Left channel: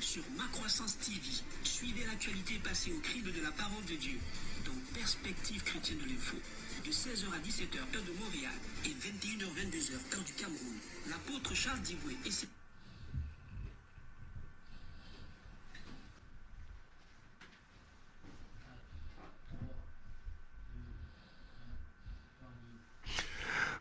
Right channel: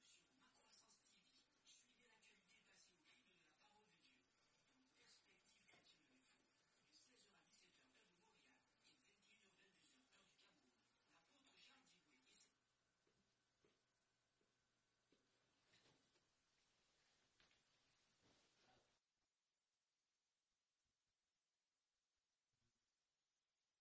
sur Ma Croissance TV. Suivez l'actualité passée au crible de la parole de Dieu dans Perspective chrétienne de l'info. De 16h à 17h, heure de Montréal, et 21h-22h, heure du Cameroun. L'apôtre Charles Diboué et ses...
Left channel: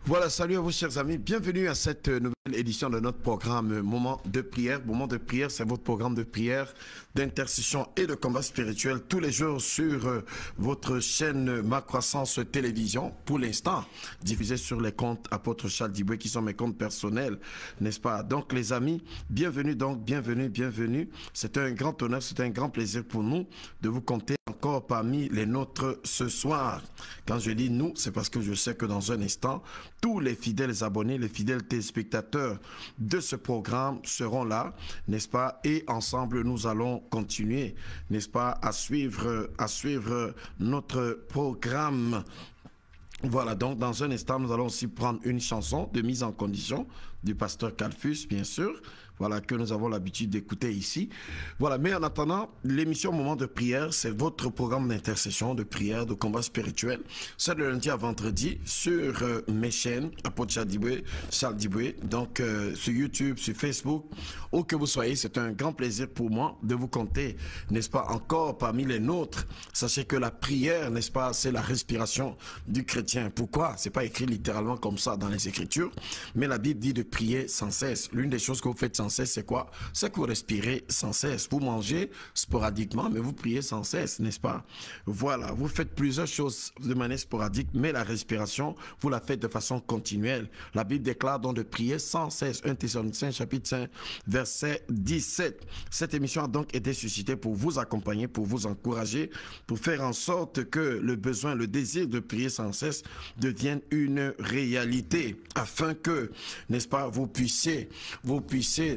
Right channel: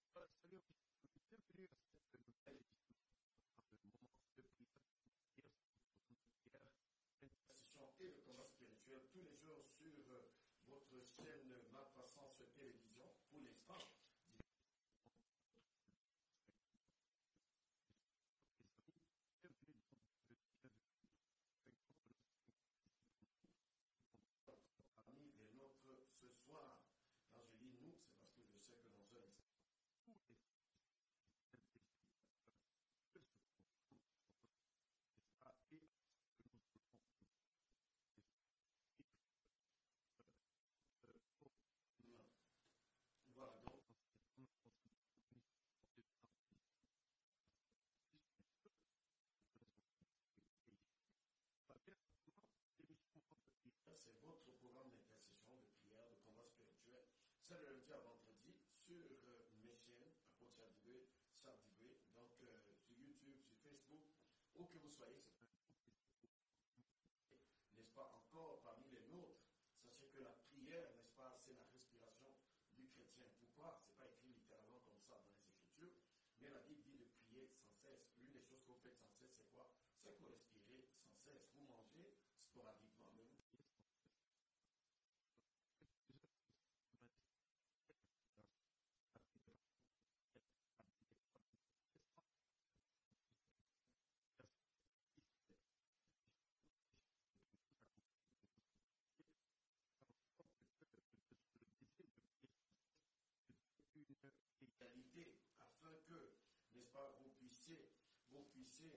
Voilà, salut à vous chers amis, bienvenue à cette nouvelle édition de notre programme Moment de prière. Moment de prière, c'est votre programme de prière, d'intercession et de combat spirituel tous les jours sur votre chaîne Ma Croissance Télévision. Pour l'instant, diffusé sur les comptes Apôtre Charles Diboué qui sont mes comptes personnels, n'est-ce pas? Donc les amis, bienvenue donc, bienvenue. C'est un grand honneur, c'est un grand plaisir pour nous de vous compter encore parmi les nôtres ce soir. Quand je dis nous, c'est parce que je sais que dans un instant, tous les fidèles abonnés, les fidèles téléspectateurs de ce programme seront là, n'est-ce pas? Et ensemble, nous allons continuer, n'est-ce pas, à suivre notre programme. Voilà, donc dans un instant, nous allons aussi prendre une chanson de mise en condition du pasteur Calfus, bien sûr. Voilà, que nous avons l'habitude d'écouter ici. Voilà, mais en attendant, l'émission Moment de prière, c'est votre programme d'intercession, de prière, de combat spirituel. C'est de lundi à vendredi sur mes chaînes, Apôtre Charles Diboué, donc sur YouTube, sur Facebook, où que vous soyez. C'est un grand plaisir pour moi de vous compter, n'est-ce pas, encore parmi les nôtres. Sachez que la prière, n'est-ce pas, c'est la respiration du chrétien. Pourquoi? C'est pas écrit littéralement comme ça dans les Écritures, mais la Bible dit de prier sans cesse. L'une des choses que vous faites sans cesse, c'est quoi? C'est que vous respirez sans cesse. Vous mangez sporadiquement, mais vous priez sans cesse, n'est-ce pas? Voilà, vous faites plusieurs choses de manière sporadique, mais la respiration, vous la faites de façon continuelle. La Bible déclare donc de prier sans cesse. 1 Thessaloniciens chapitre 5, verset 17. Cette émission a donc été suscitée pour vous accompagner, pour vous encourager, pour faire en sorte que le besoin, le désir de prier sans cesse devienne une réalité, afin que, n'est-ce pas, vous puissiez,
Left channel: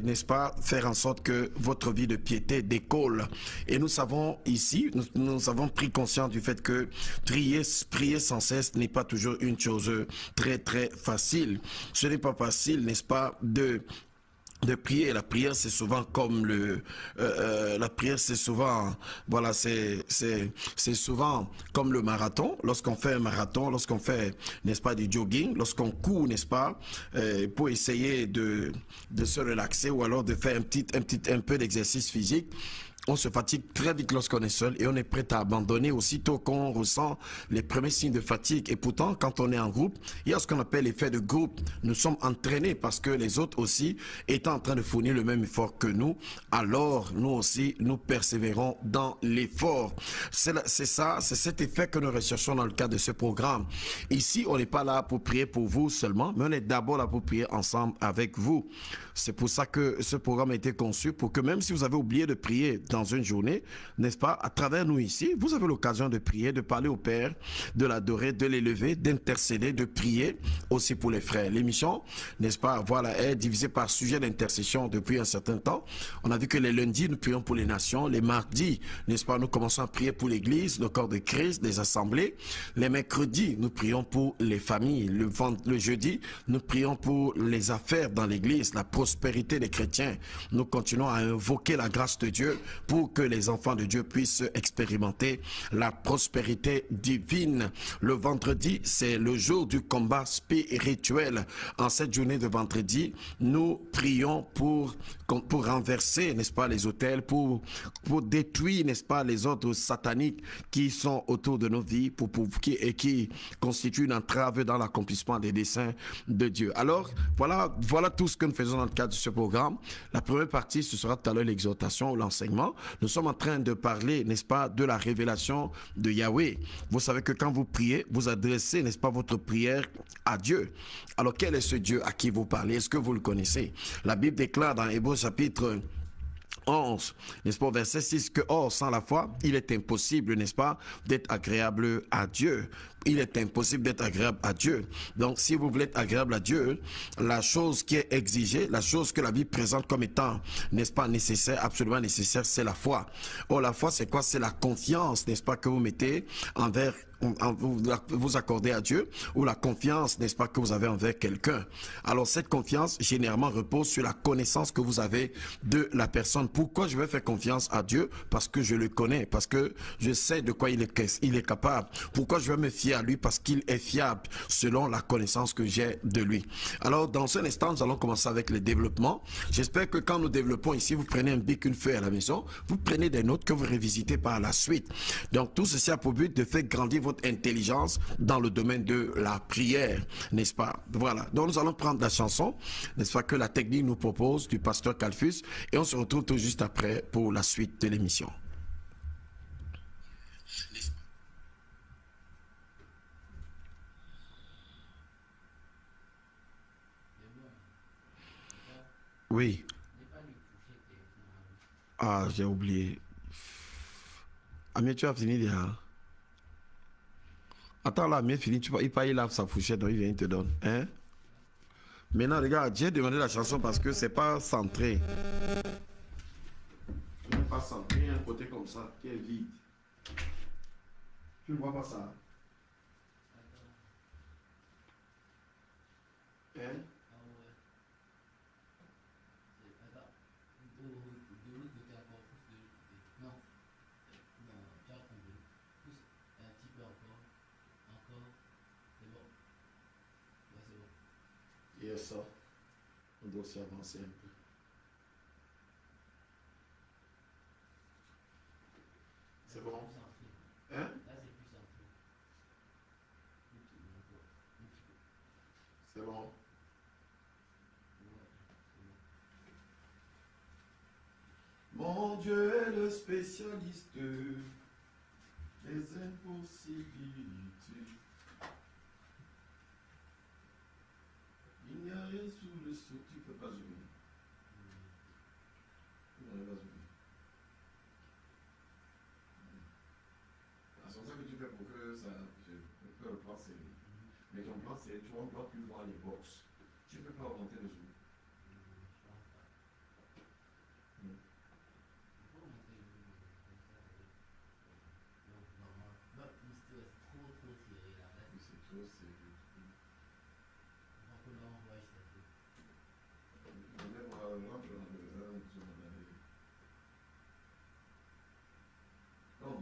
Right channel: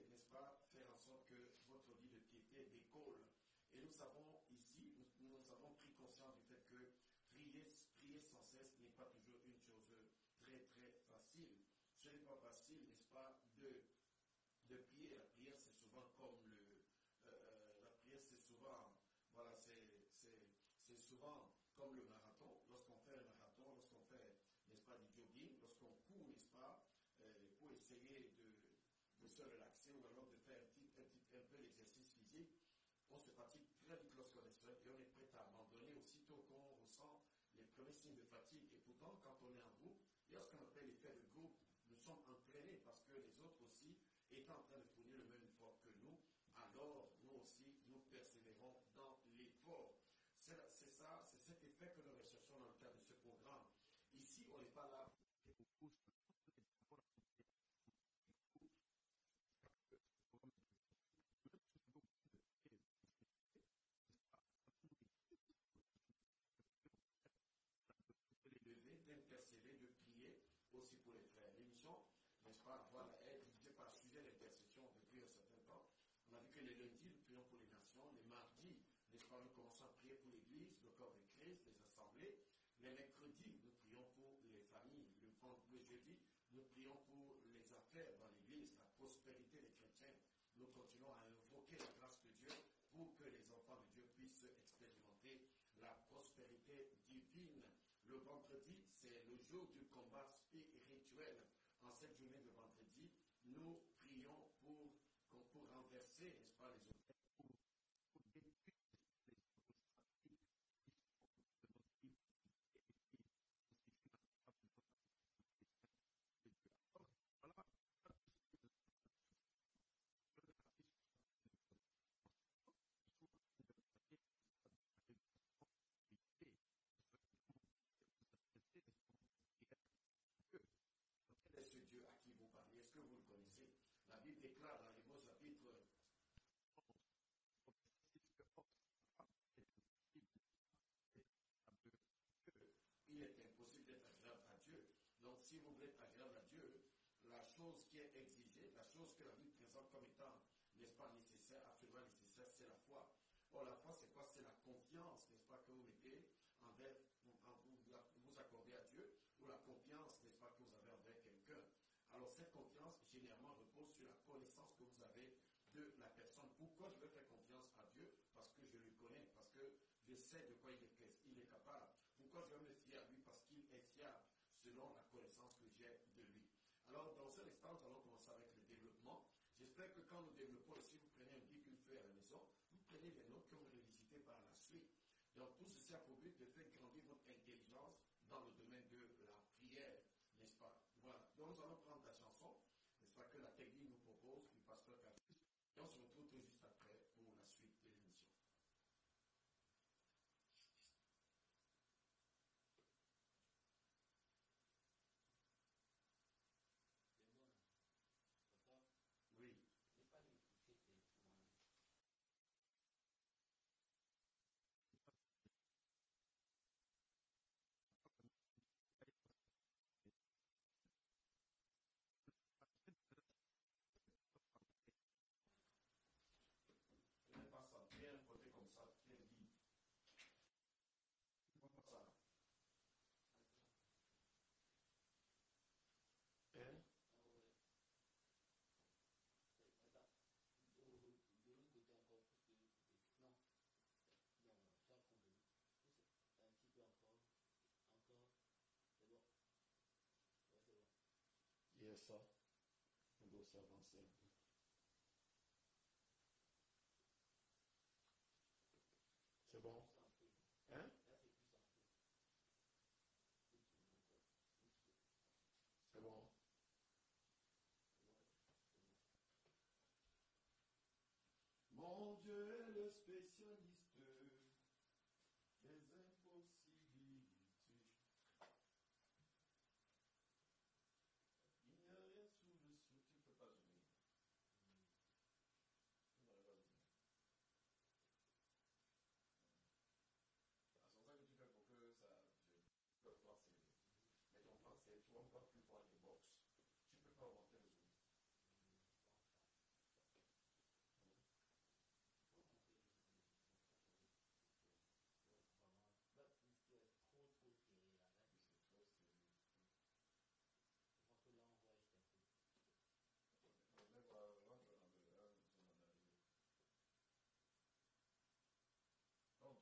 n'est-ce pas, faire en sorte que votre vie de piété décolle. Et nous savons ici, nous avons pris conscience du fait que prier sans cesse n'est pas toujours une chose très facile. Ce n'est pas facile, n'est-ce pas, de prier. La prière, c'est souvent comme la prière, c'est souvent, voilà, c'est souvent comme le marathon. Lorsqu'on fait un marathon, lorsqu'on fait, n'est-ce pas, du jogging, lorsqu'on court, n'est-ce pas, pour essayer de se relaxer ou alors de faire un peu d'exercice physique. On se fatigue très vite lorsqu'on est seul et on est prêt à abandonner aussitôt qu'on ressent les premiers signes de fatigue. Et pourtant, quand on est en groupe, il y a ce qu'on appelle l'effet de groupe. Nous sommes entraînés parce que les autres aussi étant en train de fournir le même effort que nous, alors nous aussi, nous persévérons dans l'effort. C'est ça, c'est cet effet que nous recherchons dans le cadre de ce programme. Ici, on n'est pas là pour prier pour vous seulement, mais on est d'abord là pour prier ensemble avec vous. C'est pour ça que ce programme a été conçu, pour que même si vous avez oublié de prier dans une journée, n'est-ce pas, à travers nous ici, vous avez l'occasion de prier, de parler au Père, de l'adorer, de l'élever, d'intercéder, de prier aussi pour les frères. L'émission, n'est-ce pas, voilà, est divisée par sujet d'intercession depuis un certain temps. On a vu que les lundis, nous prions pour les nations. Les mardis, n'est-ce pas, nous commençons à prier pour l'église, le corps de Christ, les assemblées. Les mercredis, nous prions pour les familles. Le jeudi, nous prions pour les affaires dans l'église, la prospérité des chrétiens. Nous continuons à invoquer la grâce de Dieu pour que les enfants de Dieu puissent expérimenter la prospérité divine. Le vendredi, c'est le jour du combat spirituel. En cette journée de vendredi, nous prions pour renverser, n'est-ce pas, les autels, pour détruire, n'est-ce pas, les ordres sataniques qui sont autour de nos vies, qui constituent une entrave dans l'accomplissement des desseins de Dieu. Alors, voilà tout ce que nous faisons dans le cadre de ce programme. La première partie, ce sera tout à l'heure l'exhortation ou l'enseignement. Nous sommes en train de parler, n'est-ce pas, de la révélation de Yahweh. Vous savez que quand vous priez, vous adressez, n'est-ce pas, votre prière à Dieu. Alors, quel est ce Dieu à qui vous parlez? Est-ce que vous le connaissez? La Bible déclare dans Hébreux chapitre 11, n'est-ce pas, verset 6, que or, sans la foi, il est impossible, n'est-ce pas, d'être agréable à Dieu. il est impossible d'être agréable à Dieu. Donc, si vous voulez être agréable à Dieu, la chose qui est exigée, la chose que la Bible présente comme étant, n'est-ce pas, nécessaire, absolument nécessaire, c'est la foi. Or, la foi, c'est quoi? C'est la confiance, n'est-ce pas, que vous mettez envers vous accordez à Dieu, ou la confiance, n'est-ce pas, que vous avez envers quelqu'un. Alors cette confiance généralement repose sur la connaissance que vous avez de la personne. Pourquoi je vais faire confiance à Dieu? Parce que je le connais, parce que je sais de quoi il est capable. Pourquoi je vais me fier à lui? Parce qu'il est fiable selon la connaissance que j'ai de lui. Alors dans un instant, nous allons commencer avec le développement. J'espère que quand nous développons ici, vous prenez un bic, une feuille à la maison, vous prenez des notes que vous révisitez par la suite. Donc tout ceci a pour but de faire grandir votre intelligence dans le domaine de la prière, n'est-ce pas? Voilà. Donc nous allons prendre la chanson, n'est-ce pas, que la technique nous propose du pasteur Calfus, et on se retrouve tout juste après pour la suite de l'émission. Oui. Ah, j'ai oublié. Amir, tu as fini déjà? Attends là, Amir fini, il lave sa fourchette, donc il vient, il te donne. Hein? Maintenant, regarde, j'ai demandé la chanson parce que c'est pas centré. Ce n'est pas centré, il y a un côté comme ça qui est vide. Tu ne vois pas ça? Hein? Il y a ça. On doit aussi avancer un peu. C'est bon? Hein? C'est bon? Mon Dieu est le spécialiste des impossibilités. Il n'y a rien sous le sceau. Tu ne peux pas zoomer. Tu n'en pas zoomer. C'est ça que tu fais pour que ça. Je peux le plan serré. Mais ton plan serré, tu ne dois plus voir les box. Tu ne peux pas augmenter le zoom.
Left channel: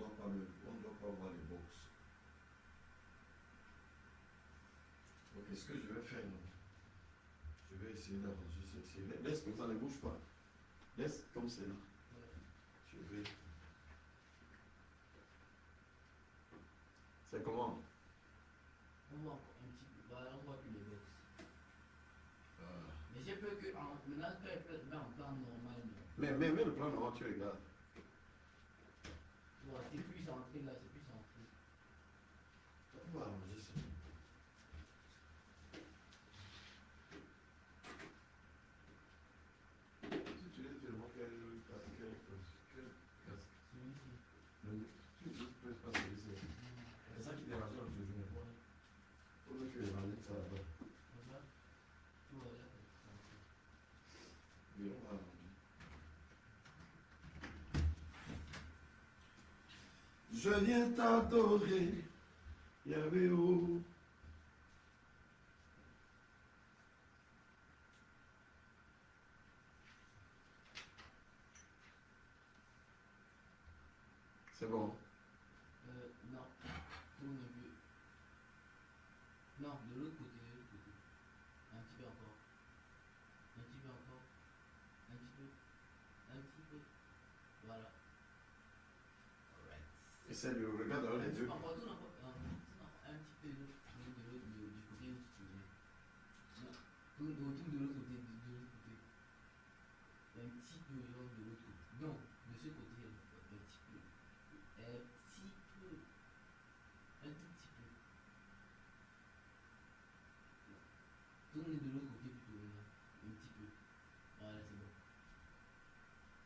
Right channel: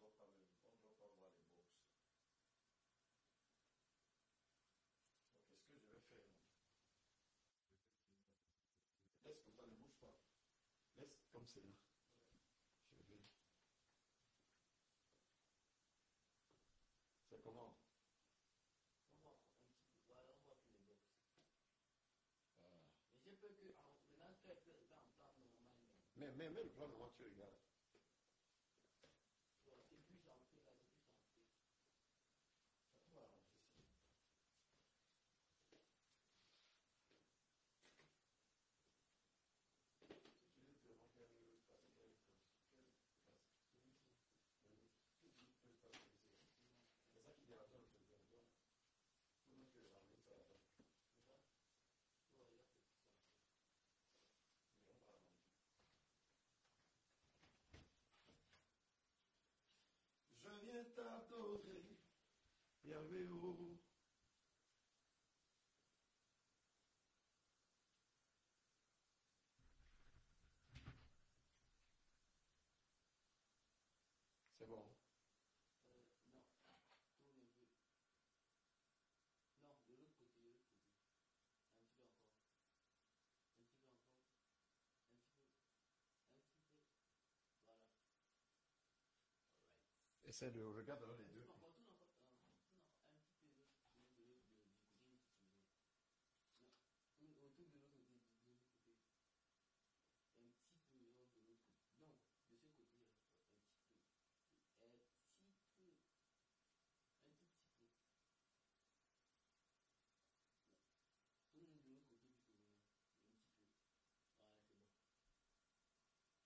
On ne doit pas voir les box. Donc, qu'est-ce que je vais faire? Je vais essayer d'arranger ceci. Laisse comme ça, ne bouge pas. Laisse comme c'est là. Je vais. C'est comment? On voit un petit peu, voilà, on voit plus les box. Mais j'ai peur que maintenant, tu es en plan normal. Mais le plan normal, tu regardes. Ouais, c'est plus centré là, c'est plus centré. On va arranger ça. Si tu laisses vraiment quel casque. Tu peux pas se laisser. C'est ça qui dérange un peu. Faut que tu rajoutes ça là-bas. Oui, on va arranger. Je viens t'adorer, Yahweh. C'est bon. Non, tourne un peu. Non, de l'autre côté, de l'autre côté. Un petit peu encore. Un petit peu encore. Un petit peu. Un petit peu. Voilà. Alright. Essaye de regarder les deux. Encore, tourne encore. Un petit peu de l'autre côté où tu viens. Non, tourne de l'autre côté, de l'autre côté. Un petit peu de l'autre côté. Non, de ce côté, un petit peu. Un petit peu. Un tout petit peu. Tourne de l'autre côté plutôt maintenant. Un petit peu. Voilà, c'est bon.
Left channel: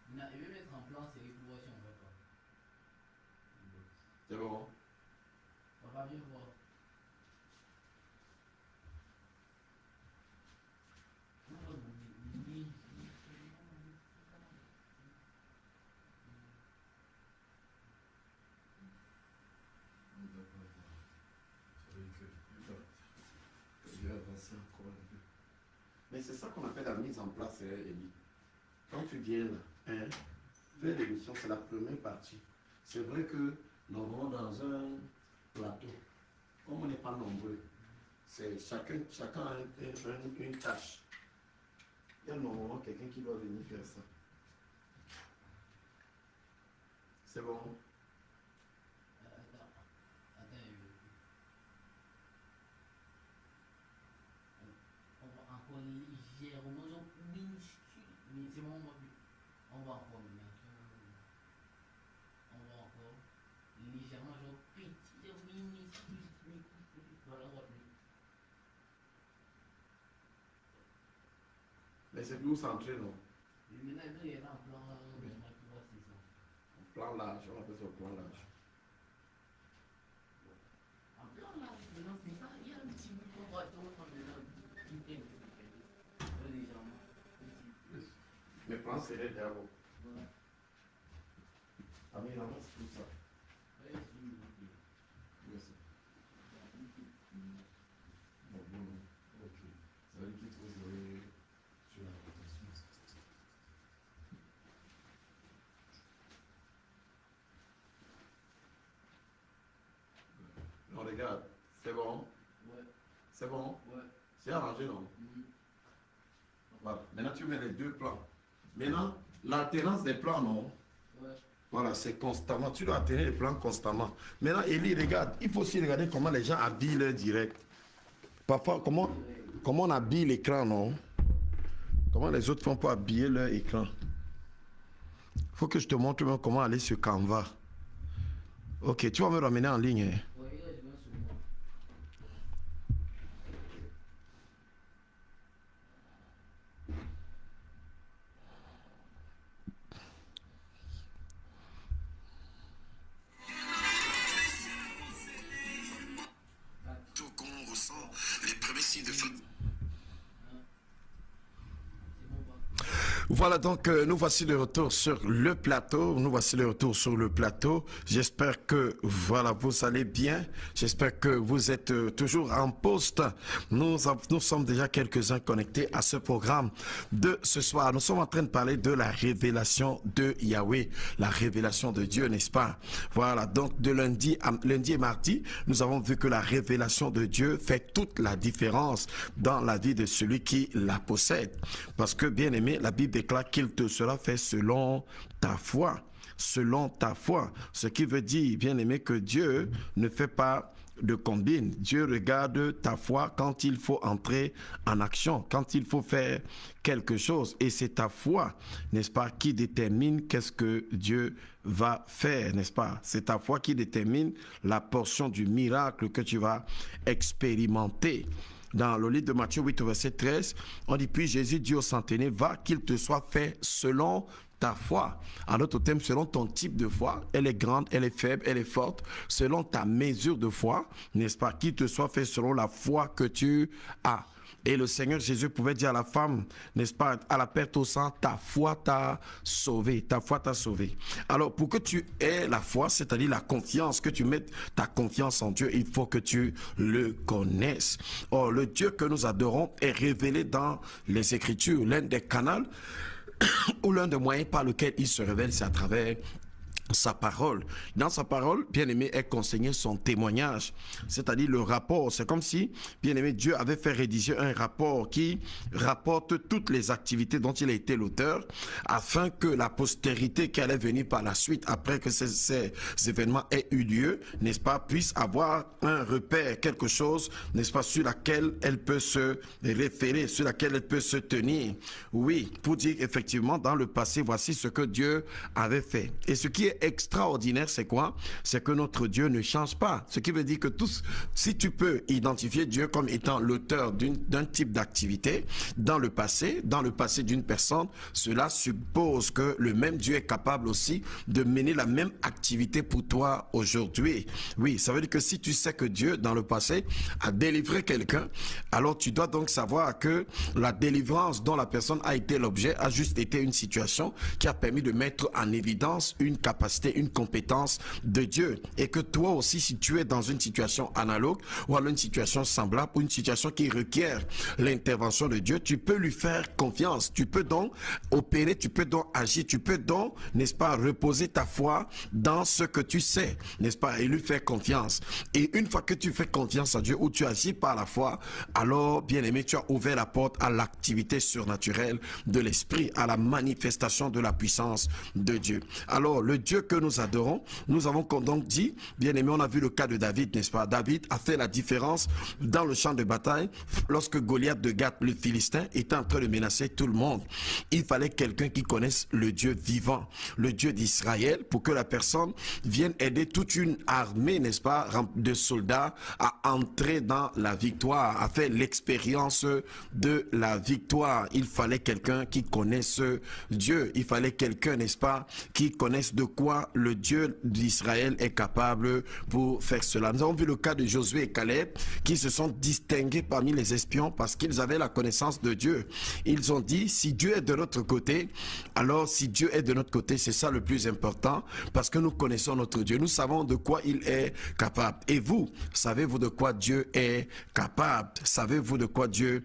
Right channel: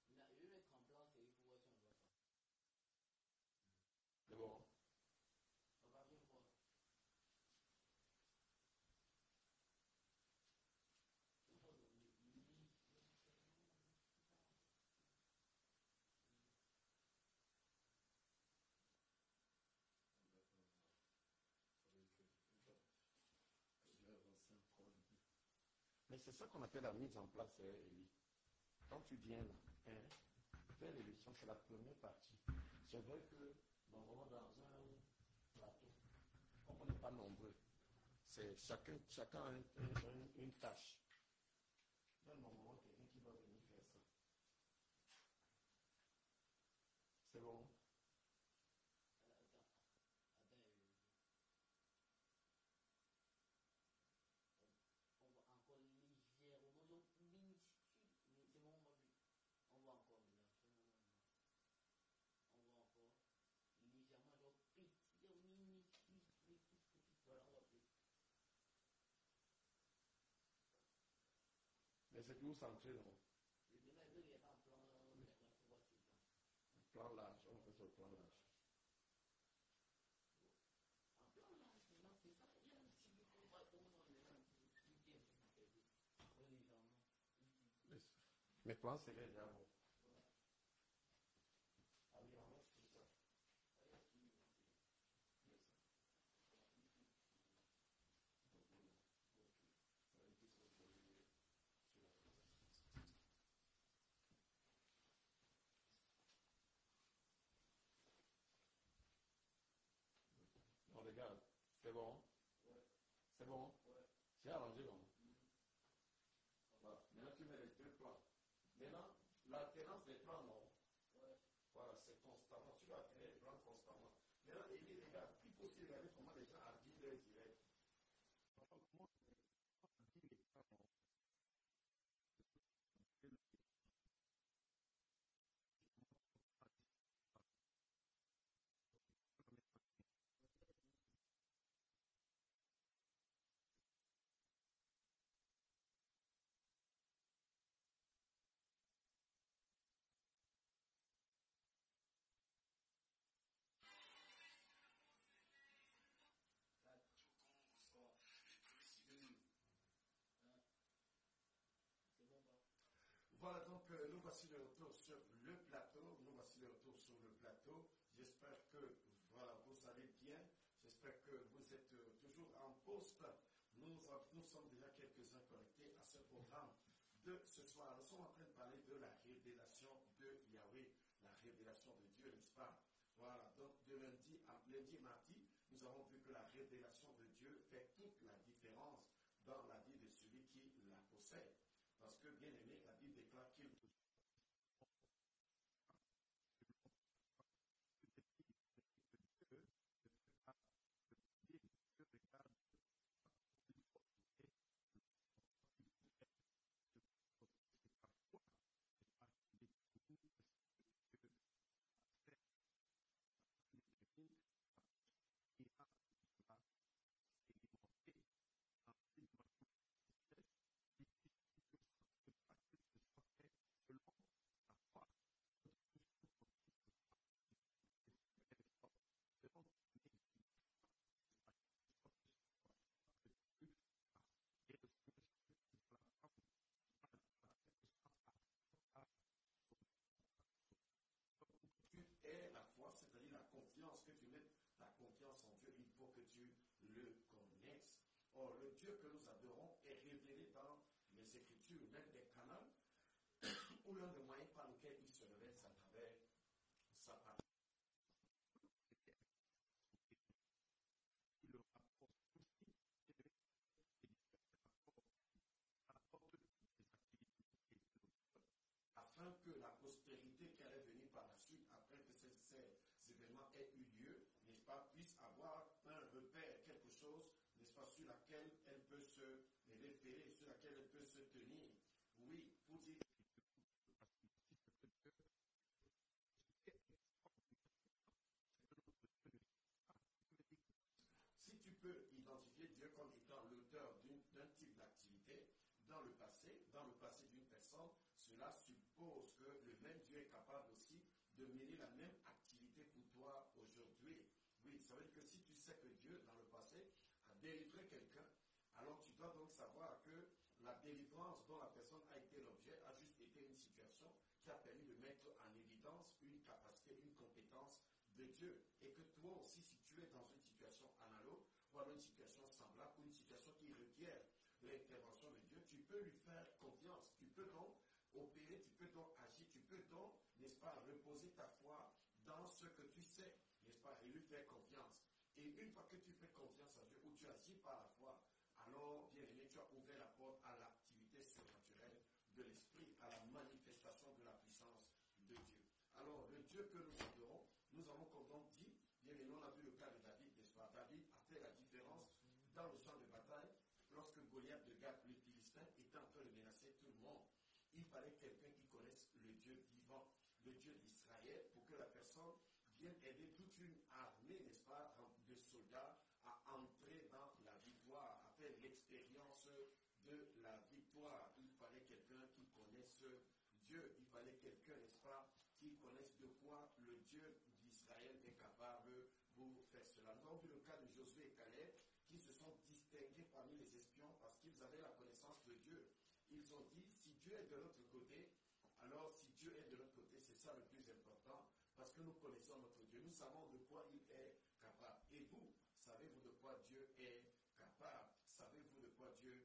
Maintenant, je vais mettre en plan serré pour voir si on voit pas. C'est bon. On va bien voir. Je vais avancer encore un peu. Mais c'est ça qu'on appelle la mise en place, Elie. Quand tu viens là, hein, faire l'émission, c'est la première partie. C'est vrai que nous avons dans un plateau, comme on n'est pas nombreux, c'est chacun a une tâche. Il y a normalement quelqu'un qui doit venir faire ça. C'est bon? On va encore légèrement, genre minuscule, mais c'est bon, on va encore on va encore légèrement, genre petit, minuscule, voilà, on va plus. Mais c'est plus centré, non? Maintenant, il y a un plan, c'est ça. Plan large, on appelle ça plan large. Un plan large, maintenant, c'est pas, il y a un petit bout qu'on va prendre maintenant, légèrement. Mais plan serré d'abord. Ah mais non, c'est tout ça. Merci. Bon, ok. Ça veut dire qu'il faut jouer sur la rotation. Non, regarde, c'est bon? Ouais. C'est bon? Ouais. C'est arrangé, non? Voilà. Maintenant, tu mets les deux plans. Maintenant, l'alternance des plans, non? Ouais. Voilà, c'est constamment. Tu dois alterner les plans constamment. Maintenant, Elie, regarde, il faut aussi regarder comment les gens habillent leur direct. Parfois, comment on habille l'écran, non? Comment les autres font pour habiller leur écran? Il faut que je te montre même comment aller sur Canva. Ok, tu vas me ramener en ligne. Hein? Qu'on ressent les premiers signes de fatigue. Voilà donc, nous voici de retour sur le plateau. J'espère que, voilà, vous allez bien. J'espère que vous êtes toujours en poste. Nous sommes déjà quelques-uns connectés à ce programme de ce soir. Nous sommes en train de parler de la révélation de Yahweh, la révélation de Dieu, n'est-ce pas? Voilà, donc de lundi et mardi, nous avons vu que la révélation de Dieu fait toute la différence dans la vie de celui qui la possède. Parce que, bien aimé, la Bible déclare qu'il te sera fait selon ta foi. Selon ta foi. Ce qui veut dire, bien aimé, que Dieu ne fait pas de combine. Dieu regarde ta foi quand il faut entrer en action, quand il faut faire quelque chose. Et c'est ta foi, n'est-ce pas, qui détermine qu'est-ce que Dieu va faire, n'est-ce pas? C'est ta foi qui détermine la portion du miracle que tu vas expérimenter. Dans le livre de Matthieu 8, verset 13, on dit, puis Jésus dit au centenier, va, qu'il te soit fait selon ta foi. En d'autres termes, selon ton type de foi, elle est grande, elle est faible, elle est forte, selon ta mesure de foi, n'est-ce pas, qu'il te soit fait selon la foi que tu as. Et le Seigneur Jésus pouvait dire à la femme, n'est-ce pas, à la perte au sang, ta foi t'a sauvé, ta foi t'a sauvé. Alors, pour que tu aies la foi, c'est-à-dire la confiance, que tu mettes ta confiance en Dieu, il faut que tu le connaisses. Or, le Dieu que nous adorons est révélé dans les Écritures. L'un des canaux ou l'un des moyens par lequel il se révèle, c'est à travers sa parole. Dans sa parole, bien-aimé, est consigné son témoignage, c'est-à-dire le rapport. C'est comme si, bien-aimé, Dieu avait fait rédiger un rapport qui rapporte toutes les activités dont il a été l'auteur, afin que la postérité qui allait venir par la suite, après que ces événements aient eu lieu, n'est-ce pas, puisse avoir un repère, quelque chose, n'est-ce pas, sur laquelle elle peut se référer, sur laquelle elle peut se tenir. Oui, pour dire effectivement, dans le passé, voici ce que Dieu avait fait. Et ce qui est extraordinaire, c'est quoi? C'est que notre Dieu ne change pas. Ce qui veut dire que si tu peux identifier Dieu comme étant l'auteur d'un type d'activité dans le passé d'une personne, cela suppose que le même Dieu est capable aussi de mener la même activité pour toi aujourd'hui. Oui, ça veut dire que si tu sais que Dieu, dans le passé, a délivré quelqu'un, alors tu dois donc savoir que la délivrance dont la personne a été l'objet a juste été une situation qui a permis de mettre en évidence une capacité capacité, une compétence de Dieu. Et que toi aussi, si tu es dans une situation analogue ou alors une situation semblable ou une situation qui requiert l'intervention de Dieu, tu peux lui faire confiance. Tu peux donc opérer, tu peux donc agir, tu peux donc, n'est-ce pas, reposer ta foi dans ce que tu sais, n'est-ce pas, et lui faire confiance. Et une fois que tu fais confiance à Dieu ou tu agis par la foi, alors, bien aimé, tu as ouvert la porte à l'activité surnaturelle de l'esprit, à la manifestation de la puissance de Dieu. Alors, le Dieu que nous adorons, nous avons donc dit, bien aimé, on a vu le cas de David, n'est-ce pas? David a fait la différence dans le champ de bataille lorsque Goliath de Gath, le Philistin, était en train de menacer tout le monde. Il fallait quelqu'un qui connaisse le Dieu vivant, le Dieu d'Israël, pour que la personne vienne aider toute une armée, n'est-ce pas, de soldats à entrer dans la victoire, à faire l'expérience de la victoire. Il fallait quelqu'un qui connaisse Dieu. Il fallait quelqu'un, n'est-ce pas, qui connaisse de quoi le Dieu d'Israël est capable pour faire cela. Nous avons vu le cas de Josué et Caleb qui se sont distingués parmi les espions parce qu'ils avaient la connaissance de Dieu. Ils ont dit, si Dieu est de notre côté, alors si Dieu est de notre côté, c'est ça le plus important, parce que nous connaissons notre Dieu. Nous savons de quoi il est capable. Et vous, savez-vous de quoi Dieu est capable? Savez-vous de quoi Dieu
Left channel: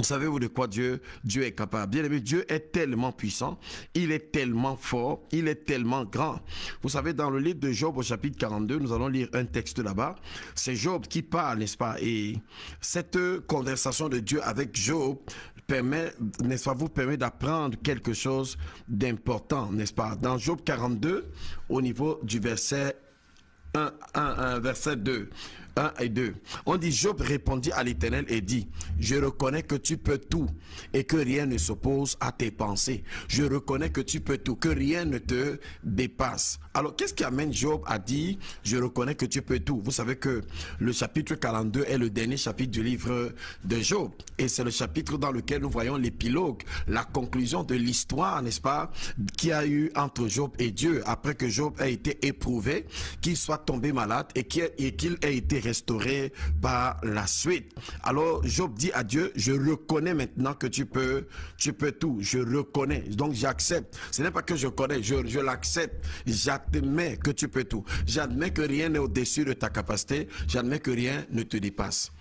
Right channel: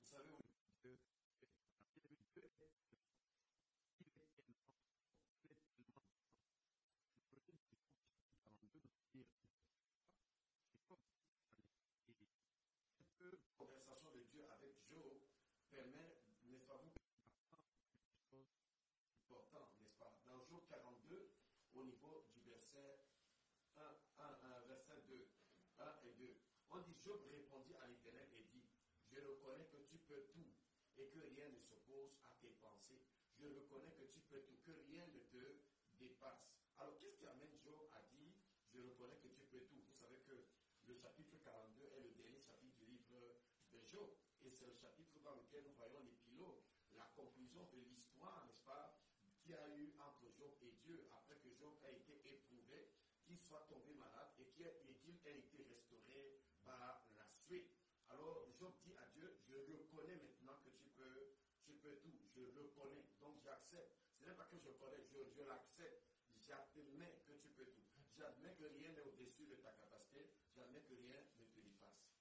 est capable? Bien aimé, Dieu est tellement puissant, il est tellement fort, il est tellement grand. Vous savez, dans le livre de Job au chapitre 42, nous allons lire un texte là-bas. C'est Job qui parle, n'est-ce pas? Et cette conversation de Dieu avec Job permet, n'est-ce pas, vous permet d'apprendre quelque chose d'important, n'est-ce pas? Dans Job 42, au niveau du verset 1, verset 2. 1 et 2. On dit, Job répondit à l'Éternel et dit, je reconnais que tu peux tout et que rien ne s'oppose à tes pensées. Je reconnais que tu peux tout, que rien ne te dépasse. Alors, qu'est-ce qui amène Job à dire, je reconnais que tu peux tout? Vous savez que le chapitre 42 est le dernier chapitre du livre de Job. Et c'est le chapitre dans lequel nous voyons l'épilogue, la conclusion de l'histoire, n'est-ce pas, qu'il y a eu entre Job et Dieu, après que Job a été éprouvé, qu'il soit tombé malade et qu'il ait été restauré par la suite. Alors Job dit à Dieu, je reconnais maintenant que tu peux tout, je reconnais, donc j'accepte. Ce n'est pas que je connais, je l'accepte, j'admets que tu peux tout, j'admets que rien n'est au-dessus de ta capacité, j'admets que rien ne te dépasse.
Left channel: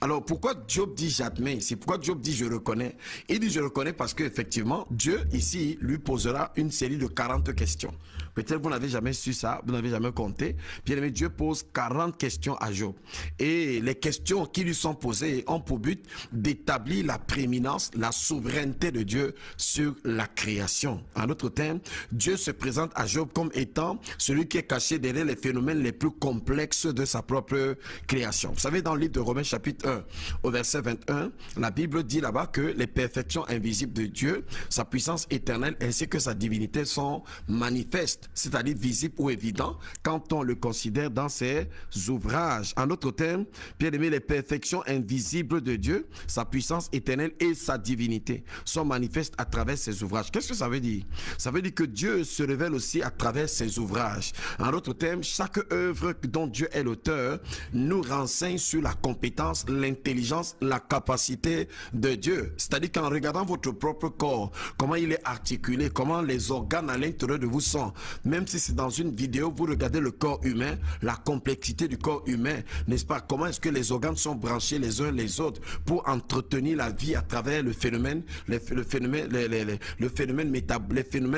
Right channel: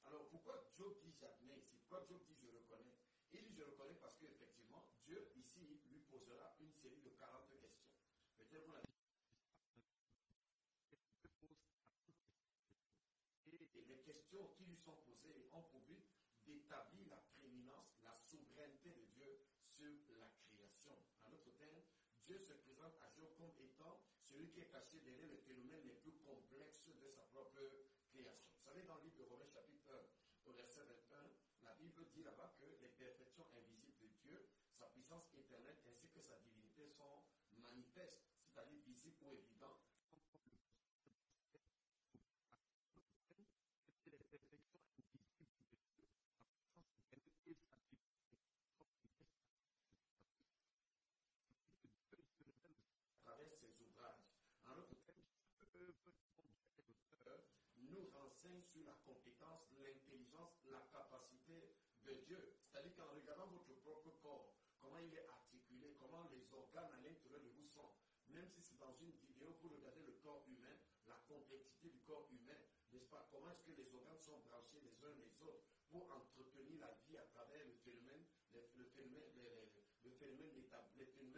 Alors pourquoi Job dit j'admets ici? Pourquoi Job dit je reconnais? Il dit je reconnais parce qu'effectivement Dieu ici lui posera une série de 40 questions. Peut-être vous n'avez jamais su ça, vous n'avez jamais compté. Bien aimé, Dieu pose 40 questions à Job. Et les questions qui lui sont posées ont pour but d'établir la prééminence, la souveraineté de Dieu sur la création. En d'autres termes, Dieu se présente à Job comme étant celui qui est caché derrière les phénomènes les plus complexes de sa propre création. Vous savez, dans le livre de Romains chapitre 1, au verset 21, la Bible dit là-bas que les perfections invisibles de Dieu, sa puissance éternelle ainsi que sa divinité sont manifestes, c'est-à-dire visible ou évident, quand on le considère dans ses ouvrages. En d'autres termes, bien aimé, les perfections invisibles de Dieu, sa puissance éternelle et sa divinité sont manifestes à travers ses ouvrages. Qu'est-ce que ça veut dire? Ça veut dire que Dieu se révèle aussi à travers ses ouvrages. En d'autres termes, chaque œuvre dont Dieu est l'auteur nous renseigne sur la compétence, l'intelligence, la capacité de Dieu. C'est-à-dire qu'en regardant votre propre corps, comment il est articulé, comment les organes à l'intérieur de vous sont, même si c'est dans une vidéo, vous regardez le corps humain, la complexité du corps humain, n'est-ce pas? Comment est-ce que les organes sont branchés les uns les autres pour entretenir la vie à travers les phénomènes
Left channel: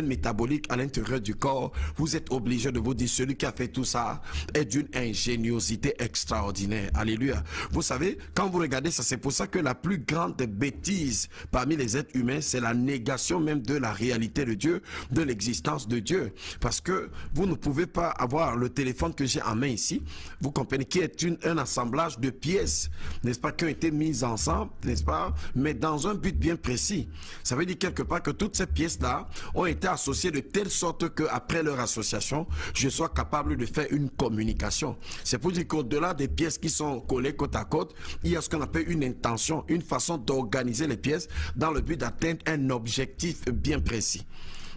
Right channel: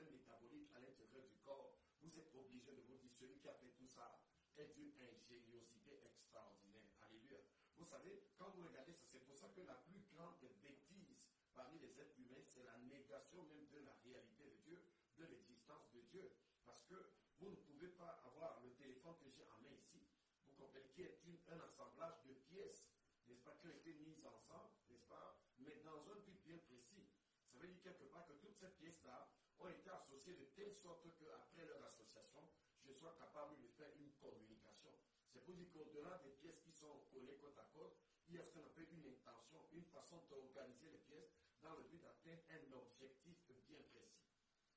métaboliques à l'intérieur du corps. Vous êtes obligé de vous dire, celui qui a fait tout ça est d'une ingéniosité extraordinaire. Alléluia. Vous savez, quand vous regardez ça, c'est pour ça que la plus grande bêtise parmi les êtres humains, c'est la négation même de la réalité de Dieu, de l'existence de Dieu. Parce que vous ne pouvez pas avoir le téléphone que j'ai en main ici, vous comprenez, qui est un assemblage de pièces, n'est-ce pas, qui ont été mises ensemble, n'est-ce pas, mais dans un but bien précis. Ça veut dire quelque part que toutes ces pièces-là ont été associées de telle sorte que après leur association, je sois capable de faire une communication. C'est pour dire qu'au-delà des pièces qui sont collées côte à côte, il y a ce qu'on appelle une intention, une façon d'organiser les pièces dans le but d'atteindre un objectif bien précis.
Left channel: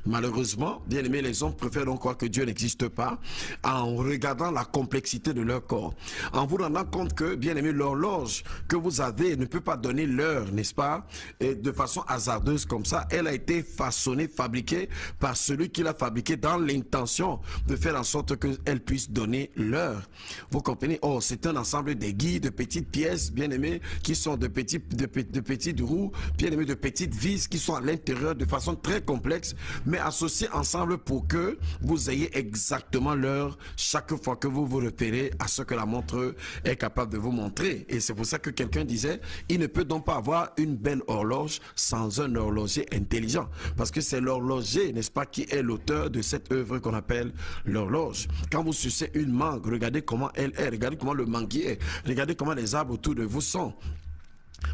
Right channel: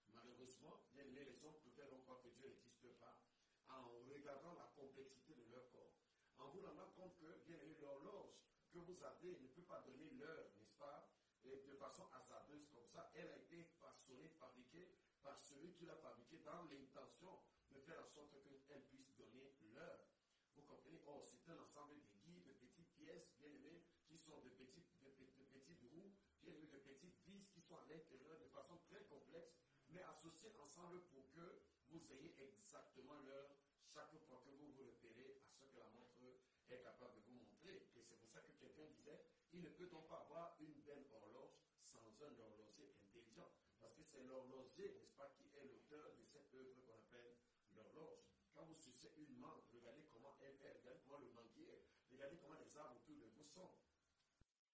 Malheureusement, bien aimé, les hommes préfèrent donc croire que Dieu n'existe pas en regardant la complexité de leur corps, en vous rendant compte que, bien aimé, l'horloge que vous avez ne peut pas donner l'heure, n'est-ce pas, et de façon hasardeuse comme ça. Elle a été façonnée, fabriquée par celui qui l'a fabriquée dans l'intention de faire en sorte qu'elle puisse donner l'heure. Vous comprenez? Oh, c'est un ensemble d'aiguilles, de petites pièces, bien aimées, qui sont de petites roues, bien aimées, de petites vis qui sont à l'intérieur de façon très complexe, mais associées ensemble pour que vous ayez exactement l'heure chaque fois que vous vous repérez à ce que la montre est capable de vous montrer. Et c'est pour ça que quelqu'un disait, il ne peut donc pas avoir une belle horloge sans un horloger intelligent, parce que c'est l'horloger, n'est-ce pas, qui est l'auteur de cette œuvre qu'on appelle l'horloge. Quand vous sucez une mangue, regardez comment elle est, regardez comment le manguier est, regardez comment les arbres autour de vous sont.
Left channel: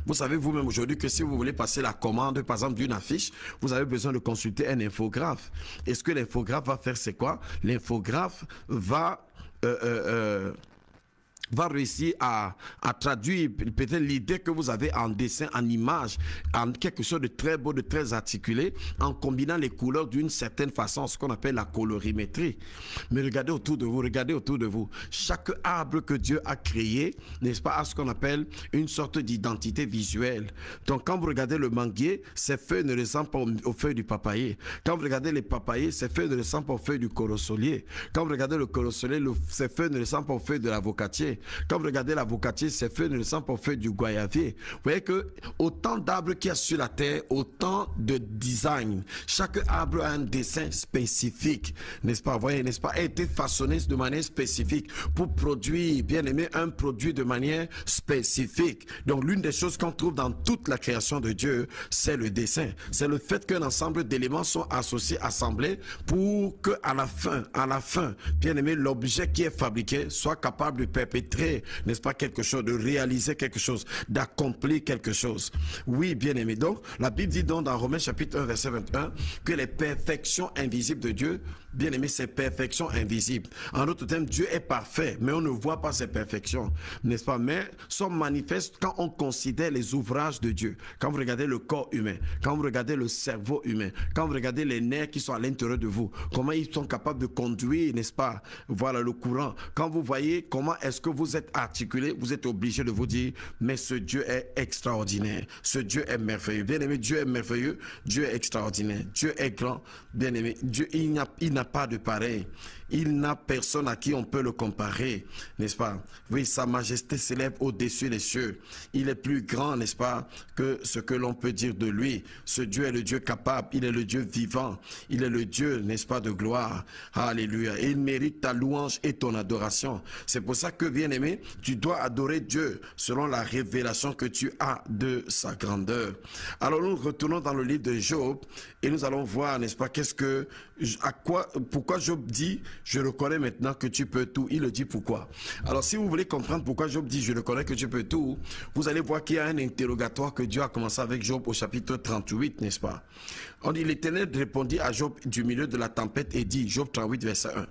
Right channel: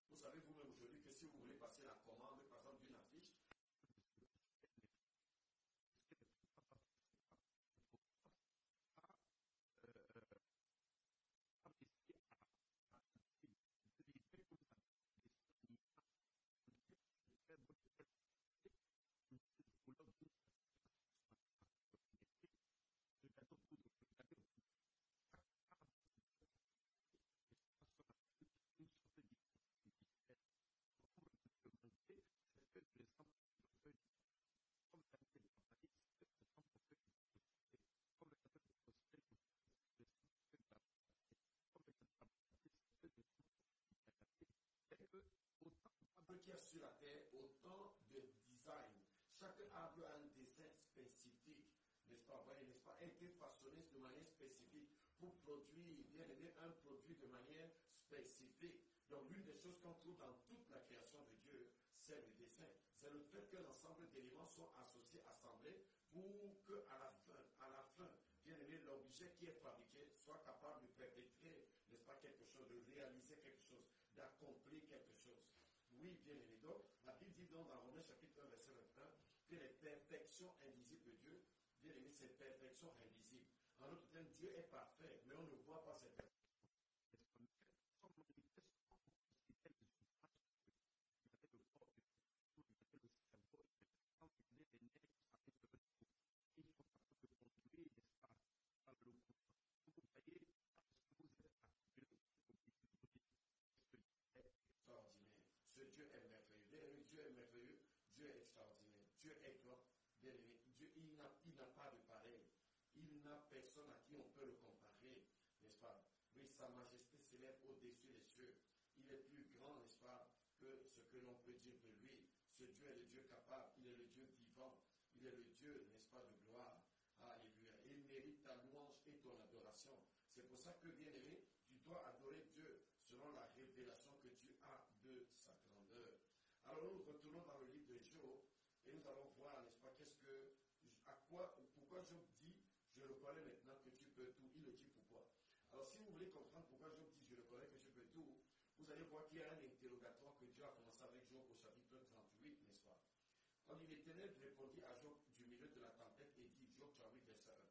Vous savez vous-même aujourd'hui que si vous voulez passer la commande, par exemple, d'une affiche, vous avez besoin de consulter un infographe. Et ce que l'infographe va faire, c'est quoi? L'infographe va réussir à traduire peut-être l'idée que vous avez en dessin, en image, en quelque chose de très beau, de très articulé, en combinant les couleurs d'une certaine façon, ce qu'on appelle la colorimétrie. Mais regardez autour de vous, regardez autour de vous. Chaque arbre que Dieu a créé, n'est-ce pas, a ce qu'on appelle une sorte d'identité visuelle. Donc quand vous regardez le manguier, ses feuilles ne ressemblent pas aux feuilles du papayer. Quand vous regardez les papayers, ses feuilles ne ressemblent pas aux feuilles du corossolier. Quand vous regardez le corossolier, ses feuilles ne ressemblent pas aux feuilles de l'avocatier. Quand vous regardez l'avocatier, ses feuilles ne ressemblent pas aux feuilles du goyavier. Vous voyez que autant d'arbres qu'il y a sur la terre, autant de design. Chaque arbre a un dessin spécifique, n'est-ce pas? Vous voyez, n'est-ce pas? A été façonné de manière spécifique pour produire, bien aimé, un produit de manière spécifique. Donc l'une des choses qu'on trouve dans toute la création de Dieu, c'est le dessin. C'est le fait qu'un ensemble d'éléments sont associés, assemblés pour que à la fin, bien aimé, l'objet qui est fabriqué soit capable de perpétrer, n'est-ce pas, quelque chose, de réaliser quelque chose, d'accomplir quelque chose. Oui, bien aimé. Donc, la Bible dit donc dans Romains chapitre 1, verset 21, que les perfections invisibles de Dieu, bien aimé, c'est perfection invisible. En d'autres termes, Dieu est parfait, mais on ne voit pas ses perfections, n'est-ce pas? Mais sont manifestes quand on considère les ouvrages de Dieu. Quand vous regardez le corps humain, quand vous regardez le cerveau humain, quand vous regardez les nerfs qui sont à l'intérieur de vous, comment ils sont capables de conduire, n'est-ce pas, voilà, le courant. Quand vous voyez comment est-ce que vous êtes articulé, vous êtes obligé de vous dire, mais ce Dieu est extraordinaire, ce Dieu est merveilleux. Bien aimé, Dieu est merveilleux, Dieu est extraordinaire, Dieu est grand, bien aimé. Dieu, il n'a pas de pareil. Il n'a personne à qui on peut le comparer, n'est-ce pas? Oui, sa majesté s'élève au-dessus des cieux. Il est plus grand, n'est-ce pas, que ce que l'on peut dire de lui. Ce Dieu est le Dieu capable, il est le Dieu vivant, il est le Dieu, n'est-ce pas, de gloire. Alléluia. Et il mérite ta louange et ton adoration. C'est pour ça que, bien aimé, tu dois adorer Dieu selon la révélation que tu as de sa grandeur. Alors nous retournons dans le livre de Job et nous allons voir, n'est-ce pas, pourquoi Job dit, je reconnais maintenant que tu peux tout. Il le dit pourquoi. Alors si vous voulez comprendre pourquoi Job dit, je reconnais que tu peux tout, vous allez voir qu'il y a un interrogatoire que Dieu a commencé avec Job au chapitre 38, n'est-ce pas? On dit, l'Éternel répondit à Job du milieu de la tempête et dit, Job 38, verset 1,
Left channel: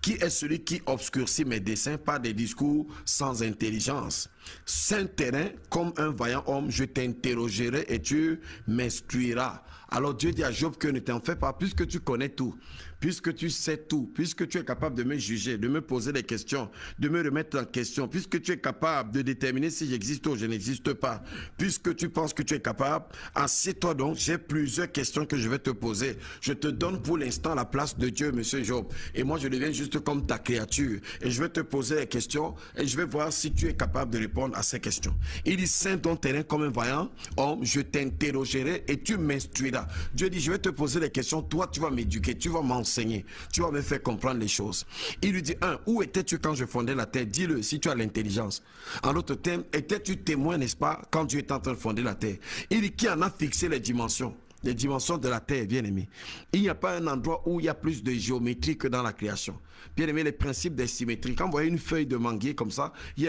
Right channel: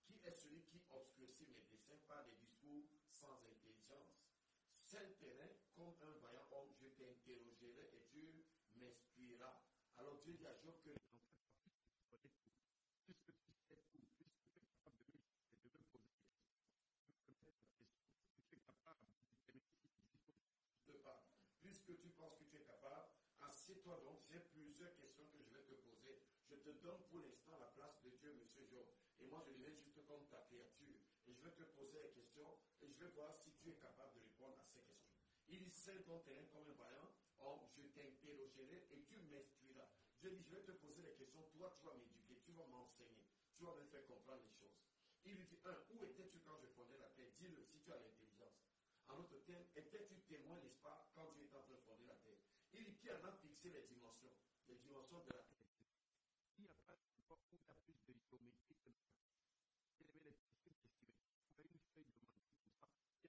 qui est celui qui obscurcit mes desseins par des discours sans intelligence? Saint terrain, comme un vaillant homme, je t'interrogerai et tu m'instruiras. Alors Dieu dit à Job que ne t'en fais pas, puisque tu connais tout, puisque tu sais tout, puisque tu es capable de me juger, de me poser des questions, de me remettre en question, puisque tu es capable de déterminer si j'existe ou je n'existe pas, puisque tu penses que tu es capable, assieds-toi donc, j'ai plusieurs questions que je vais te poser. Je te donne pour l'instant la place de Dieu, monsieur Job, et moi je deviens juste comme ta créature, et je vais te poser des questions, et je vais voir si tu es capable de répondre à ces questions. Il dit, Saint ton terrain comme un vaillant homme, je t'interrogerai et tu m'instruiras. Dieu dit, je vais te poser des questions, toi tu vas m'éduquer, tu vas m'enseigner, tu vas me faire comprendre les choses. Il lui dit, où étais-tu quand je fondais la terre? Dis-le si tu as l'intelligence. En d'autres termes, étais-tu témoin, n'est-ce pas, quand Dieu était en train de fonder la terre? Il dit, qui en a fixé les dimensions de la terre, bien aimé? Il n'y a pas un endroit où il y a plus de géométrie que dans la création. Bien aimé, les principes des symétries. Quand vous voyez une feuille de manguier comme ça, il y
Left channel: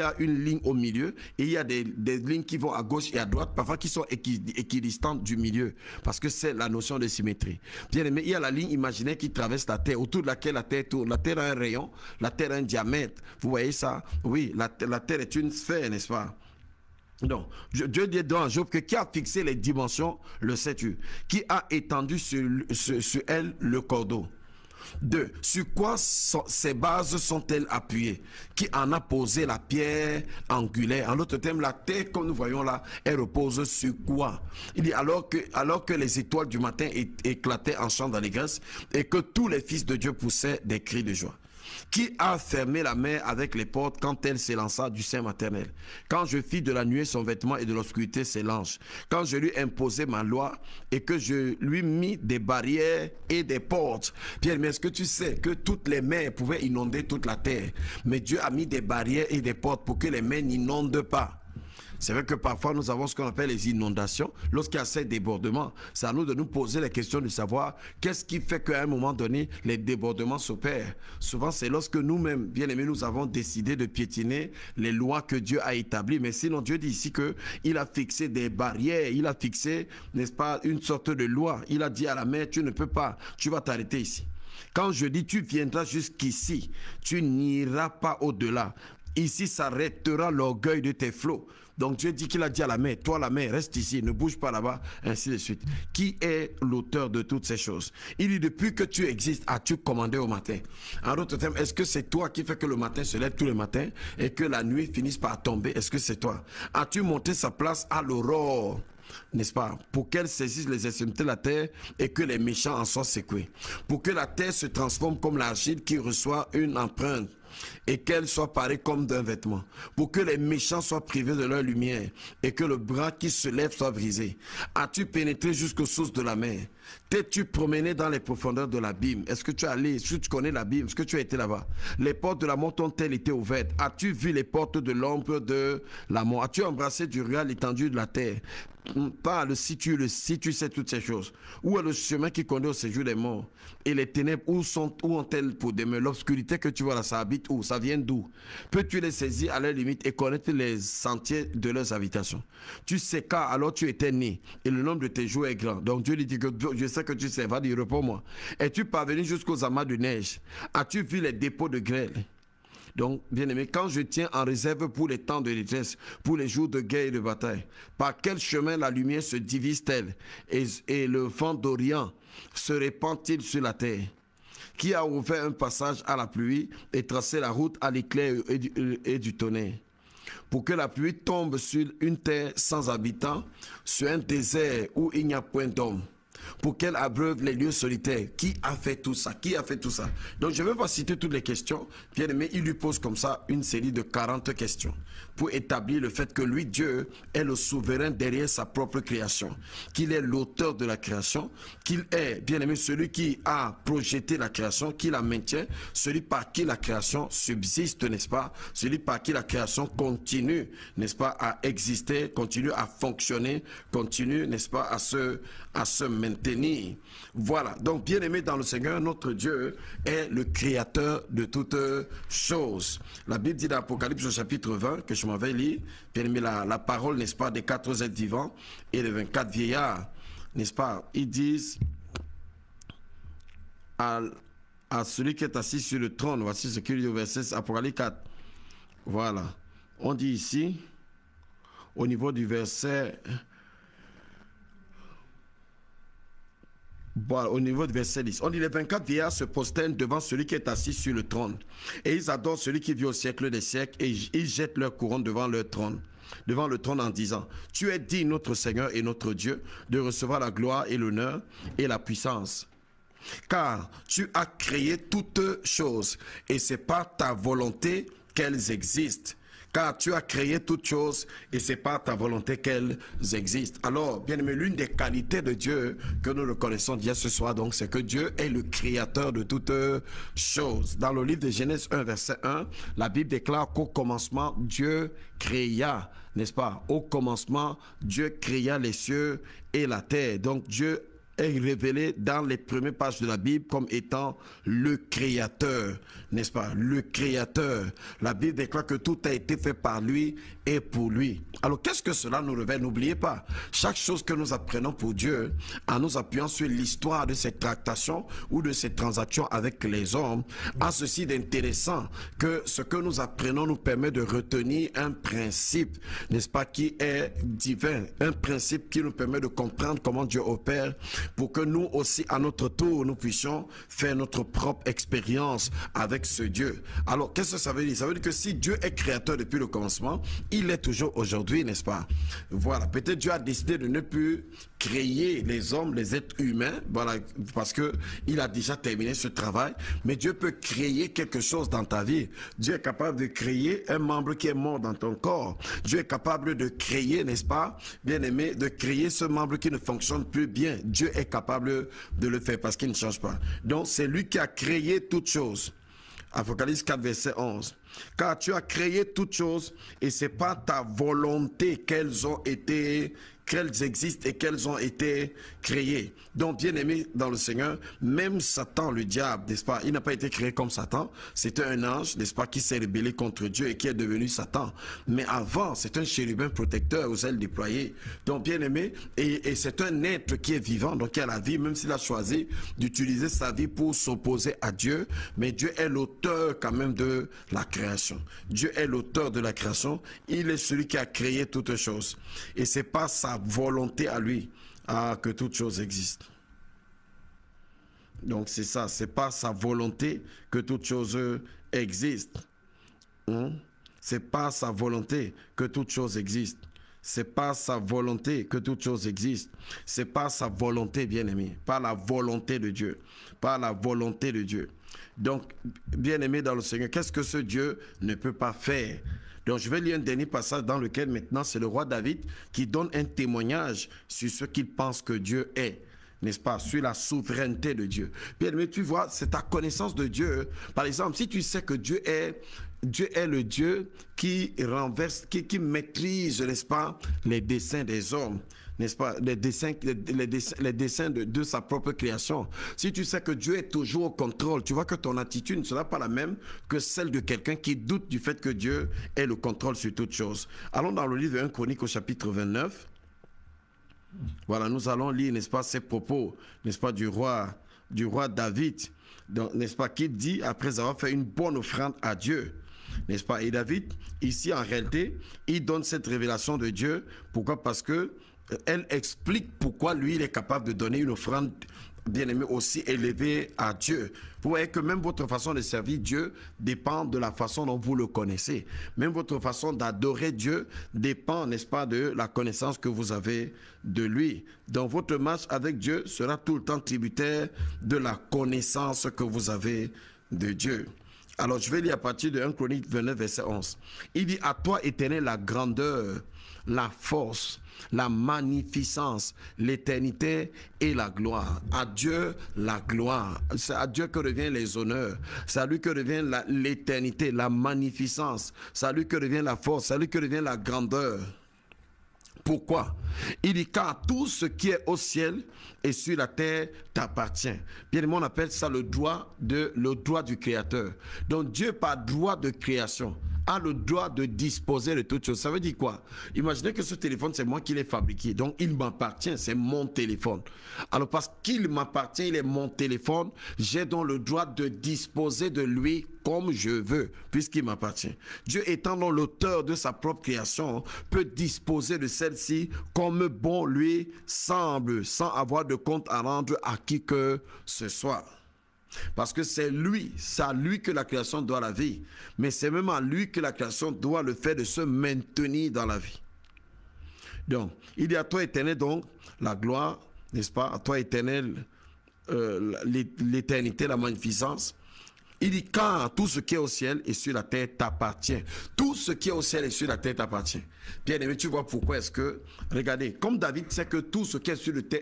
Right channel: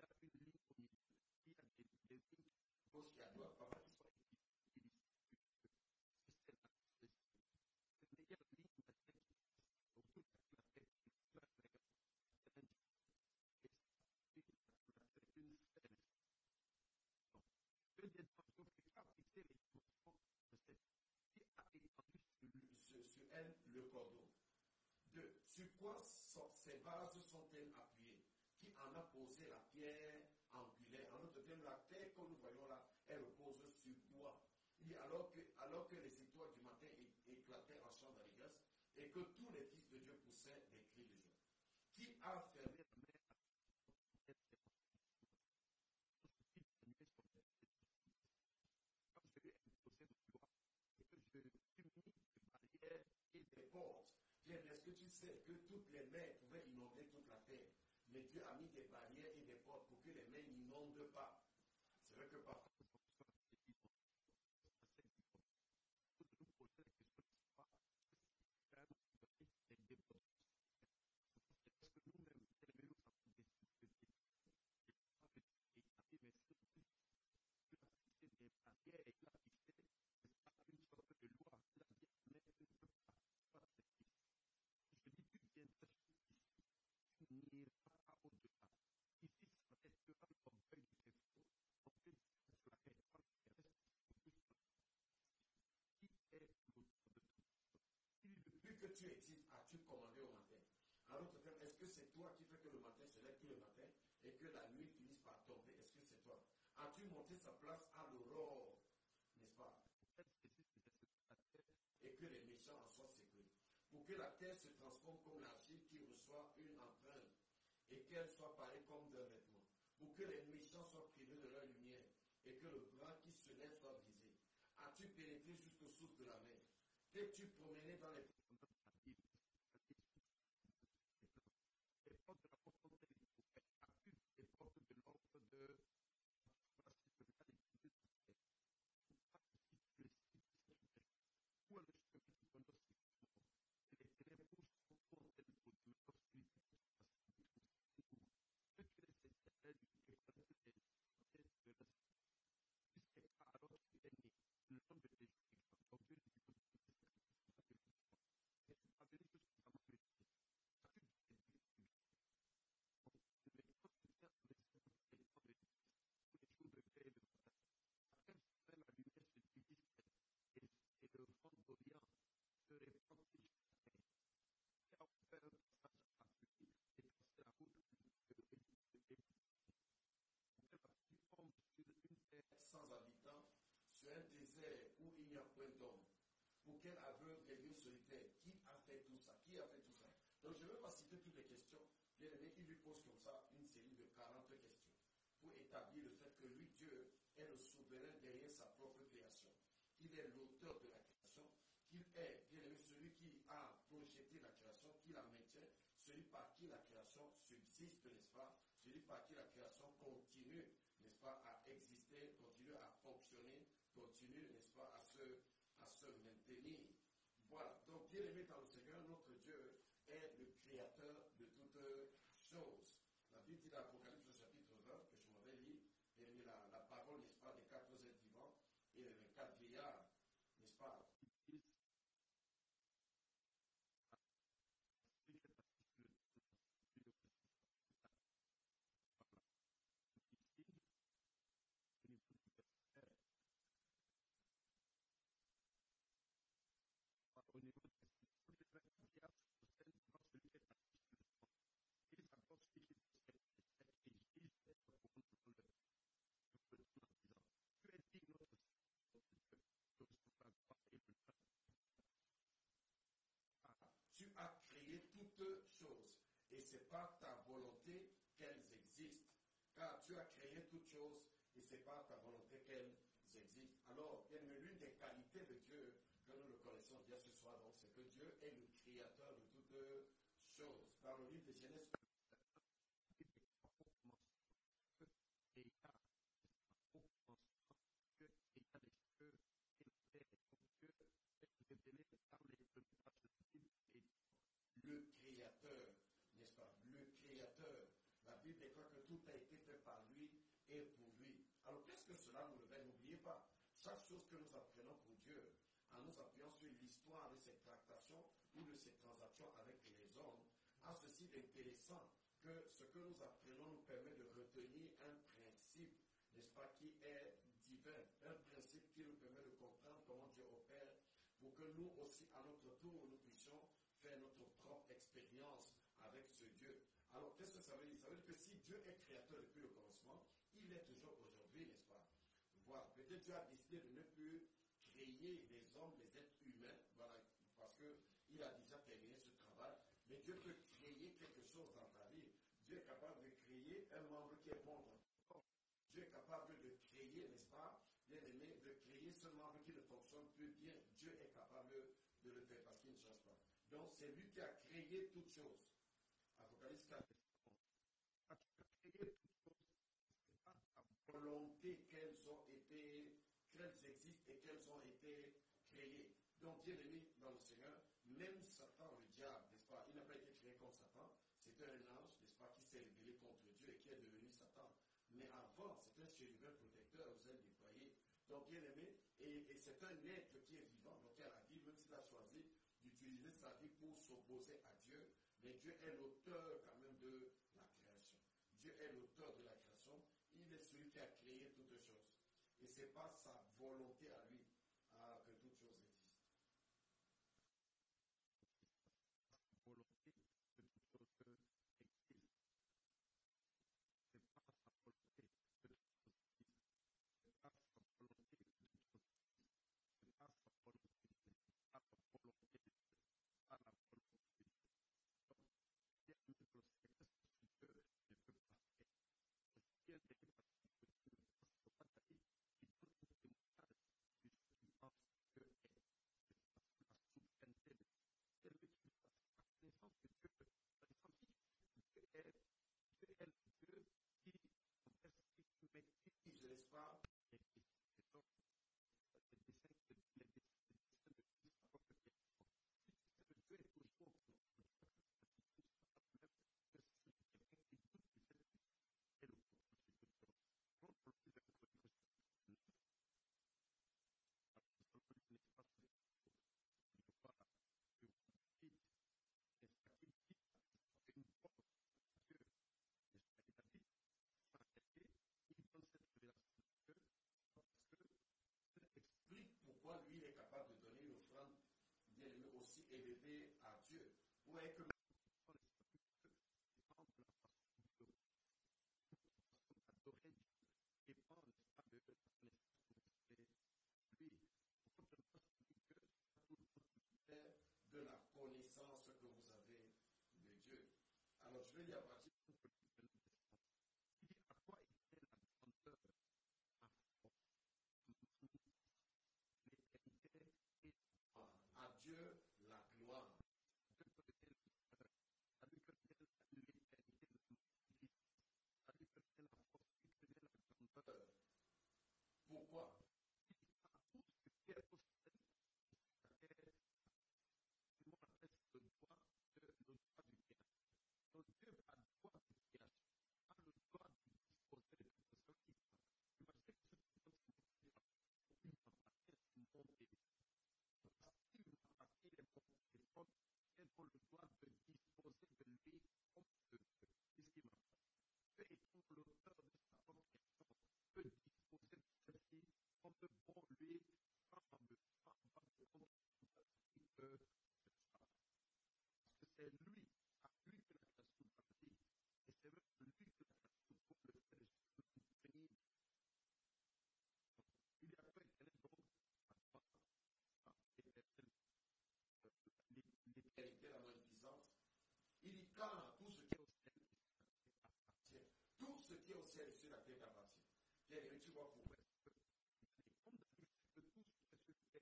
a une ligne au milieu et il y a des lignes qui vont à gauche et à droite, parfois qui sont équidistantes du milieu, parce que c'est la notion de symétrie. Bien aimé, il y a la ligne imaginaire qui traverse la Terre, autour de laquelle la Terre tourne. La Terre a un rayon, la Terre a un diamètre. Vous voyez ça? Oui, la Terre est une sphère, n'est-ce pas? Non, Dieu dit dans Job que qui a fixé les dimensions, le sais-tu? Qui a étendu sur elle le cordeau? 2. Sur quoi ces bases sont-elles appuyées? Qui en a posé la pierre angulaire? En d'autres termes, la terre, comme nous voyons là, elle repose sur quoi? Il dit alors que les étoiles du matin éclataient en chant d'allégresse et que tous les fils de Dieu poussaient des cris de joie. Qui a fermé la mer avec les portes quand elle s'élança du sein maternel? Quand je fis de la nuée son vêtement et de l'obscurité ses langes. Quand je lui imposai ma loi et que je lui mis des barrières et des portes. Pierre, mais est-ce que tu sais que toutes les mers pouvaient inonder toute la terre? Mais Dieu a mis des barrières et des portes pour que les mers n'inondent pas. C'est vrai que parfois nous avons ce qu'on appelle les inondations. Lorsqu'il y a ces débordements, c'est à nous de nous poser la question de savoir qu'est-ce qui fait qu'à un moment donné, les débordements s'opèrent. Souvent, c'est lorsque nous-mêmes, bien aimés, nous avons décidé de piétiner les lois que Dieu a établies. Mais sinon, Dieu dit ici qu'il a fixé des barrières, il a fixé, n'est-ce pas, une sorte de loi. Il a dit à la mer, tu ne peux pas, tu vas t'arrêter ici. Quand je dis tu viendras jusqu'ici, tu n'iras pas au-delà. Ici s'arrêtera l'orgueil de tes flots. Donc Dieu dit qu'il a dit à la mer, toi la mer, reste ici, ne bouge pas là-bas, ainsi de suite. Qui est l'auteur de toutes ces choses? Il dit, depuis que tu existes, as-tu commandé au matin? En d'autres termes, est-ce que c'est toi qui fait que le matin se lève tous les matins et que la nuit finisse par tomber? Est-ce que c'est toi? As-tu monté sa place à l'aurore? N'est-ce pas? Pour qu'elle saisisse les extrémités de la terre et que les méchants en soient secoués. Pour que la terre se transforme comme l'argile qui reçoit une empreinte et qu'elle soit parée comme d'un vêtement. Pour que les méchants soient privés de leur lumière et que le bras qui se lève soit brisé. As-tu pénétré jusqu'aux sources de la mer? T'es-tu promené dans les profondeurs de l'abîme? Est-ce que tu es allé? Est-ce que tu connais l'abîme? Est-ce que tu as été là-bas? Les portes de la mort ont-elles été ouvertes? As-tu vu les portes de l'ombre de la mort? As-tu embrassé du regard l'étendue de la terre? Parle si tu sais toutes ces choses. Où est le chemin qui conduit au séjour des morts? Et les ténèbres, où ont-elles pour demeure? L'obscurité que tu vois là, ça habite où? Ça vient d'où? Peux-tu les saisir à leur limite et connaître les sentiers de leurs habitations? Tu sais quand alors tu étais né et le nombre de tes jours est grand. Donc Dieu lui dit que je sais que tu sais, va dire réponds-moi. Es-tu parvenu jusqu'aux amas de neige? As-tu vu les dépôts de grêle? Donc, bien aimé, quand je tiens en réserve pour les temps de détresse, pour les jours de guerre et de bataille, par quel chemin la lumière se divise-t-elle et le vent d'Orient se répand-il sur la terre? Qui a ouvert un passage à la pluie et tracé la route à l'éclair et du tonnerre? Pour que la pluie tombe sur une terre sans habitants, sur un désert où il n'y a point d'homme. Pour qu'elle abreuve les lieux solitaires. Qui a fait tout ça? Qui a fait tout ça? Donc je ne vais pas citer toutes les questions. Bien aimé, il lui pose comme ça une série de 40 questions pour établir le fait que lui, Dieu, est le souverain derrière sa propre création, qu'il est l'auteur de la création, qu'il est, bien aimé, celui qui a projeté la création, qui la maintient, celui par qui la création subsiste, n'est-ce pas? Celui par qui la création continue, n'est-ce pas, à exister, continue à fonctionner, continue, n'est-ce pas, à se maintenir. Voilà. Donc, bien aimé dans le Seigneur, notre Dieu est le créateur de toutes choses. La Bible dit dans l'Apocalypse au chapitre 20, que je m'en vais lire, bien aimé, la parole, n'est-ce pas, des 4 êtres vivants et les 24 vieillards, n'est-ce pas, ils disent à celui qui est assis sur le trône, voici ce qu'il dit au verset Apocalypse 4. Voilà. On dit ici, au niveau du verset... Voilà, au niveau du verset 10, on dit les 24 vieillards se prosternent devant celui qui est assis sur le trône. Et ils adorent celui qui vit au siècle des siècles et ils jettent leur couronne devant le trône en disant, tu es digne, notre Seigneur et notre Dieu, de recevoir la gloire et l'honneur et la puissance. Car tu as créé toutes choses et c'est par ta volonté qu'elles existent. Car tu as créé toutes choses et c'est par ta volonté qu'elles existent. Alors, bien aimé, l'une des qualités de Dieu que nous reconnaissons déjà ce soir, donc, c'est que Dieu est le créateur de toutes choses. Dans le livre de Genèse 1, verset 1, la Bible déclare qu'au commencement, Dieu créa, n'est-ce pas? Au commencement, Dieu créa les cieux et la terre. Donc, Dieu est révélé dans les premières pages de la Bible comme étant le Créateur, n'est-ce pas? Le Créateur. La Bible déclare que tout a été fait par lui et pour lui. Alors qu'est-ce que cela nous révèle? N'oubliez pas, chaque chose que nous apprenons pour Dieu, en nous appuyant sur l'histoire de ces tractations ou de ces transactions avec les hommes, a ceci d'intéressant que ce que nous apprenons nous permet de retenir un principe, n'est-ce pas, qui est divin, un principe qui nous permet de comprendre comment Dieu opère pour que nous aussi, à notre tour, nous puissions faire notre propre expérience avec ce Dieu. Alors, qu'est-ce que ça veut dire? Ça veut dire que si Dieu est créateur depuis le commencement, il est toujours aujourd'hui, n'est-ce pas? Voilà, peut-être Dieu a décidé de ne plus créer les hommes, les êtres humains, voilà, parce que il a déjà terminé ce travail, mais Dieu peut créer quelque chose dans ta vie. Dieu est capable de créer un membre qui est mort dans ton corps. Dieu est capable de créer, n'est-ce pas, bien-aimé, de créer ce membre qui ne fonctionne plus bien. Dieu est capable de le faire parce qu'il ne change pas. Donc, c'est lui qui a créé toutes choses. Apocalypse 4, verset 11. Car tu as créé toutes choses et c'est par ta volonté qu'elles existent et qu'elles ont été créées. Donc, bien aimé dans le Seigneur, même Satan, le diable, n'est-ce pas, il n'a pas été créé comme Satan. C'était un ange, n'est-ce pas, qui s'est rébellé contre Dieu et qui est devenu Satan. Mais avant, c'est un chérubin protecteur aux ailes déployées. Donc, bien aimé, et c'est un être qui est vivant, donc qui a la vie, même s'il a choisi d'utiliser sa vie pour s'opposer à Dieu. Mais Dieu est l'auteur quand même de la création. Dieu est l'auteur de la création. Il est celui qui a créé toutes choses. Et c'est pas sa volonté à lui que toutes choses existent. Donc c'est ça, c'est pas sa volonté que toutes choses existent. C'est pas sa volonté que toutes choses existent. C'est pas sa volonté que toutes choses existent. C'est pas sa volonté, bien-aimé, pas la volonté de Dieu, pas la volonté de Dieu. Donc, bien-aimé dans le Seigneur, qu'est-ce que ce Dieu ne peut pas faire? Donc, je vais lire un dernier passage dans lequel maintenant c'est le roi David qui donne un témoignage sur ce qu'il pense que Dieu est, n'est-ce pas, sur la souveraineté de Dieu. Bien, mais tu vois, c'est ta connaissance de Dieu. Par exemple, si tu sais que Dieu est le Dieu qui renverse, qui maîtrise, n'est-ce pas, les desseins des hommes, n'est-ce pas, les desseins de sa propre création. Si tu sais que Dieu est toujours au contrôle, tu vois que ton attitude ne sera pas la même que celle de quelqu'un qui doute du fait que Dieu ait le contrôle sur toutes choses. Allons dans le livre de 1 Chronique au chapitre 29. Voilà, nous allons lire, n'est-ce pas, ces propos, n'est-ce pas, du roi David, n'est-ce pas, qui dit, après avoir fait une bonne offrande à Dieu, n'est-ce pas, et David, ici, en réalité, il donne cette révélation de Dieu. Pourquoi? Parce que elle explique pourquoi lui, il est capable de donner une offrande, bien-aimé, aussi élevée à Dieu. Vous voyez que même votre façon de servir Dieu dépend de la façon dont vous le connaissez. Même votre façon d'adorer Dieu dépend, n'est-ce pas, de la connaissance que vous avez de lui. Donc votre marche avec Dieu sera tout le temps tributaire de la connaissance que vous avez de Dieu. Alors je vais lire à partir de 1 Chronique 29, verset 11. Il dit: à toi, Éternel, la grandeur, la force, la magnificence, l'éternité et la gloire. À Dieu la gloire. C'est à Dieu que reviennent les honneurs. C'est à lui que revient l'éternité, la magnificence. C'est à lui que revient la force. C'est à lui que revient la grandeur. Pourquoi? Il dit: car tout ce qui est au ciel et sur la terre t'appartient. Bien, on appelle ça le droit du Créateur. Donc Dieu, par droit de création, a le droit de disposer de toutes choses. Ça veut dire quoi? Imaginez que ce téléphone, c'est moi qui l'ai fabriqué. Donc, il m'appartient, c'est mon téléphone. Alors, parce qu'il m'appartient, il est mon téléphone, j'ai donc le droit de disposer de lui comme je veux, puisqu'il m'appartient. Dieu, étant donc l'auteur de sa propre création, peut disposer de celle-ci comme bon lui semble, sans avoir de compte à rendre à qui que ce soit. Parce que c'est à lui que la création doit la vie. Mais c'est même à lui que la création doit le fait de se maintenir dans la vie. Donc, il dit: à toi, Éternel, donc, la gloire, n'est-ce pas? À toi, Éternel, l'éternité, la magnificence. Il dit: car tout ce qui est au ciel et sur la terre t'appartient. Tout ce qui est au ciel et sur la terre t'appartient. Bien aimé, tu vois pourquoi est-ce que, regardez, comme David sait que tout ce qui est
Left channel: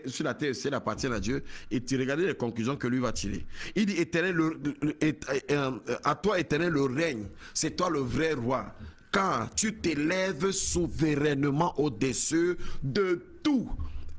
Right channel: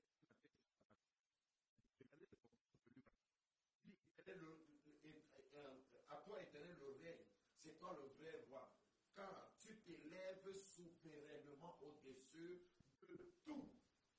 sur la terre et ciel appartient à Dieu, et tu regardez les conclusions que lui va tirer. Il dit: Éternel, à toi, Éternel, le règne. C'est toi le vrai roi. Car tu t'élèves souverainement au-dessus de tout.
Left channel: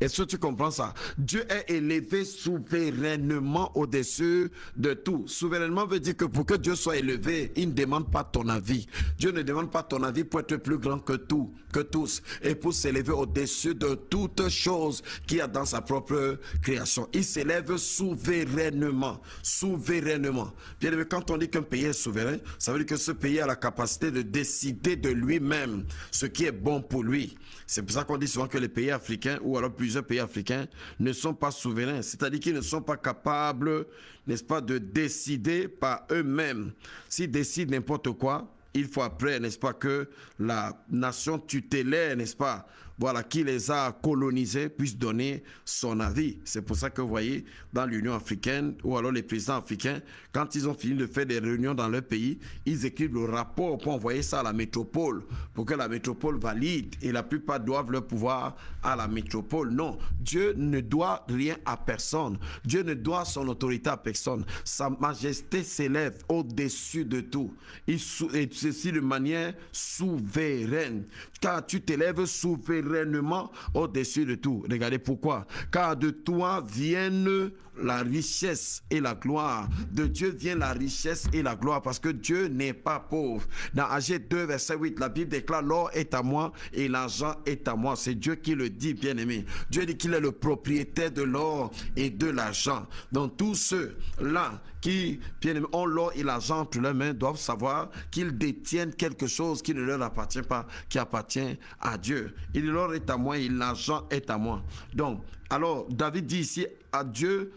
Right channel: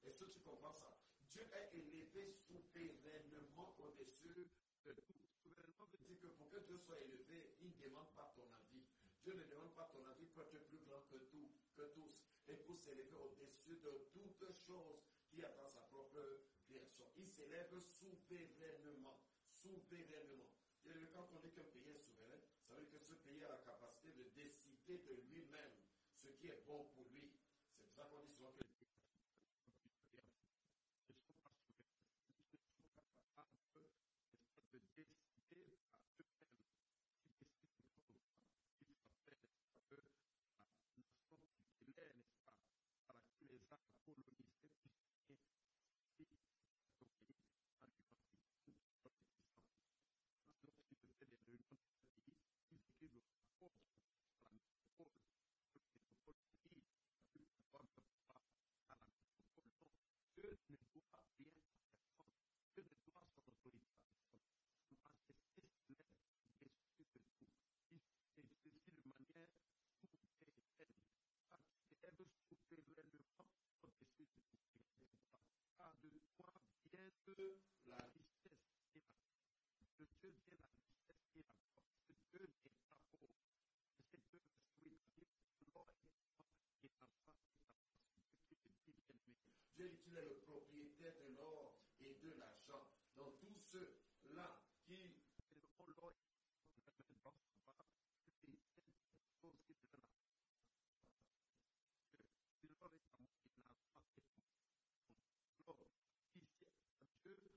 Est-ce que tu comprends ça? Dieu est élevé souverainement au-dessus de tout. Souverainement veut dire que pour que Dieu soit élevé, il ne demande pas ton avis. Dieu ne demande pas ton avis pour être plus grand que tout, que tous, et pour s'élever au-dessus de toute chose qu'il y a dans sa propre création. Il s'élève souverainement. Souverainement. Bien aimé, quand on dit qu'un pays est souverain, ça veut dire que ce pays a la capacité de décider de lui-même ce qui est bon pour lui. C'est pour ça qu'on dit souvent que les pays africains, ou alors plusieurs pays africains, ne sont pas souverains. C'est-à-dire qu'ils ne sont pas capables, n'est-ce pas, de décider par eux-mêmes. S'ils décident n'importe quoi, il faut après, n'est-ce pas, que la nation tutélaire, n'est-ce pas, voilà, qui les a colonisés, puisse donner son avis. C'est pour ça que vous voyez, dans l'Union africaine, ou alors les présidents africains, quand ils ont fini de faire des réunions dans leur pays, ils écrivent le rapport pour envoyer ça à la métropole, pour que la métropole valide, et la plupart doivent leur pouvoir à la métropole. Non, Dieu ne doit rien à personne. Dieu ne doit son autorité à personne. Sa majesté s'élève au-dessus de tout. Et ceci de manière souveraine. Car tu t'élèves souverainement au-dessus de tout. Regardez pourquoi. Car de toi viennent la richesse et la gloire. De Dieu vient la richesse et la gloire, parce que Dieu n'est pas pauvre. Dans Agé 2, verset 8, la Bible déclare: l'or est à moi et l'argent est à moi. C'est Dieu qui le dit, bien aimé. Dieu dit qu'il est le propriétaire de l'or et de l'argent. Donc tous ceux-là qui, bien aimé, ont l'or et l'argent entre leurs mains doivent savoir qu'ils détiennent quelque chose qui ne leur appartient pas, qui appartient à Dieu. Et l'or est à moi et l'argent est à moi. Donc, alors, David dit ici: à Dieu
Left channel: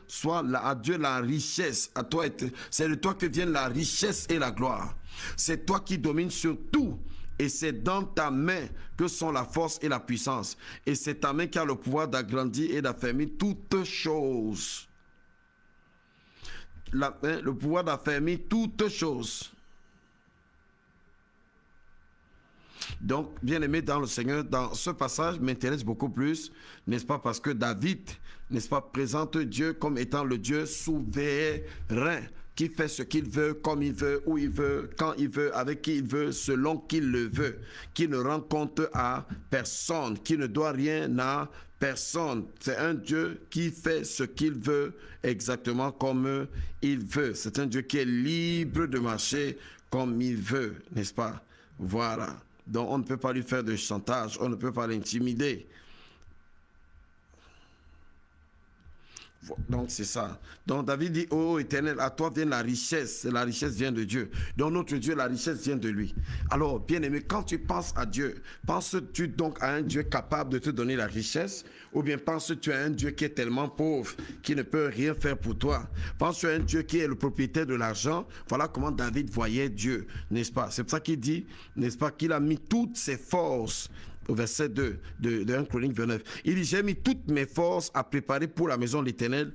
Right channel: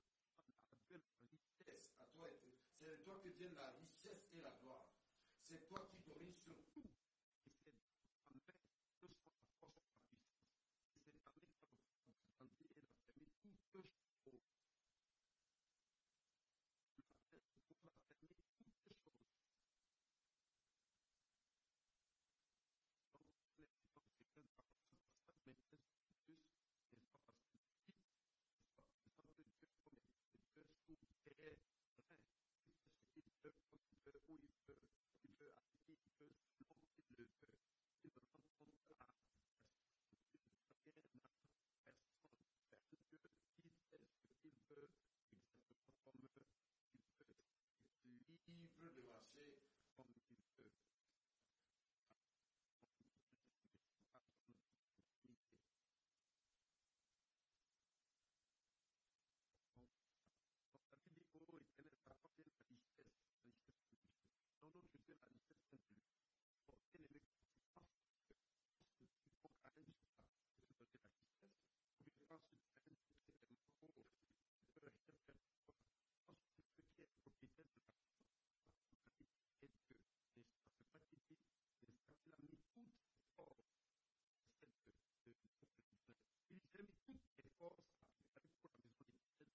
à Dieu la richesse, à toi, c'est de toi que viennent la richesse et la gloire. C'est toi qui domines sur tout, et c'est dans ta main que sont la force et la puissance. Et c'est ta main qui a le pouvoir d'agrandir et d'affermir toutes choses. Le pouvoir d'affermir toutes choses. Donc, bien aimé dans le Seigneur, dans ce passage m'intéresse beaucoup plus, n'est-ce pas, parce que David, n'est-ce pas, présente Dieu comme étant le Dieu souverain, qui fait ce qu'il veut, comme il veut, où il veut, quand il veut, avec qui il veut, selon qu'il le veut, qui ne rend compte à personne, qui ne doit rien à personne. C'est un Dieu qui fait ce qu'il veut exactement comme il veut. C'est un Dieu qui est libre de marcher comme il veut, n'est-ce pas? Voilà. Donc on ne peut pas lui faire de chantage, on ne peut pas l'intimider. Donc c'est ça. Donc David dit: ô Éternel, à toi vient la richesse vient de Dieu. Donc notre Dieu, la richesse vient de lui. Alors bien aimé, quand tu penses à Dieu, penses-tu donc à un Dieu capable de te donner la richesse, ou bien penses-tu à un Dieu qui est tellement pauvre qu'il ne peut rien faire pour toi? Penses-tu à un Dieu qui est le propriétaire de l'argent? Voilà comment David voyait Dieu, n'est-ce pas? C'est pour ça qu'il dit, n'est-ce pas, qu'il a mis toutes ses forces. Au verset 2 de 1 Chronique 29. Il dit: j'ai mis toutes mes forces à préparer pour la maison de l'Éternel,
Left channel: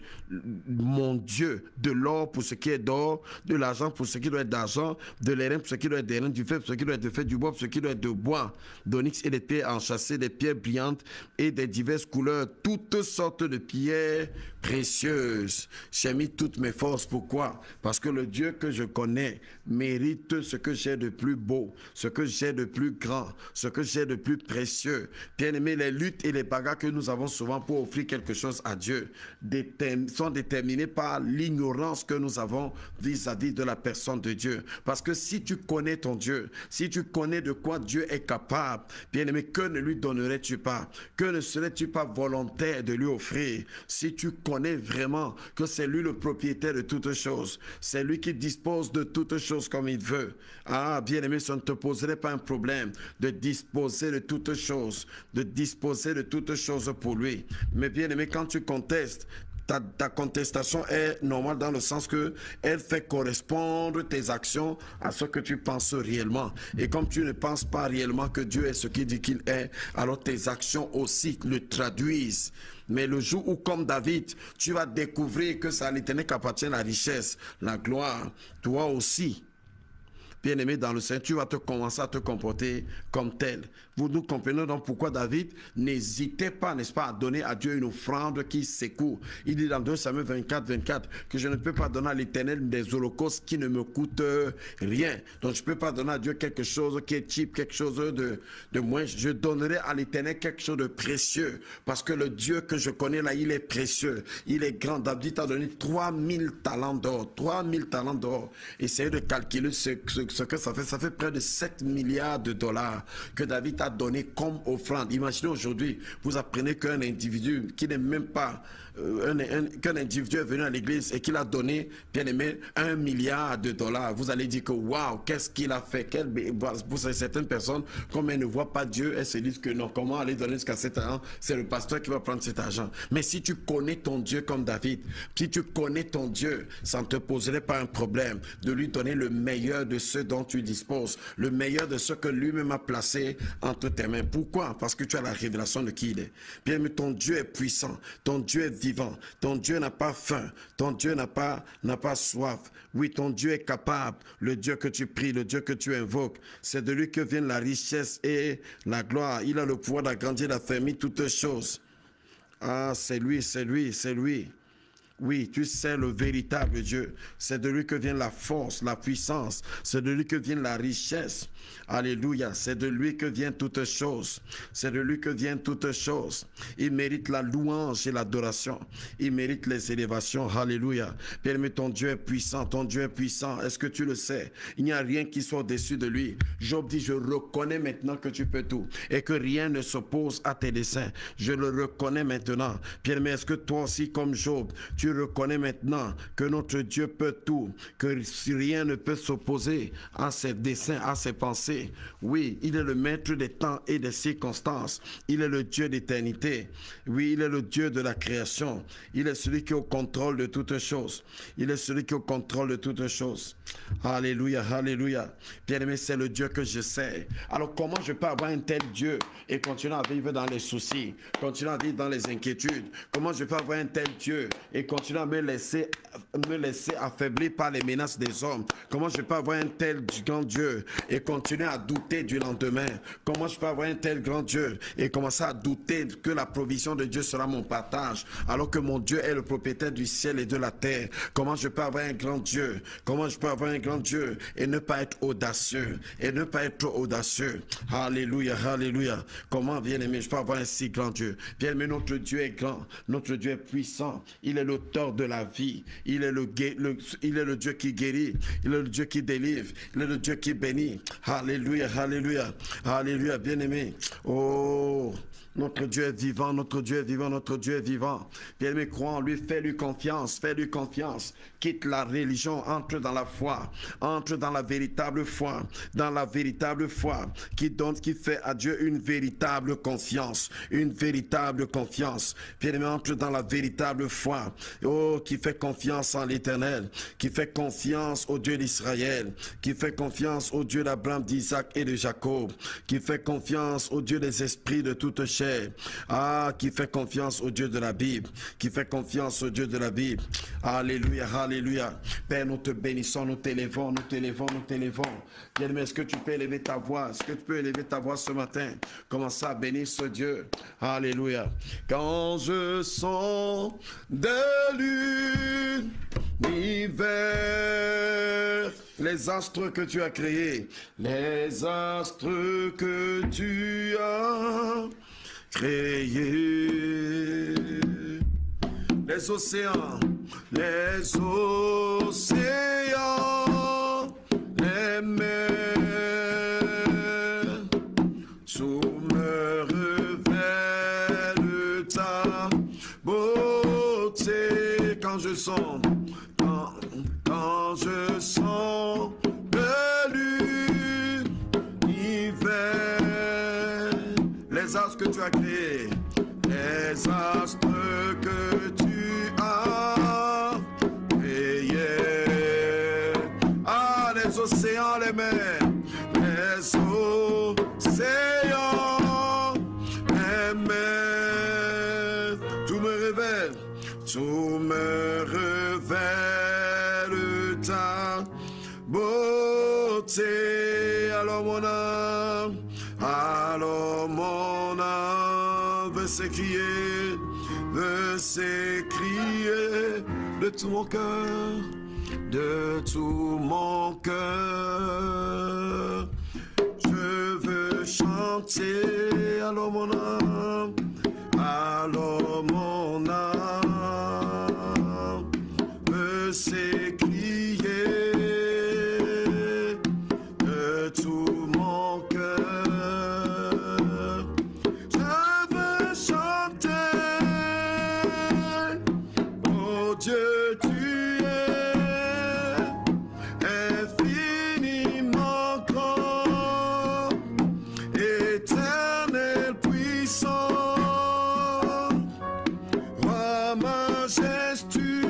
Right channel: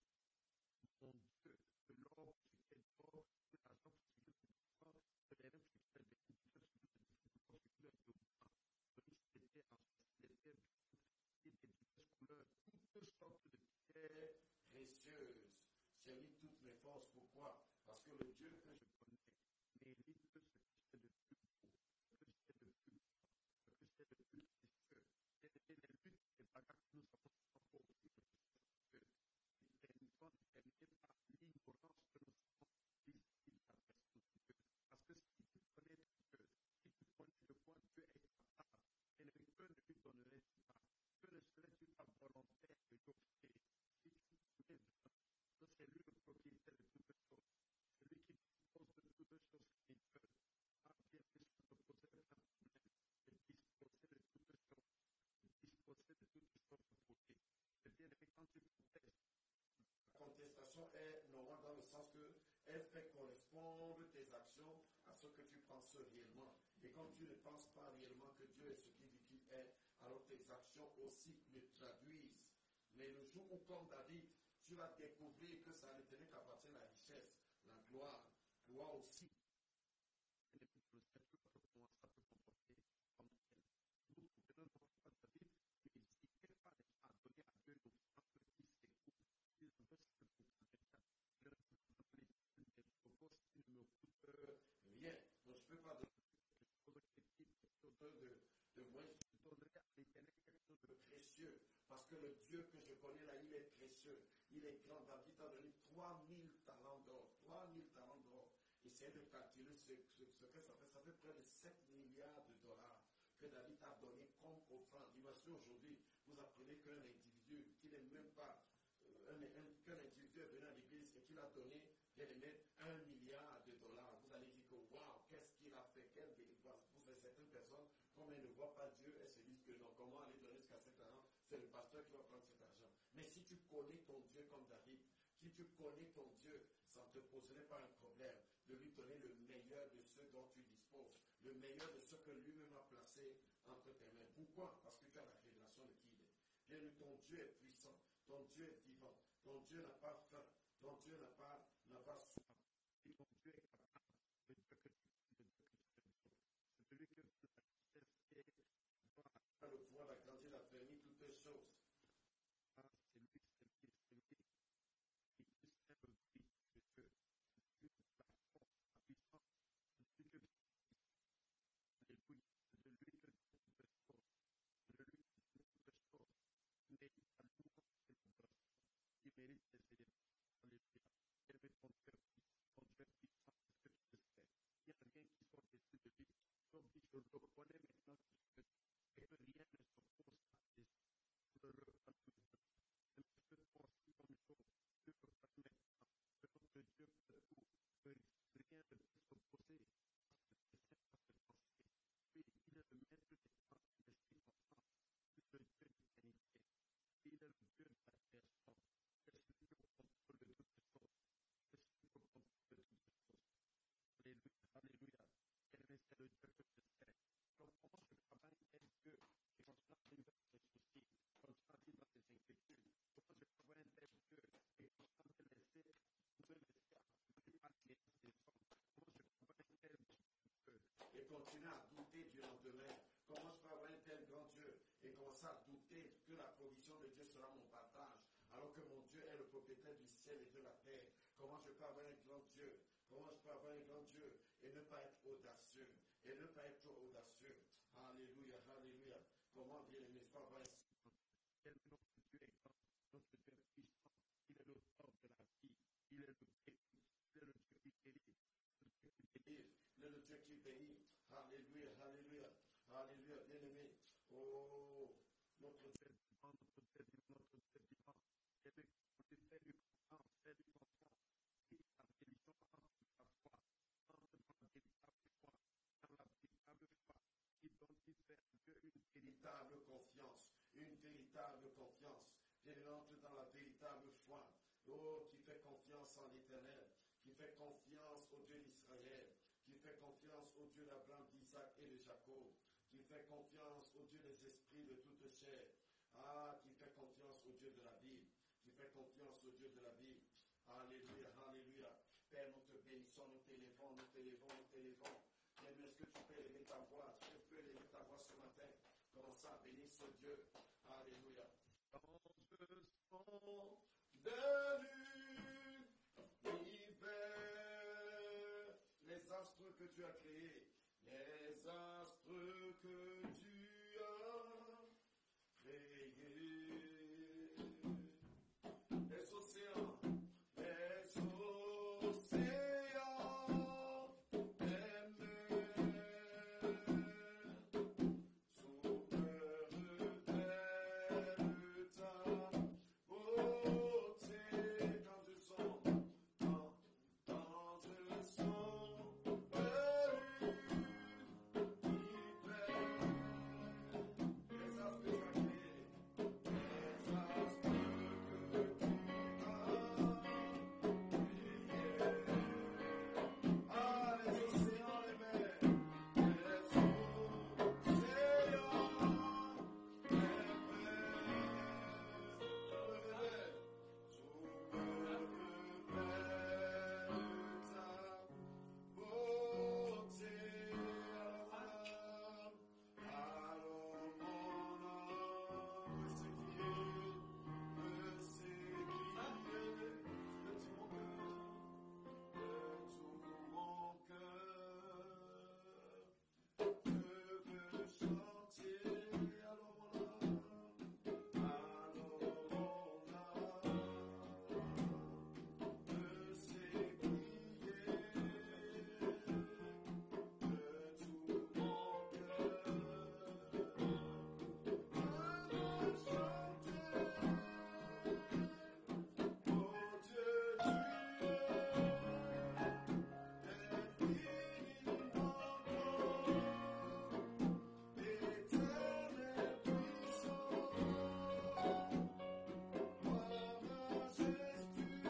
mon Dieu, de l'or pour ce qui est d'or, de l'argent pour ce qui doit être d'argent, de l'airain pour ce qui doit être d'airain, du fer pour ce qui doit être de fer, du bois pour ce qui doit être de bois, d'onyx et des pierres enchâssées, des pierres brillantes et des diverses couleurs, toutes sortes de pierres précieuses. J'ai mis toutes mes forces. Pourquoi? Parce que le Dieu que je connais mérite ce que j'ai de plus beau, ce que j'ai de plus grand, ce que j'ai de plus précieux. Bien aimé, les luttes et les bagarres que nous avons souvent pour offrir quelque chose à Dieu sont déterminées par l'ignorance que nous avons vis-à-vis de la personne de Dieu. Parce que si tu connais ton Dieu, si tu connais de quoi Dieu est capable, bien aimé, que ne lui donnerais-tu pas? Que ne serais-tu pas volontaire de lui offrir? Si tu connais vraiment que c'est lui le propriétaire de toutes choses, c'est lui qui dispose de toutes choses comme il veut. Ah, bien aimé, ça ne te poserait pas un problème de disposer de toutes choses, pour lui. Mais bien aimé, quand tu contestes, ta contestation est normale dans le sens que elle fait correspondre tes actions à ce que tu penses réellement. Et comme tu ne penses pas réellement que Dieu est ce qu'il dit qu'il est, alors tes actions aussi le traduisent. Mais le jour où, comme David, tu vas découvrir que c'est à l'Éternel qu'appartient la richesse, la gloire, toi aussi, bien-aimé dans le Seigneur, tu vas te commencer à te comporter comme tel. Nous comprenons donc pourquoi David n'hésitait pas, n'est-ce pas, à donner à Dieu une offrande qui secoue. Il dit dans 2 Samuel 24, 24 que je ne peux pas donner à l'Éternel des holocaustes qui ne me coûtent rien. Donc je ne peux pas donner à Dieu quelque chose qui est cheap, quelque chose de moins. Je donnerai à l'Éternel quelque chose de précieux parce que le Dieu que je connais là, il est précieux, il est grand. David t'a donné 3000 talents d'or, 3000 talents d'or. Essayez de calculer ce que ça fait près de 7 milliards de dollars que David a donné comme offrande. Imaginez aujourd'hui, vous apprenez qu'un individu qui n'est même pas qu'un individu est venu à l'église et qu'il a donné, bien aimé, 1 milliard de dollars. Vous allez dire que waouh, qu'est-ce qu'il a fait? Pour certaines personnes, comme elles ne voient pas Dieu, elles se disent que non, comment aller donner jusqu'à cet argent? C'est le pasteur qui va prendre cet argent. Mais si tu connais ton Dieu comme David, si tu connais ton Dieu, ça ne te poserait pas un problème de lui donner le meilleur de ce dont tu disposes, le meilleur de ce que lui-même a placé entre tes mains. Pourquoi? Parce que tu as la révélation de qui il est. Bien, mais ton Dieu est puissant, ton Dieu est vivant, ton Dieu n'a pas faim, ton Dieu n'a pas soif. Oui, ton Dieu est capable. Le Dieu que tu pries, le Dieu que tu invoques, c'est de lui que viennent la richesse et la gloire. Il a le pouvoir d'agrandir, d'affermir toutes choses. Ah, c'est lui, c'est lui, c'est lui. Oui, tu sais le véritable Dieu. C'est de lui que vient la force, la puissance. C'est de lui que vient la richesse. Alléluia. C'est de lui que vient toutes choses. C'est de lui que vient toutes choses. Il mérite la louange et l'adoration. Il mérite les élévations. Alléluia. Bien-aimé, ton Dieu est puissant. Ton Dieu est puissant. Est-ce que tu le sais? Il n'y a rien qui soit au-dessus de lui. Job dit, je reconnais maintenant que tu peux tout et que rien ne s'oppose à tes desseins. Je le reconnais maintenant. Bien-aimé, est-ce que toi aussi, comme Job, tu reconnais maintenant que notre Dieu peut tout, que rien ne peut s'opposer à ses desseins, à ses pensées? Oui, il est le maître des temps et des circonstances. Il est le Dieu d'éternité. Oui, il est le Dieu de la création. Il est celui qui est au contrôle de toutes choses. Il est celui qui est au contrôle de toutes choses. Alléluia, alléluia. Bien-aimé, c'est le Dieu que je sais. Alors comment je peux avoir un tel Dieu et continuer à vivre dans les soucis, continuer à vivre dans les inquiétudes? Comment je peux avoir un tel Dieu et continuer à me laisser affaiblir par les menaces des hommes? Comment je peux avoir un tel grand Dieu et continuer à douter du lendemain? Comment je peux avoir un tel grand Dieu et commencer à douter que la provision de Dieu sera mon partage alors que mon Dieu est le propriétaire du ciel et de la terre? Comment je peux avoir un grand Dieu? Comment je peux avoir un grand Dieu et ne pas être audacieux et ne pas être trop audacieux? Alléluia, alléluia. Comment, bien-aimé, je peux avoir un si grand Dieu? Bien-aimé, notre Dieu est grand, notre Dieu est puissant. Il est l'auteur de la vie. Il est le Dieu qui guérit. Il est le Dieu qui délivre. Il est le Dieu qui bénit. Alléluia, alléluia, alléluia, bien-aimé. Oh, notre Dieu est vivant, notre Dieu est vivant, notre Dieu est vivant. Bien-aimé, crois en lui, fais-lui confiance, fais-lui confiance. Quitte la religion, entre dans la foi, entre dans la véritable foi, qui fait à Dieu une véritable confiance, une véritable confiance. Bien-aimé, entre dans la véritable foi, oh, qui fait confiance en l'Éternel, qui fait confiance au Dieu d'Israël, qui fait confiance au Dieu d'Abraham, d'Isaac et de Jacob, qui fait confiance au Dieu des esprits de toute chair, qui fait confiance au Dieu de la Bible, qui fait confiance au Dieu de la Bible. Alléluia, alléluia. Père, nous te bénissons, nous t'élevons, nous t'élevons, nous t'élevons. Bien-aimé, est-ce que tu peux élever ta voix? Est-ce que tu peux élever ta voix ce matin? Commence à bénir ce Dieu. Alléluia. Quand je sens de l'univers, les astres que tu as créés, les astres que tu as créés, les océans, les mers, tout me révèle ta beauté. Quand je sens de l'univers, les astres que tu as créés, les astres que tu as créés, les océans, les mers, les océans, les mers, tout me révèle ta beauté. Alors mon âme veut s'écrier de tout mon cœur, de tout mon cœur. Je veux chanter, alors mon âme, alors mon âme veut s'écrier de tout mon cœur. Je veux chanter, oh Dieu, tu es infiniment grand, éternel, puissant, roi majestueux.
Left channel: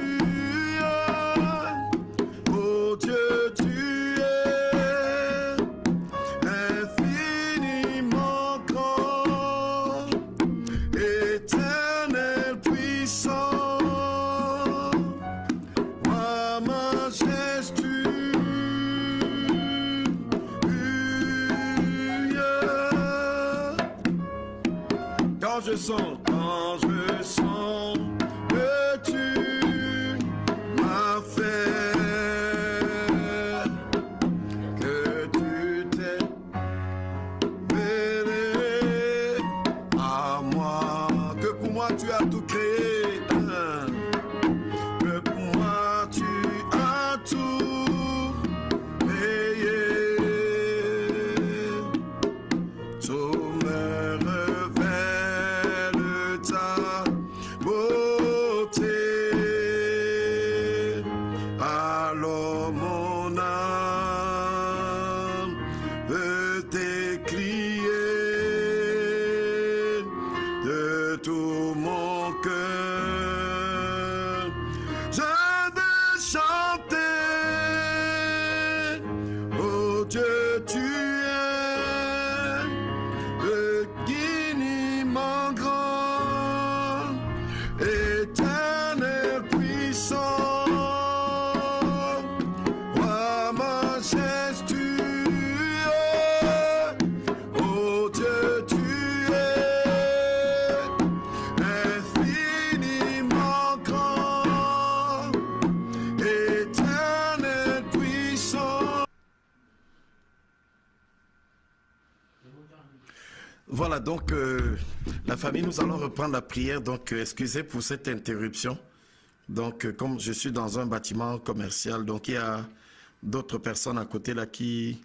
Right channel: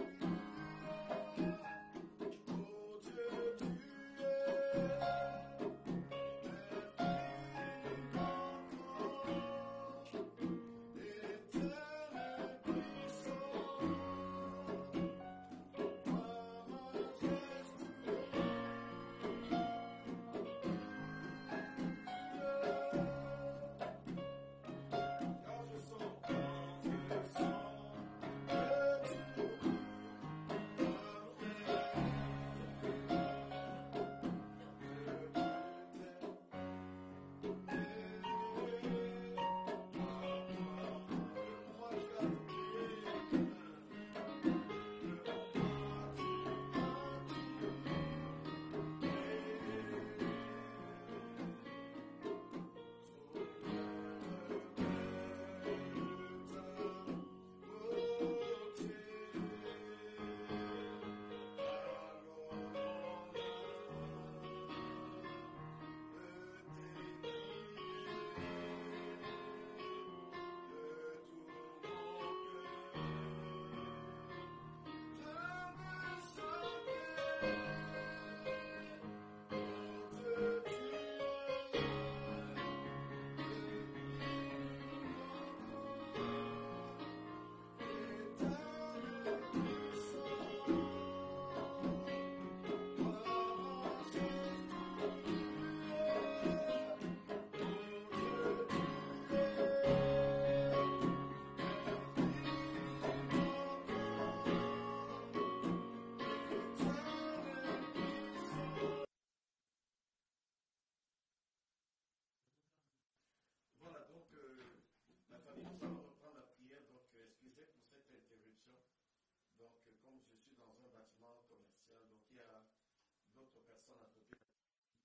Oh Dieu, tu es infiniment grand, éternel, puissant, roi majestueux. Quand je sens que tu m'as fait, que tu t'es mêlé à moi, que pour moi tu as tout créé, que pour moi tu as tout payé, tout me révèle ta beauté. Alors mon âme veut t'écrier de tout mon cœur. Je vais chanter, oh Dieu, tu es infiniment grand, éternel, puissant, roi majestueux. Oh Dieu, tu es infiniment grand, éternel, puissant. Voilà, donc la famille, nous allons reprendre la prière. Donc excusez pour cette interruption. Donc comme je suis dans un bâtiment commercial, donc il y a d'autres personnes à côté là qui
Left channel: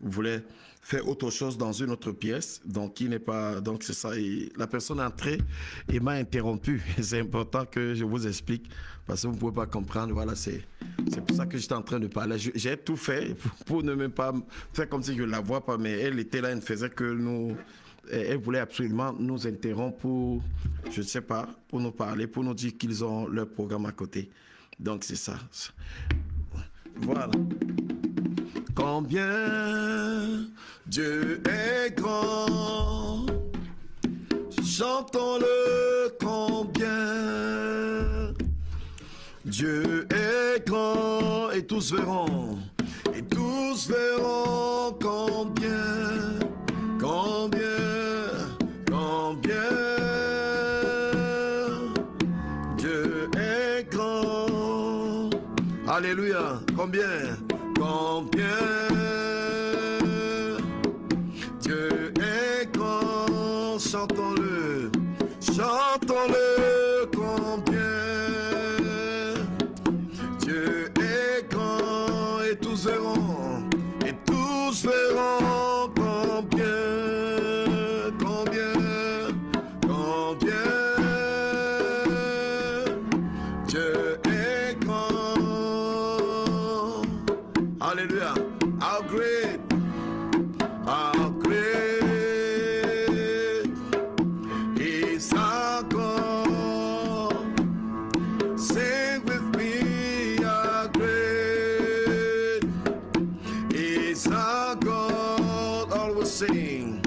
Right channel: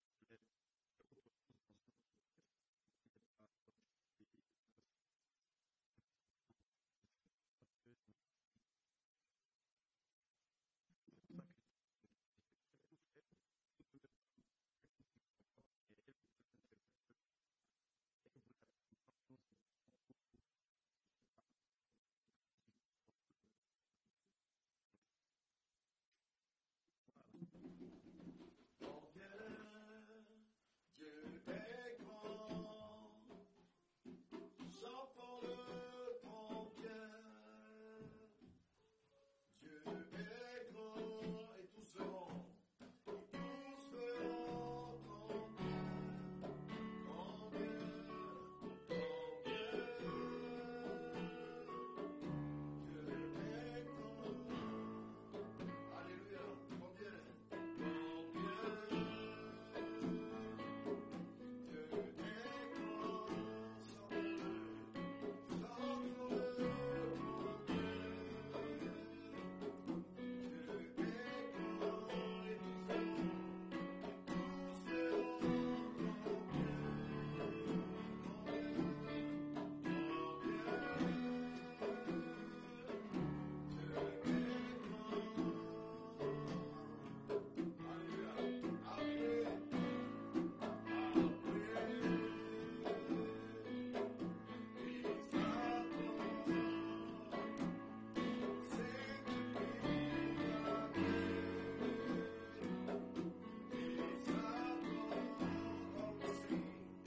voulaient faire autre chose dans une autre pièce. Donc il n'est pas, donc c'est ça. Et la personne est entrée et m'a interrompu. C'est important que je vous explique parce que vous ne pouvez pas comprendre. Voilà, c'est pour ça que j'étais en train de parler. J'ai tout fait pour ne même pas faire comme si je ne la vois pas, mais elle était là, elle ne faisait que nous. Elle voulait absolument nous interrompre pour, je ne sais pas, pour nous parler, pour nous dire qu'ils ont leur programme à côté. Donc c'est ça. Voilà. Combien Dieu est grand, chantons-le combien. Dieu est grand et tous verront combien, combien Dieu est grand. Alléluia. Combien Dieu est grand. Chantons-le combien. Dieu est grand et tous verront combien, Dieu est grand. Alléluia. How great is our God. Sing with me, how great is our God. All will sing,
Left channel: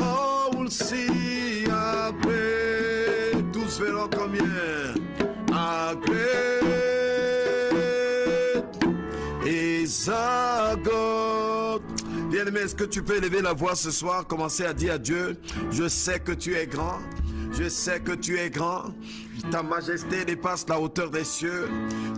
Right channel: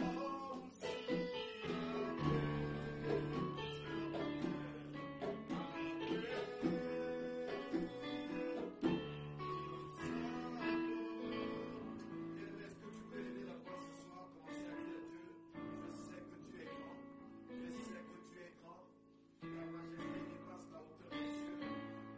all will see how great. Tous verront combien, how great is our God. Bien-aimés, est-ce que tu peux élever la voix ce soir, commencer à dire à Dieu, je sais que tu es grand, je sais que tu es grand. Ta majesté dépasse la hauteur des cieux.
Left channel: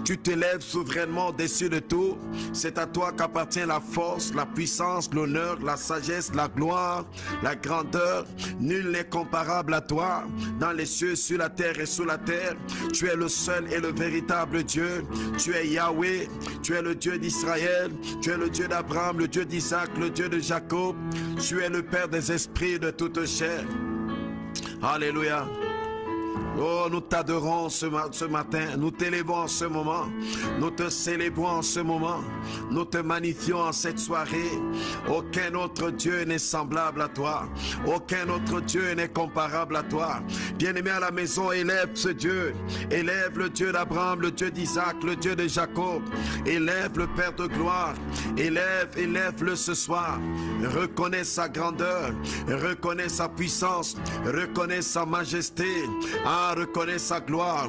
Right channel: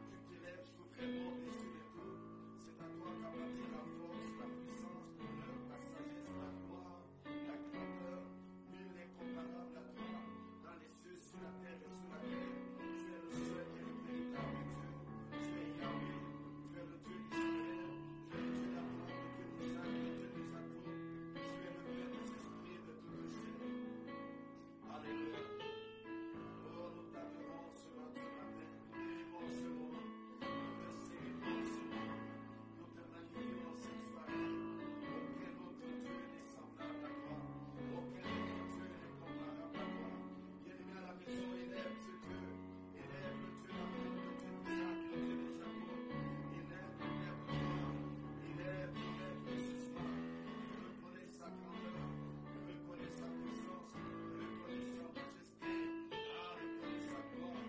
Tu t'élèves souverainement au-dessus de tout. C'est à toi qu'appartient la force, la puissance, l'honneur, la sagesse, la gloire, la grandeur. Nul n'est comparable à toi. Dans les cieux, sur la terre et sous la terre, tu es le seul et le véritable Dieu. Tu es Yahweh. Tu es le Dieu d'Israël. Tu es le Dieu d'Abraham, le Dieu d'Isaac, le Dieu de Jacob. Tu es le Père des esprits de toute chair. Alléluia. Oh, nous t'adorons ce matin, nous t'élevons en ce moment, nous te célébrons en ce moment, nous te magnifions en cette soirée. Aucun autre Dieu n'est semblable à toi, aucun autre Dieu n'est comparable à toi. Bien-aimé à la maison, élève ce Dieu, élève le Dieu d'Abraham, le Dieu d'Isaac, le Dieu de Jacob, élève le Père de gloire, élève-le ce soir. Reconnais sa grandeur, reconnais sa puissance, reconnais sa majesté. Reconnais sa gloire.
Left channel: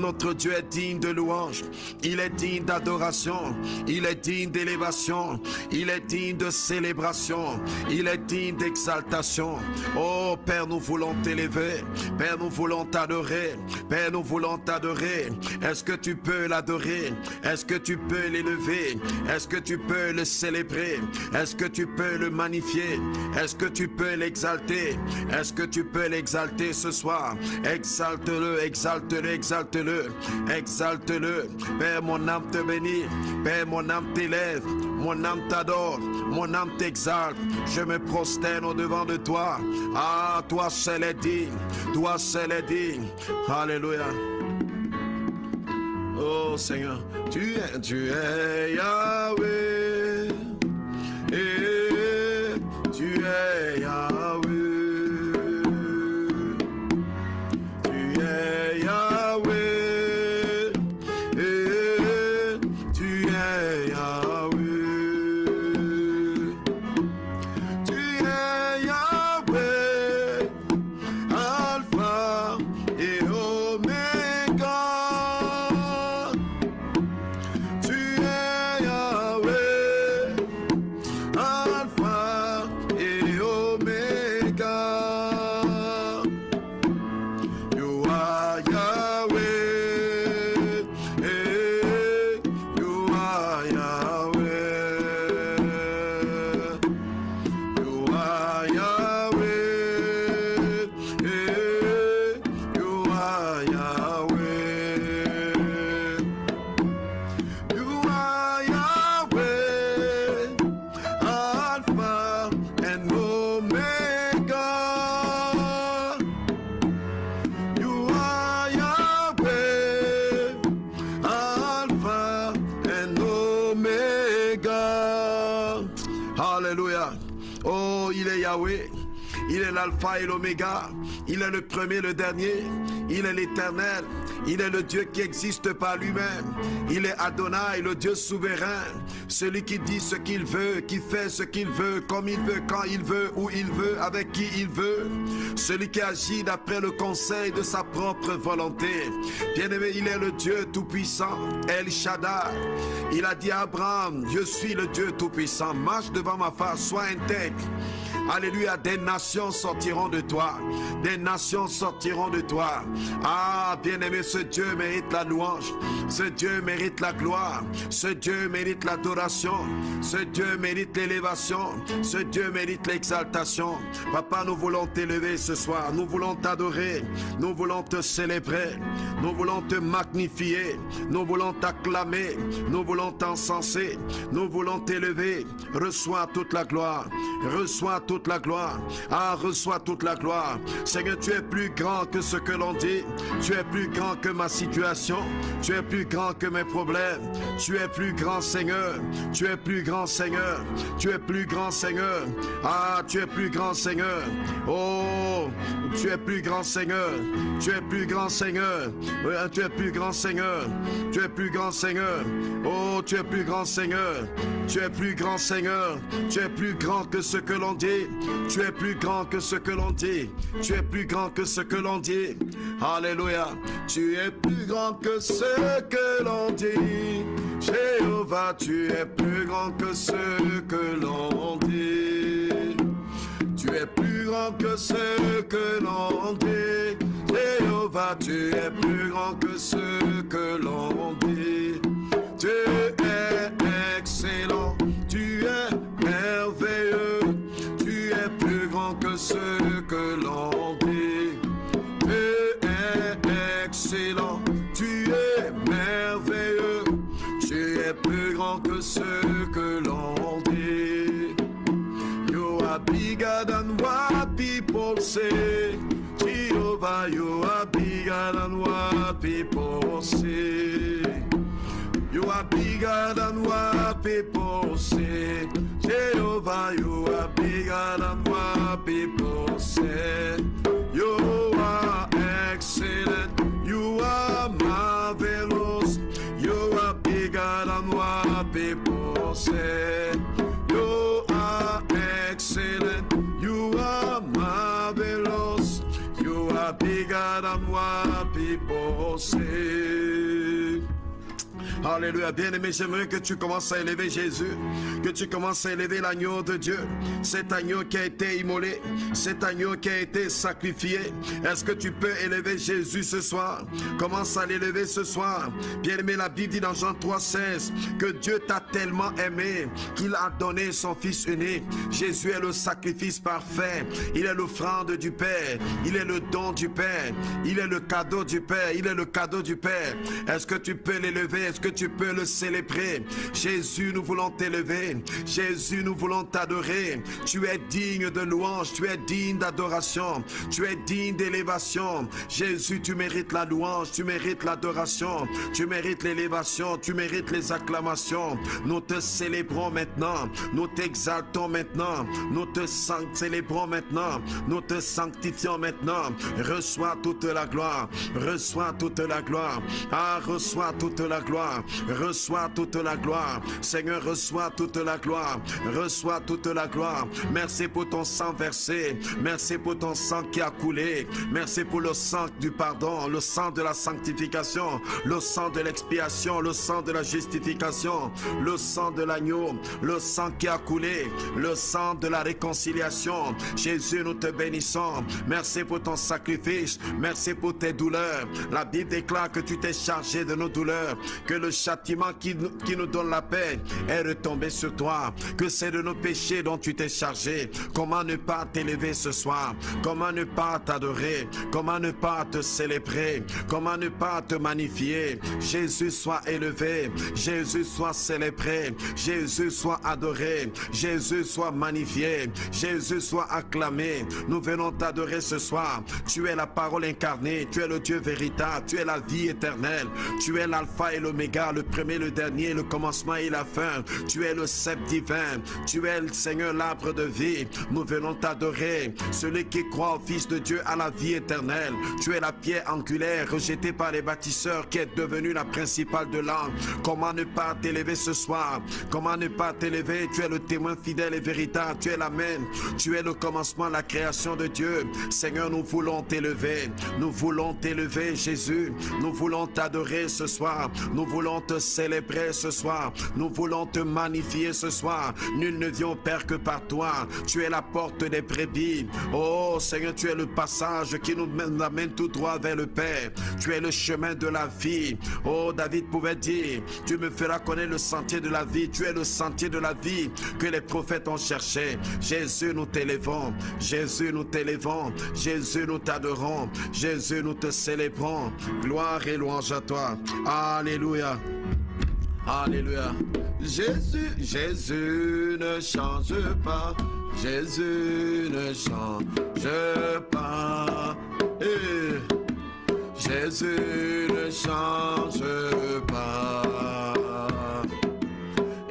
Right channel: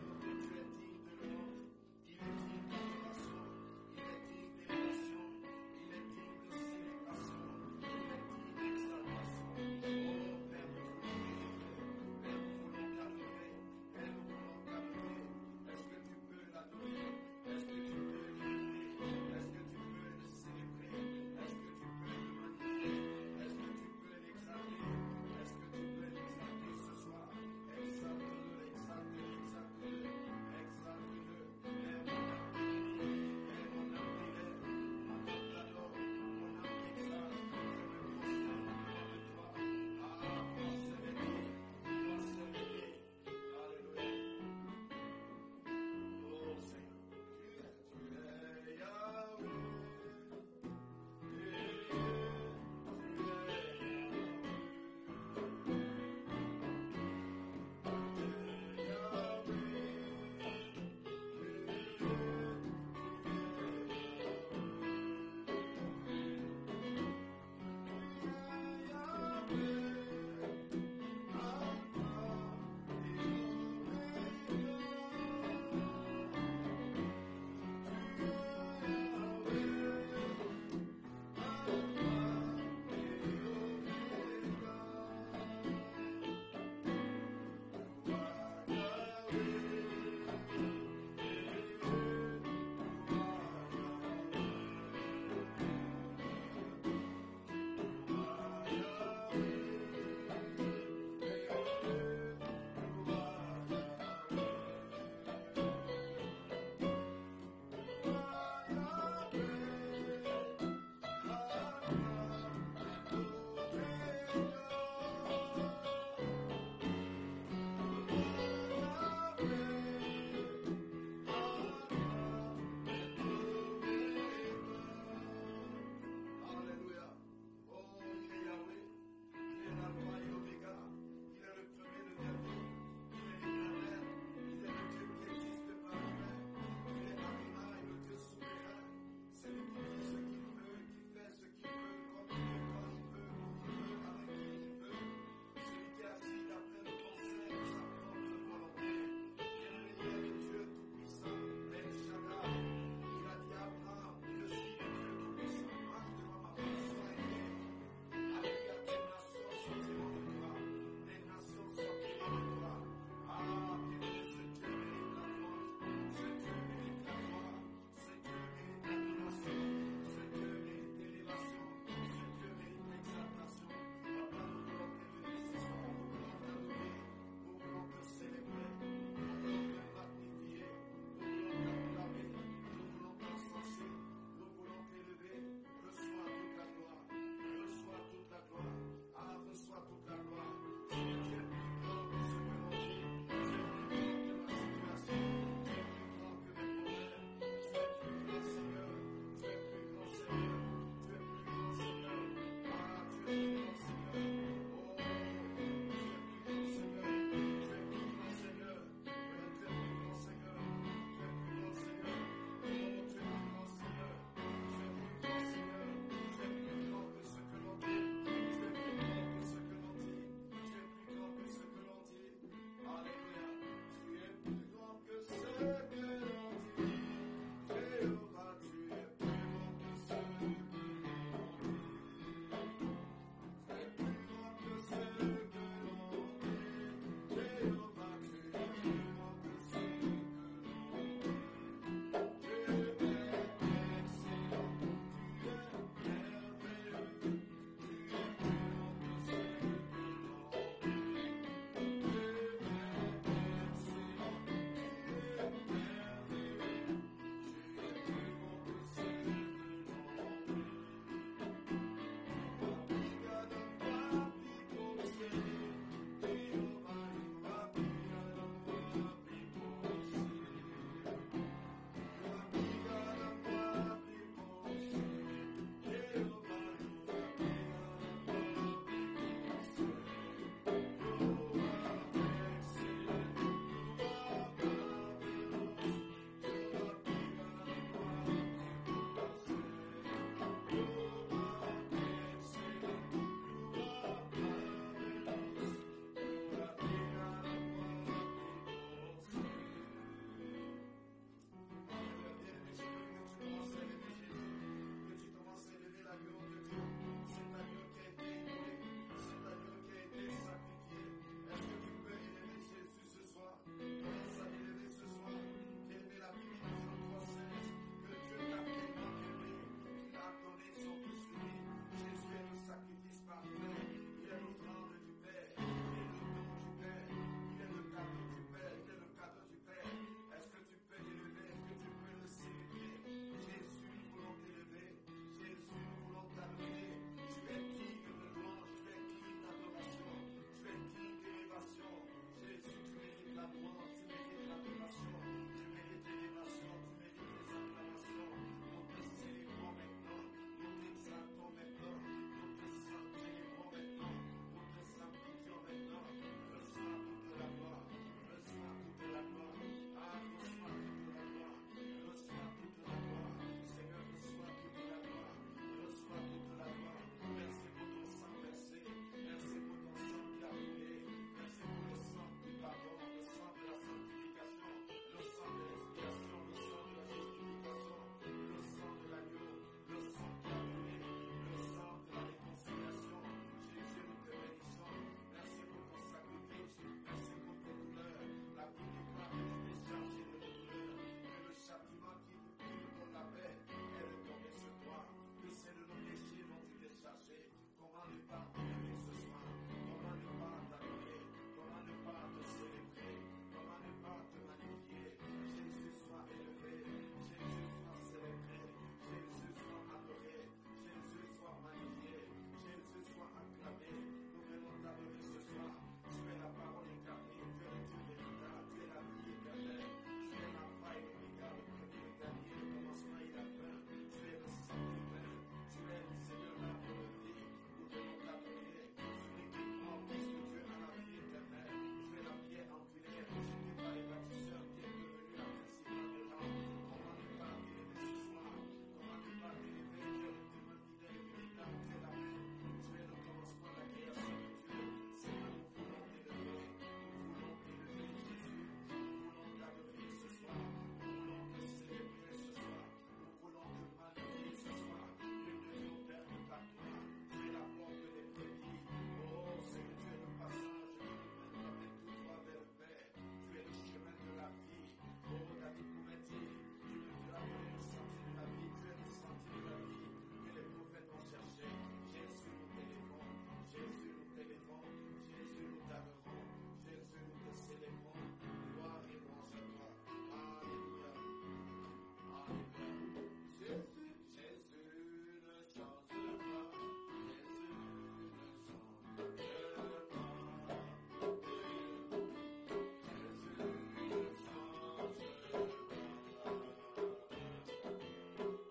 Notre Dieu est digne de louange. Il est digne d'adoration. Il est digne d'élévation. Il est digne de célébration. Il est digne d'exaltation. Oh Père, nous voulons t'élever. Père, nous voulons t'adorer. Père, nous voulons t'adorer. Est-ce que tu peux l'adorer? Est-ce que tu peux l'élever? Est-ce que tu peux le célébrer? Est-ce que tu peux le magnifier? Est-ce que tu peux l'exalter? Est-ce que tu peux l'exalter ce soir? Exalte-le, exalte-le, exalte-le. Exalte-le. Père, mon âme te bénit. Père, mon âme t'élève. Mon âme t'adore. Mon âme t'exalte. Je me prosterne au-devant de toi. Ah, toi seul est digne. Toi seul est digne. Alléluia. Oh Seigneur, tu es Yahweh. Et tu es Yahweh. Il est l'alpha et l'oméga. Il est le premier, le dernier. Il est l'éternel. Il est le Dieu qui existe par lui-même. Il est Adonai, le Dieu souverain. Celui qui dit ce qu'il veut, qui fait ce qu'il veut, comme il veut, quand il veut, où il veut, avec qui il veut. Celui qui agit d'après le conseil de sa propre volonté. Bien-aimé, il est le Dieu tout-puissant, El Shaddai. Il a dit à Abraham, je suis le Dieu tout-puissant. Marche devant ma face, sois intègre. Alléluia, des nations sortiront de toi. Des nations sortiront de toi. Ah, bien-aimé, ce Dieu mérite la louange. Ce Dieu mérite la gloire. Ce Dieu mérite l'adoration. Ce Dieu mérite l'élévation. Ce Dieu mérite l'exaltation. Papa, nous voulons t'élever ce soir. Nous voulons t'adorer. Nous voulons te célébrer. Nous voulons te magnifier. Nous voulons t'acclamer. Nous voulons t'encenser. Nous voulons t'élever. Reçois toute la gloire. Reçois toute la gloire. Ah, reçois toute la gloire. Seigneur, tu es plus grand que ce que l'on dit. Tu es plus grand que ma situation. Tu es plus grand que mes problèmes. Tu es plus grand, Seigneur. Tu es plus grand, Seigneur. Tu es plus grand, Seigneur. Ah, tu es plus grand, Seigneur. Oh, tu es plus grand, Seigneur. Tu es plus grand, Seigneur. Tu es plus grand, Seigneur. Tu es plus grand, Seigneur. Oh, tu es plus grand, Seigneur. Tu es plus grand, Seigneur. Tu es plus grand que ce que l'on dit. Tu es plus grand que ce que l'on dit. Tu es plus grand que ce que l'on dit. Alléluia. Tu es plus grand que ce que l'on dit. Jéhovah, tu es plus grand que ce que l'on dit. Tu es plus grand que ce que l'on dit. Jéhovah, tu es plus grand que ce que l'on dit. Tu es excellent, tu es merveilleux. Tu es plus grand que ce que l'on dit. Tu es excellent, tu es merveilleux. Tu es plus grand que ce que l'on dit. You are bigger than what people say. Jehovah, you are bigger than what people say. You are bigger than what people say. Jehovah, you are bigger than what people say. You are excellent. You are marvelous. You are bigger than what people say. You are excellent. You are marvelous. You are bigger than what people say. Alléluia, bien-aimé, j'aimerais que tu commences à élever Jésus, que tu commences à élever l'agneau de Dieu, cet agneau qui a été immolé, cet agneau qui a été sacrifié. Est-ce que tu peux élever Jésus ce soir? Commence à l'élever ce soir. Bien-aimé, la Bible dit dans Jean 3,16 que Dieu t'a tellement aimé qu'il a donné son Fils unique. Jésus est le sacrifice parfait, il est l'offrande du Père, il est le don du Père, il est le cadeau du Père, il est le cadeau du Père. Est-ce que tu peux l'élever? Est-ce que tu peux le célébrer? Jésus, nous voulons t'élever. Jésus, nous voulons t'adorer. Tu es digne de louange, tu es digne d'adoration, tu es digne d'élévation. Jésus, tu mérites la louange, tu mérites l'adoration, tu mérites l'élévation, tu mérites les acclamations. Nous te célébrons maintenant, nous t'exaltons maintenant, nous te célébrons maintenant, nous te sanctifions maintenant. Reçois toute la gloire, reçois toute la gloire. Ah, reçois toute la gloire. Reçois toute la gloire. Seigneur, reçois toute la gloire. Reçois toute la gloire. Merci pour ton sang versé. Merci pour ton sang qui a coulé. Merci pour le sang du pardon, le sang de la sanctification, le sang de l'expiation, le sang de la justification, le sang de l'agneau, le sang qui a coulé, le sang de la réconciliation. Jésus, nous te bénissons. Merci pour ton sacrifice. Merci pour tes douleurs. La Bible déclare que tu t'es chargé de nos douleurs, que le châtiment qui nous donne la paix est retombé sur toi, que c'est de nos péchés dont tu t'es chargé. Comment ne pas t'élever ce soir? Comment ne pas t'adorer? Comment ne pas te célébrer? Comment ne pas te magnifier? Jésus soit élevé, Jésus soit célébré, Jésus soit adoré, Jésus soit magnifié, Jésus soit acclamé. Nous venons t'adorer ce soir. Tu es la parole incarnée, tu es le Dieu véritable, tu es la vie éternelle, tu es l'alpha et l'oméga, le premier, le dernier, le commencement et la fin. Tu es le sceptre divin, tu es le Seigneur, l'arbre de vie. Nous venons t'adorer. Celui qui croit au Fils de Dieu a la vie éternelle. Tu es la pierre angulaire rejetée par les bâtisseurs qui est devenue la principale de l'angle. Comment ne pas t'élever ce soir? Comment ne pas t'élever? Tu es le témoin fidèle et véritable, tu es l'Amen, tu es le commencement, la création de Dieu. Seigneur, nous voulons t'élever, nous voulons t'élever Jésus, nous voulons t'adorer ce soir, nous voulons te célébrer ce soir, nous voulons te magnifier ce soir. Nul ne vient au Père que par toi. Tu es la porte des brebis. Oh Seigneur, tu es le passage qui nous amène tout droit vers le Père. Tu es le chemin de la vie. Oh, David pouvait dire, tu me feras connaître le sentier de la vie. Tu es le sentier de la vie que les prophètes ont cherché. Jésus, nous t'élevons. Jésus, nous t'élevons. Jésus, nous t'adorons. Jésus, nous te célébrons. Gloire et louange à toi. Alléluia. Alléluia. Jésus, Jésus ne change pas. Jésus ne change pas. Jésus ne change pas.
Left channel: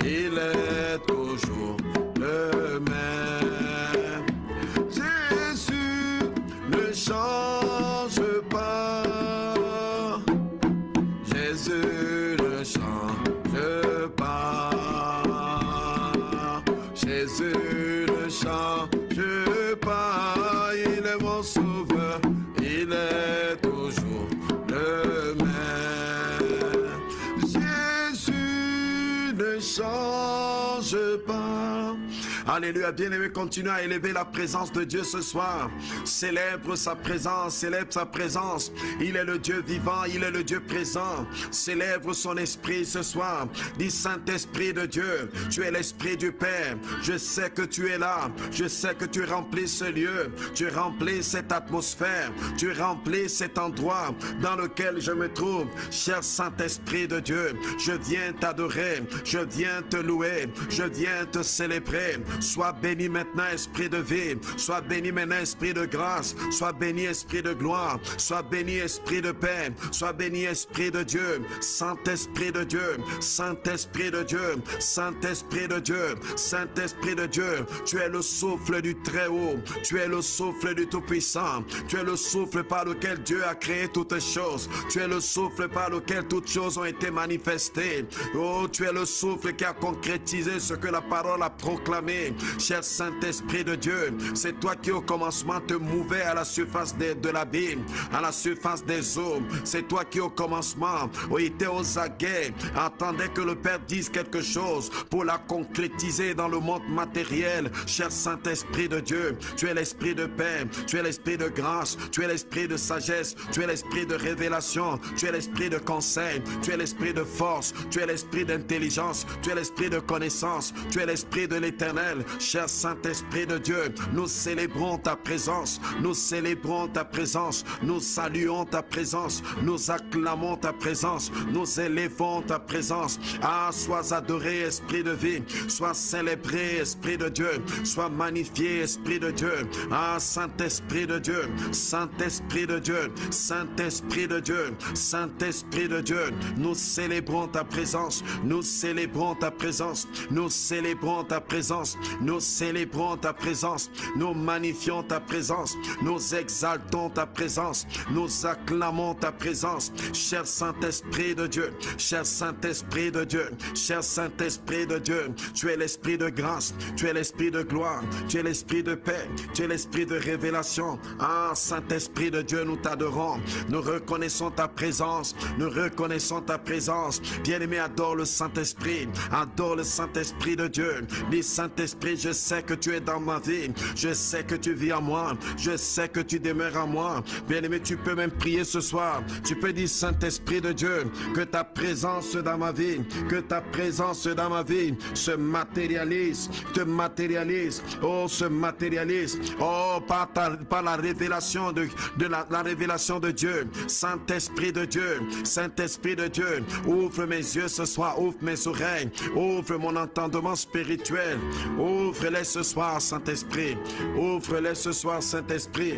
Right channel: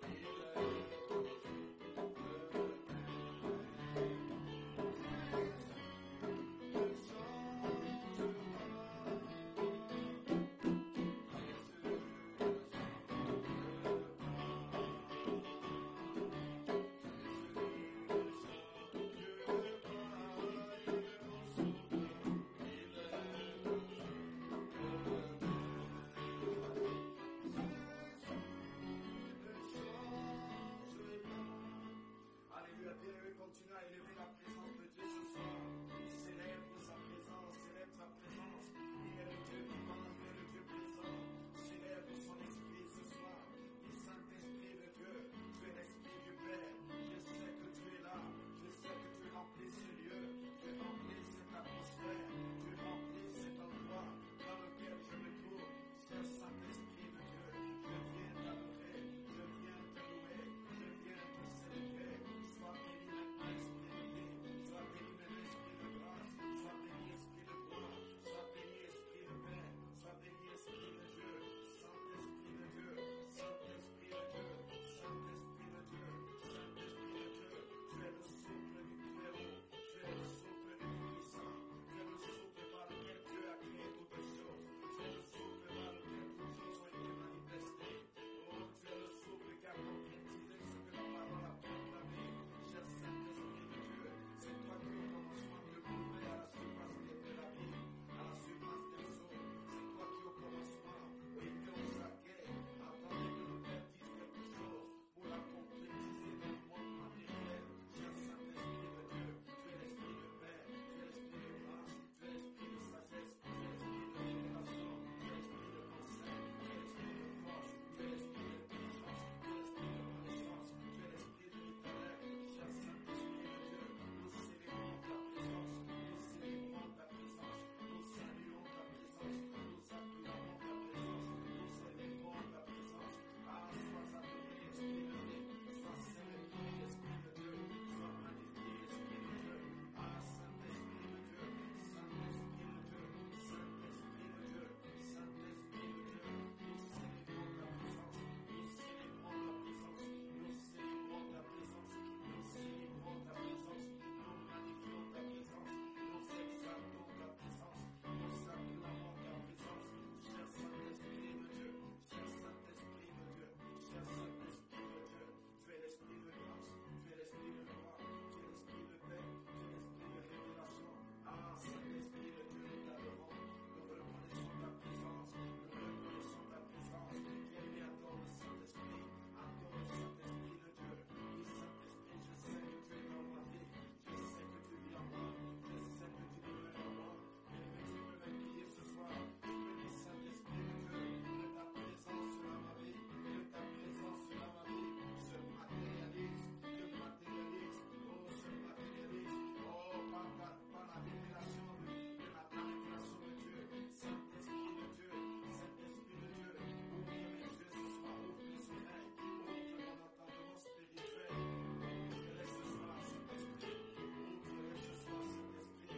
Il est toujours le même. Jésus ne change pas. Jésus ne change pas. Jésus ne change pas. Il est mon sauveur. Il est toujours le même. Alléluia. Bien-aimé, continue à élever la présence de Dieu ce soir. Célèbre sa présence, célèbre sa présence. Il est le Dieu vivant, il est le Dieu présent. Célèbre son esprit ce soir. Dis Saint-Esprit de Dieu, tu es l'Esprit du Père. Je sais que tu es là. Je sais que tu remplis ce lieu. Tu remplis cette atmosphère. Tu remplis cet endroit dans lequel je me trouve. Cher Saint-Esprit de Dieu, je viens t'adorer. Je viens te louer. Je viens te célébrer. Sois béni maintenant, Esprit de vie. Sois béni maintenant, Esprit de grâce. Sois béni, Esprit de gloire. Sois béni, Esprit de paix. Sois béni, Esprit de Dieu. Saint-Esprit de Dieu. Saint-Esprit de Dieu. Saint-Esprit de Dieu. Saint-Esprit de Dieu. Tu es le souffle du Très-Haut. Tu es le souffle du Tout-Puissant. Tu es le souffle par lequel Dieu a créé toutes choses. Tu es le souffle par lequel toutes choses ont été manifestées. Oh, tu es le souffle qui a concrétisé ce que la parole a proclamé. Cher Saint-Esprit de Dieu, c'est toi qui au commencement te mouvais à la surface de l'abîme, à la surface des eaux. C'est toi qui au commencement était aux aguets, attendais que le Père dise quelque chose pour la concrétiser dans le monde matériel. Cher Saint-Esprit de Dieu, tu es l'Esprit de paix, tu es l'Esprit de grâce, tu es l'Esprit de sagesse, tu es l'Esprit de révélation, tu es l'Esprit de conseil, tu es l'Esprit de force, tu es l'Esprit d'intelligence, tu es l'Esprit de connaissance, tu es l'Esprit de l'Éternel. Cher Saint-Esprit de Dieu, nous célébrons ta présence, nous célébrons ta présence, nous saluons ta présence, nous acclamons ta présence, nous élevons ta présence. Ah, sois adoré, Esprit de vie, sois célébré, Esprit de Dieu, sois magnifié, Esprit de Dieu. Ah, Saint-Esprit de Dieu, Saint-Esprit de Dieu, Saint-Esprit de Dieu, Saint-Esprit de Dieu, nous célébrons ta présence, nous célébrons ta présence, nous célébrons ta présence, nous célébrons ta présence, nous magnifions ta présence, nous exaltons ta présence, nous acclamons ta présence. Cher Saint-Esprit de Dieu, cher Saint-Esprit de Dieu, cher Saint-Esprit de Dieu, tu es l'Esprit de grâce, tu es l'Esprit de gloire, tu es l'Esprit de paix, tu es l'Esprit de révélation. Ah, Saint-Esprit de Dieu, nous t'adorons, nous reconnaissons ta présence, nous reconnaissons ta présence. Bien-aimé, adore le Saint-Esprit, adore le Saint-Esprit de Dieu. Dis Saint-Esprit, je sais que tu es dans ma vie, je sais que tu vis en moi, je sais que tu demeures en moi. Bien-aimé, tu peux même prier ce soir, tu peux dire Saint-Esprit de Dieu, que ta présence dans ma vie, que ta présence dans ma vie se matérialise, te matérialise, oh, se matérialise, oh, par la révélation la révélation de Dieu. Saint-Esprit de Dieu, Saint-Esprit de Dieu, ouvre mes yeux ce soir, ouvre mes oreilles, ouvre mon entendement spirituel, ouvre-les ce soir, Saint-Esprit, ouvre-les ce soir, Saint-Esprit,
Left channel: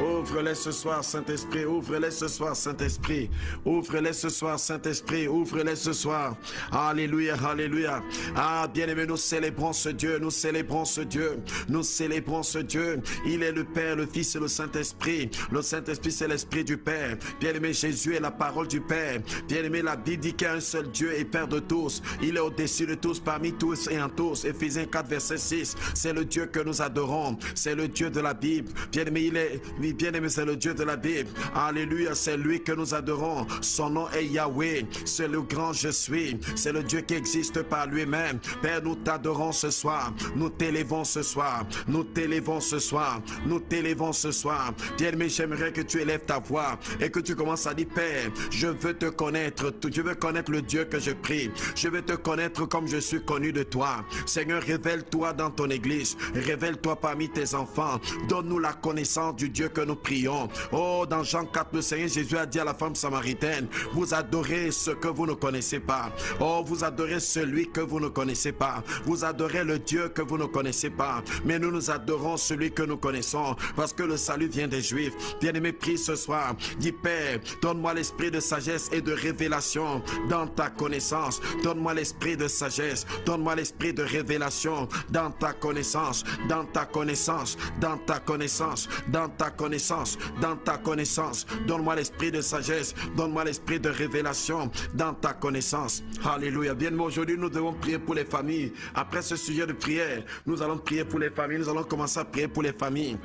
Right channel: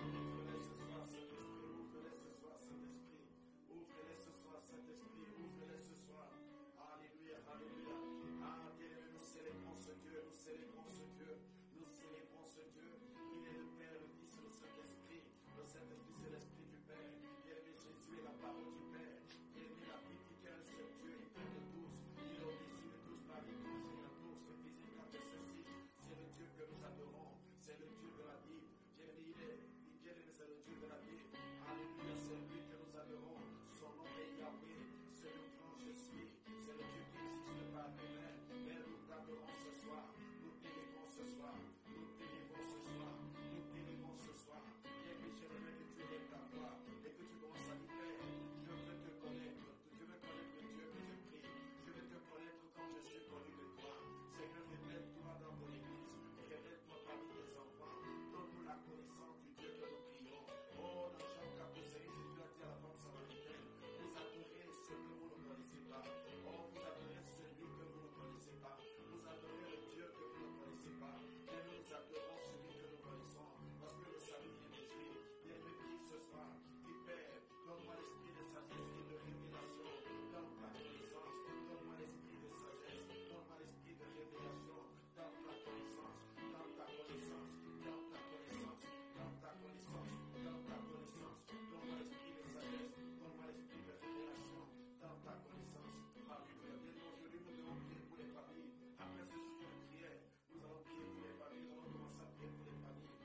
ouvre-les ce soir, Saint-Esprit, ouvre-les ce soir, Saint-Esprit, ouvre-les ce soir, Saint-Esprit, ouvre-les ce soir. Alléluia, alléluia. Ah, bien-aimé, nous célébrons ce Dieu, nous célébrons ce Dieu, nous célébrons ce Dieu. Il est le Père, le Fils et le Saint-Esprit. Le Saint-Esprit, c'est l'Esprit du Père. Bien-aimé, Jésus est la parole du Père. Bien-aimé, la Bible dit qu'il y a un seul Dieu et Père de tous. Il est au-dessus de tous, parmi tous et en tous. Éphésiens 4, verset 6. C'est le Dieu que nous adorons. C'est le Dieu de la Bible. Bien-aimé, bien-aimé, c'est le Dieu de la Bible. Alléluia, c'est lui que nous adorons. Son nom est Yahweh. C'est le grand je suis. C'est le Dieu qui existe par lui-même. Père, nous t'adorons ce soir. Nous t'élevons ce soir. Nous t'élevons ce soir. Nous t'élevons ce soir. Bien-aimé, j'aimerais que tu élèves ta voix et que tu commences à dire, Père, je veux te connaître. Je veux connaître le Dieu que je prie. Je veux te connaître comme je suis connu de toi. Seigneur, révèle-toi dans ton église. Révèle-toi parmi tes enfants. Donne-nous la connaissance du Dieu que nous prions. Oh, dans Jean 4, le Seigneur Jésus a dit à la femme samaritaine, vous adorez ce que vous ne connaissez pas. Oh, vous adorez celui que vous ne connaissez pas. Vous adorez le Dieu que vous ne connaissez pas. Mais nous adorons celui que nous connaissons parce que le salut vient des Juifs. Bien-aimé, prie ce soir. Dis, Père, donne-moi l'esprit de sagesse et de révélation dans ta connaissance. Donne-moi l'esprit de sagesse. Donne-moi l'esprit de révélation dans ta connaissance. Dans ta connaissance. Dans ta connaissance. Dans ta connaissance. Dans ta connaissance. Donne-moi l'esprit de sagesse. Donne-moi l'esprit de révélation dans ta connaissance. Alléluia. Bien-aimé, aujourd'hui, nous devons prier pour les familles. Après ce sujet de prière, nous allons prier pour les familles. Nous allons commencer à prier pour les familles.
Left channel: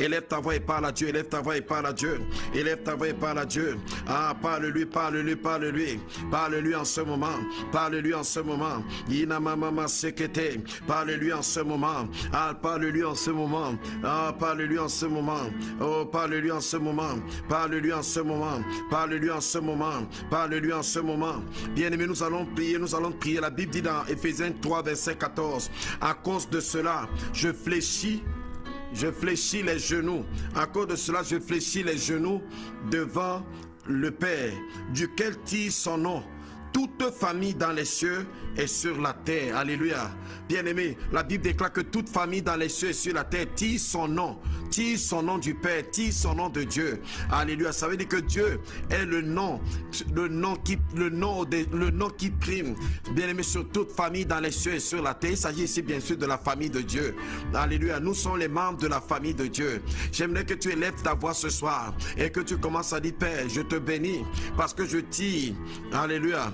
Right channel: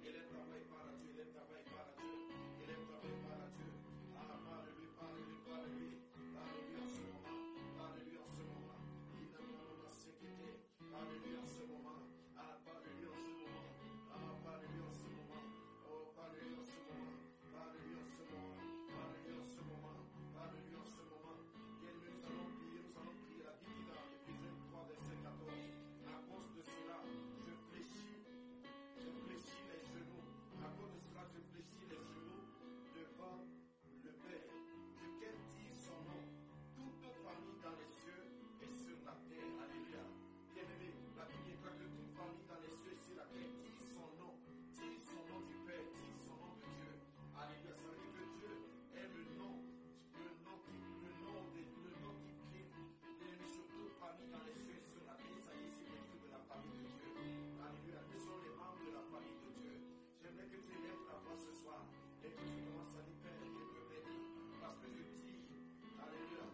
Élève ta voix et parle à Dieu. Élève ta voix et parle à Dieu. Élève ta voix et parle à Dieu. Ah, parle-lui, parle-lui, parle-lui. Parle-lui en ce moment. Parle-lui en ce moment. Inamama sekete. Parle-lui en ce moment. Ah, parle-lui en ce moment. Ah, parle-lui en ce moment. Oh, parle-lui en ce moment. Parle-lui en ce moment. Parle-lui en ce moment. Parle-lui en ce moment. Bien-aimés, nous allons prier. Nous allons prier. La Bible dit dans Éphésiens 3, verset 14. À cause de cela, je fléchis les genoux. À cause de cela, je fléchis les genoux devant le Père, duquel tire son nom toute famille dans les cieux et sur la terre. Alléluia. Bien-aimé, la Bible déclare que toute famille dans les cieux et sur la terre tire son nom du Père, tire son nom de Dieu. Alléluia. Ça veut dire que Dieu est le nom qui prime. Bien-aimé, sur toute famille dans les cieux et sur la terre. Il s'agit ici bien sûr de la famille de Dieu. Alléluia. Nous sommes les membres de la famille de Dieu. J'aimerais que tu élèves ta voix ce soir et que tu commences à dire: Père, je te bénis parce que je tire. Alléluia.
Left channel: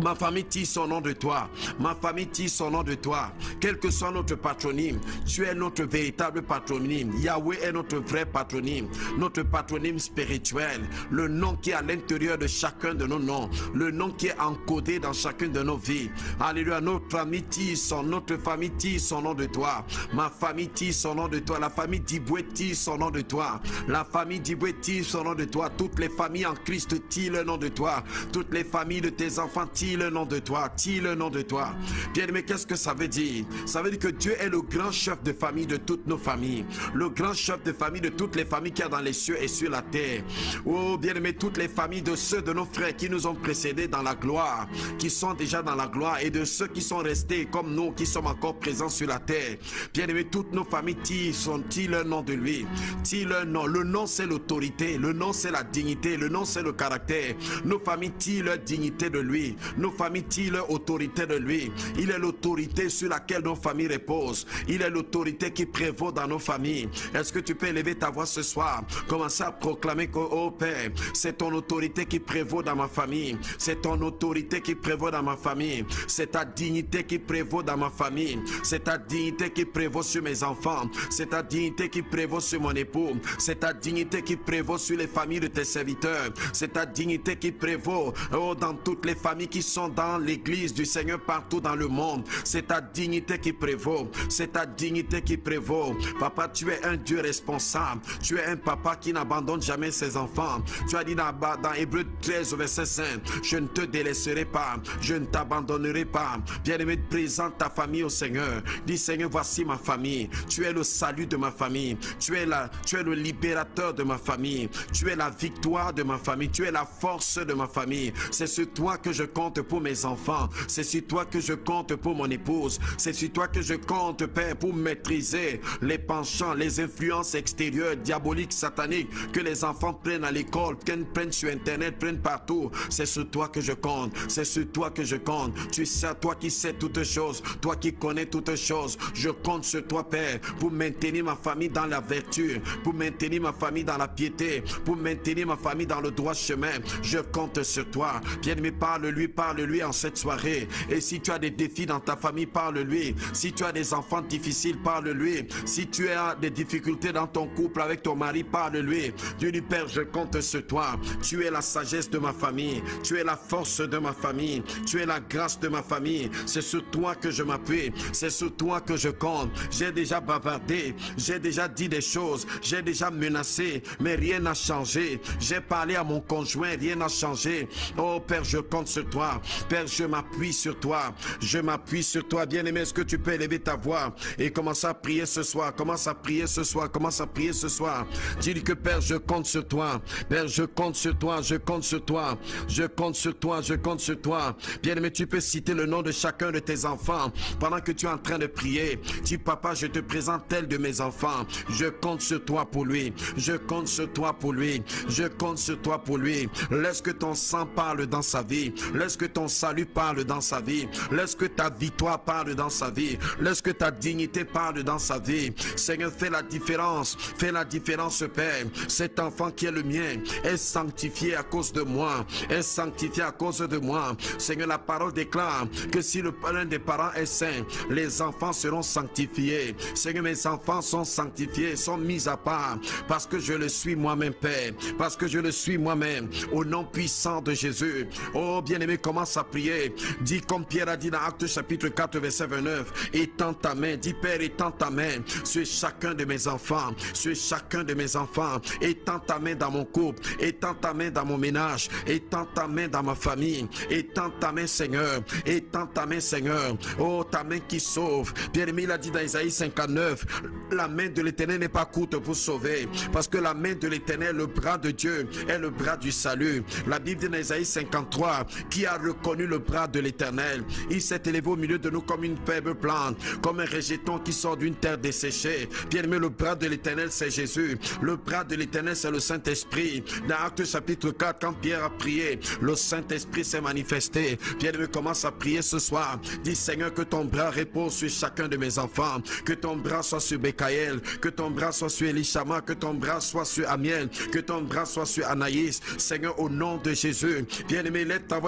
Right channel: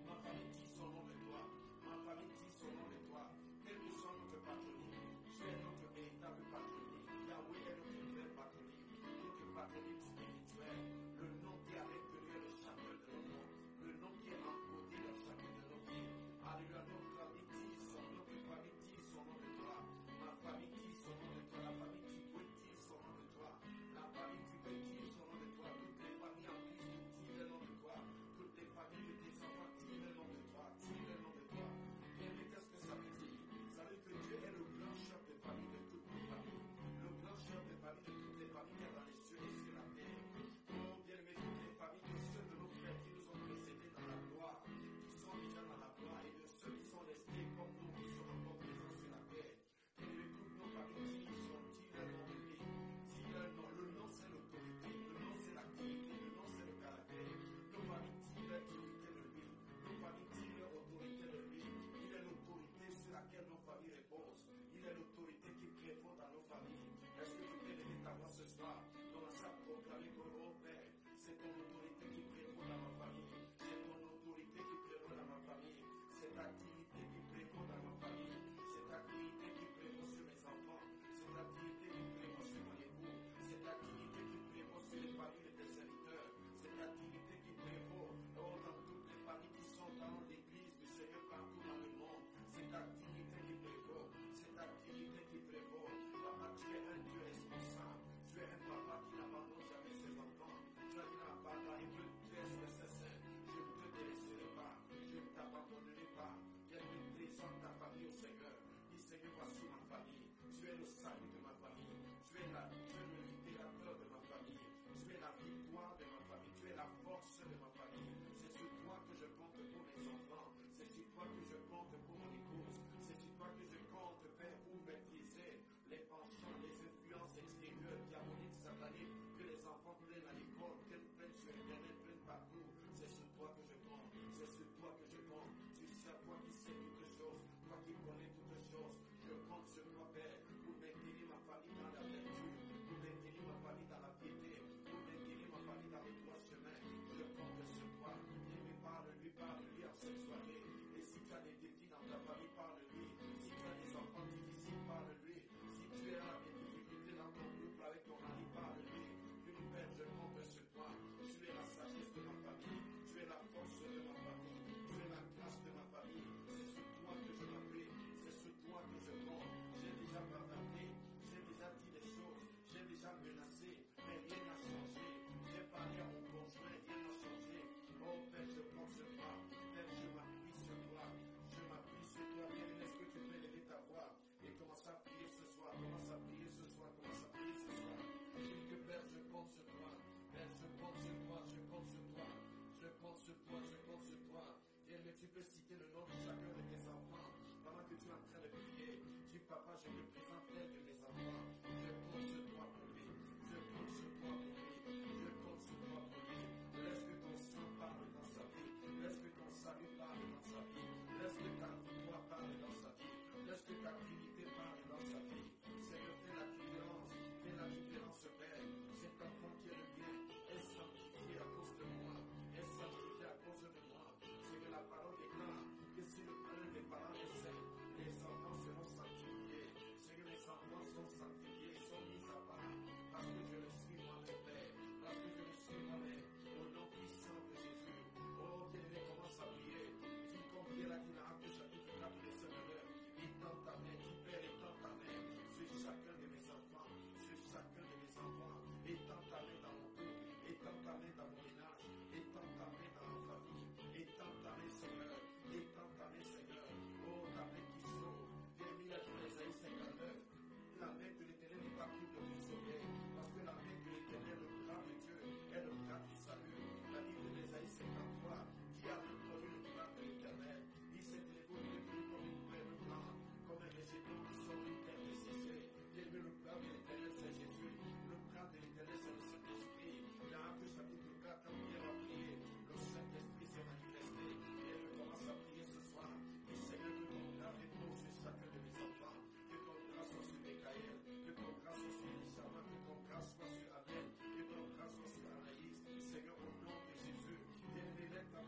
Ma famille tire son nom de toi. Ma famille tire son nom de toi. Quel que soit notre patronyme, tu es notre véritable patronyme. Yahweh est notre vrai patronyme. Notre patronyme spirituel. Le nom qui est à l'intérieur de chacun de nos noms. Le nom qui est encodé dans chacune de nos vies. Alléluia. Notre famille tire son nom de toi. Ma famille tire son nom de toi. La famille d'Iboué tire son nom de toi. La famille d'Iboué tire son nom de toi. Toutes les familles en Christ tirent le nom de toi. Toutes les familles de tes enfants tirent le nom de toi, tire le nom de toi. Bien-aimé, qu'est-ce que ça veut dire? Ça veut dire que Dieu est le grand chef de famille de toutes nos familles, le grand chef de famille de toutes les familles qu'il y a dans les cieux et sur la terre. Oh, bien-aimé, toutes les familles de ceux de nos frères qui nous ont précédés dans la gloire, qui sont déjà dans la gloire, et de ceux qui sont restés comme nous, qui sommes encore présents sur la terre. Bien-aimé, toutes nos familles tirent le nom de lui, tirent le nom. Le nom, c'est l'autorité, le nom, c'est la dignité, le nom, c'est le caractère. Nos familles tirent leur dignité de lui. Nos familles tirent leur autorité de lui. Il est l'autorité sur laquelle nos familles reposent. Il est l'autorité qui prévaut dans nos familles. Est-ce que tu peux élever ta voix ce soir? Commencer à proclamer que, oh Père, c'est ton autorité qui prévaut dans ma famille. C'est ton autorité qui prévaut dans ma famille. C'est ta dignité qui prévaut dans ma famille. C'est ta dignité qui prévaut sur mes enfants. C'est ta dignité qui prévaut sur mon époux. C'est ta dignité qui prévaut sur les familles de tes serviteurs. C'est ta dignité qui prévaut, oh, dans toutes les familles qui sont dans l'église du Seigneur partout dans le monde. C'est ta dignité qui prévaut. C'est ta dignité qui prévaut. Papa, tu es un Dieu responsable. Tu es un papa qui n'abandonne jamais ses enfants. Tu as dit dans Hébreux 13 verset 5, je ne te délaisserai pas, je ne t'abandonnerai pas. Bien-aimé, présente ta famille au Seigneur. Dis: Seigneur, voici ma famille. Tu es le salut de ma famille. Tu es le libérateur de ma famille. Tu es la victoire de ma famille. Tu es la force de ma famille. C'est sur toi que je compte pour mes enfants. C'est sur toi que je compte pour mon épouse. C'est sur toi que je compte, Père, pour maîtriser les penchants, les influences extérieures, diaboliques, sataniques, que les enfants prennent à l'école, prennent sur Internet, prennent partout. C'est sur toi que je compte. C'est sur toi que je compte. Tu sais, toi qui sais toutes choses, toi qui connais toutes choses. Je compte sur toi, Père, pour maintenir ma famille dans la vertu, pour maintenir ma famille dans la piété, pour maintenir ma famille dans le droit chemin. Je compte sur toi. Bien-aimé, parle-lui en cette soirée. Et si tu as des défis dans ta famille, parle-lui. Si tu as des enfants difficiles, parle-lui. Si tu as des difficultés dans ton couple avec ton mari, parle-lui. Dieu dit: Père, je compte sur toi. Tu es la sagesse de ma famille. Tu es la force de ma famille. Tu es la grâce de ma famille. C'est sur toi que je m'appuie. C'est sur toi que je compte. J'ai déjà bavardé. J'ai déjà dit des choses. J'ai déjà menacé. Mais rien n'a changé. J'ai parlé à mon conjoint. Rien n'a changé. Oh Père, je compte sur toi. Père, je m'appuie sur toi. Je m'appuie sur toi. Bien-aimé, est-ce que tu peux élever ta voix et commencer à prier ce soir? Commence à prier ce soir. Commence à prier ce soir. Dis que Père, je compte sur toi. Père, je compte sur toi. Je compte sur toi. Je compte sur toi. Je compte sur toi. Bien-aimé, tu peux citer le nom de chacun de tes enfants pendant que tu es en train de prier. Dis: Papa, je te présente tel de mes enfants. Je compte sur toi pour lui. Je compte sur toi pour lui. Je compte sur toi pour lui. Laisse que ton sang parle dans sa vie. Laisse que que ton salut parle dans sa vie. Laisse que ta victoire parle dans sa vie. Laisse que ta dignité parle dans sa vie. Seigneur, fais la différence. Fais la différence, Père. Cet enfant qui est le mien est sanctifié à cause de moi. Est sanctifié à cause de moi. Seigneur, la parole déclare que si l'un des parents est saint, les enfants seront sanctifiés. Seigneur, mes enfants sont sanctifiés, sont mis à part parce que je le suis moi-même, Père. Parce que je le suis moi-même. Au nom puissant de Jésus. Oh, bien-aimé, commence à prier. Dis comme Pierre a dit dans Actes chapitre 4, verset 29. Étends ta main. Dis, Père, étends ta main sur chacun de mes enfants. Sur chacun de mes enfants. Étends ta main dans mon couple. Étends ta main dans mon ménage. Étends ta main dans ma famille. Étends ta main, Seigneur. Étends ta main, Seigneur. Oh, ta main qui sauve. Bien-aimé, il a dit dans Isaïe 59. La main de l'Éternel n'est pas courte pour sauver. Parce que la main de l'Éternel, le bras de Dieu, est le bras du salut. La Bible dit dans Isaïe 53, qui a reconnu le bras de l'Éternel. Il s'est élevé au milieu de nous comme une faible plante, comme un rejeton qui sort d'une terre desséchée. Bien-aimé, le bras de l'Éternel, c'est Jésus. Le bras de l'Éternel, c'est le Saint-Esprit. Dans Actes chapitre 4, quand Pierre a prié, le Saint-Esprit s'est manifesté. Bien-aimé, commence à prier ce soir. Dis, Seigneur, que ton bras repose sur chacun de mes enfants. Que ton bras soit sur Bekaël. Que ton bras soit sur Elishama. Que ton bras soit sur Amiel. Que ton bras soit sur Anaïs. Seigneur, au nom de Jésus. Bien-aimé, lève ta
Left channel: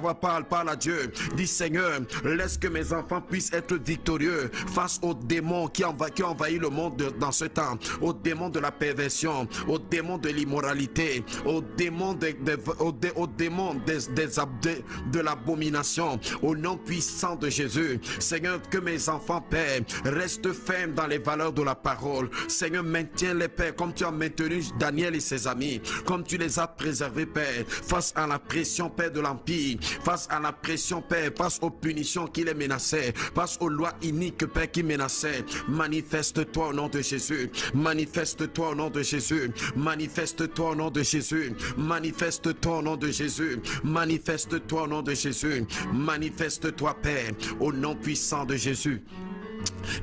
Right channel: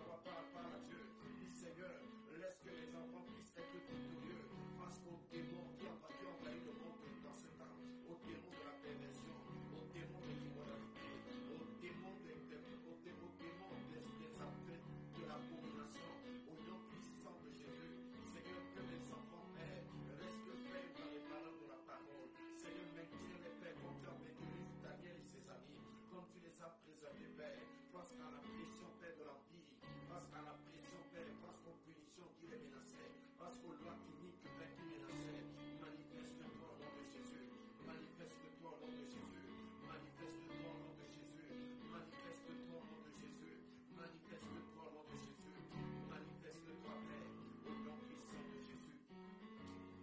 voix, parle à Dieu. Dis, Seigneur, laisse que mes enfants puissent être victorieux face aux démons qui envahissent le monde dans ce temps. Aux démons de la perversion, aux démons de l'immoralité, aux démons de l'abomination. Au nom puissant de Jésus. Seigneur, que mes enfants, Père, restent fermes dans les valeurs de la parole. Seigneur, maintiens les Père, comme tu as maintenu Daniel et ses amis, comme tu les as préservés, Père, face à la pression, Père, de l'Empire, face à la pression, Père, face aux punitions qui les menaçaient, face aux lois iniques, Père, qui menaçaient. Manifeste-toi au nom de Jésus. Manifeste-toi au nom de Jésus. Manifeste-toi au nom de Jésus. Manifeste-toi au nom de Jésus. Manifeste-toi au nom de Jésus. Manifeste-toi, Père, au nom puissant de Jésus.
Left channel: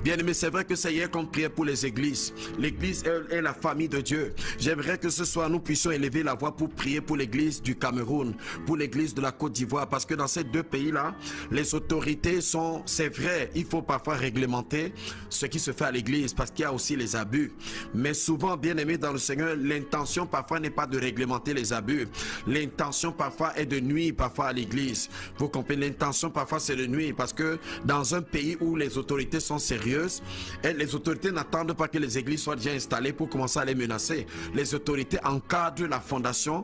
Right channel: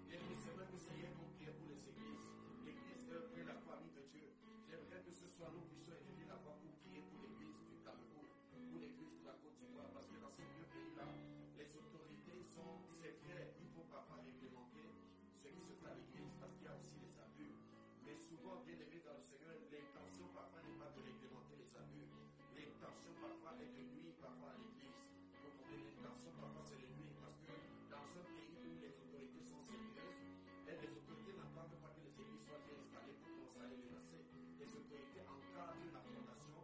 Bien-aimé, c'est vrai que c'est hier qu'on priait pour les églises. L'église est la famille de Dieu. J'aimerais que ce soir nous puissions élever la voix pour prier pour l'église du Cameroun, pour l'église de la Côte d'Ivoire, parce que dans ces deux pays-là, les autorités sont, c'est vrai, il faut parfois réglementer ce qui se fait à l'église, parce qu'il y a aussi les abus. Mais souvent, bien-aimé dans le Seigneur, l'intention parfois n'est pas de réglementer les abus. L'intention parfois est de nuire parfois à l'église. Vous comprenez, l'intention parfois c'est de nuire, parce que dans un pays où les autorités sont sérieuses, et les autorités n'attendent pas que les églises soient déjà installées pour commencer à les menacer. Les autorités encadrent la fondation,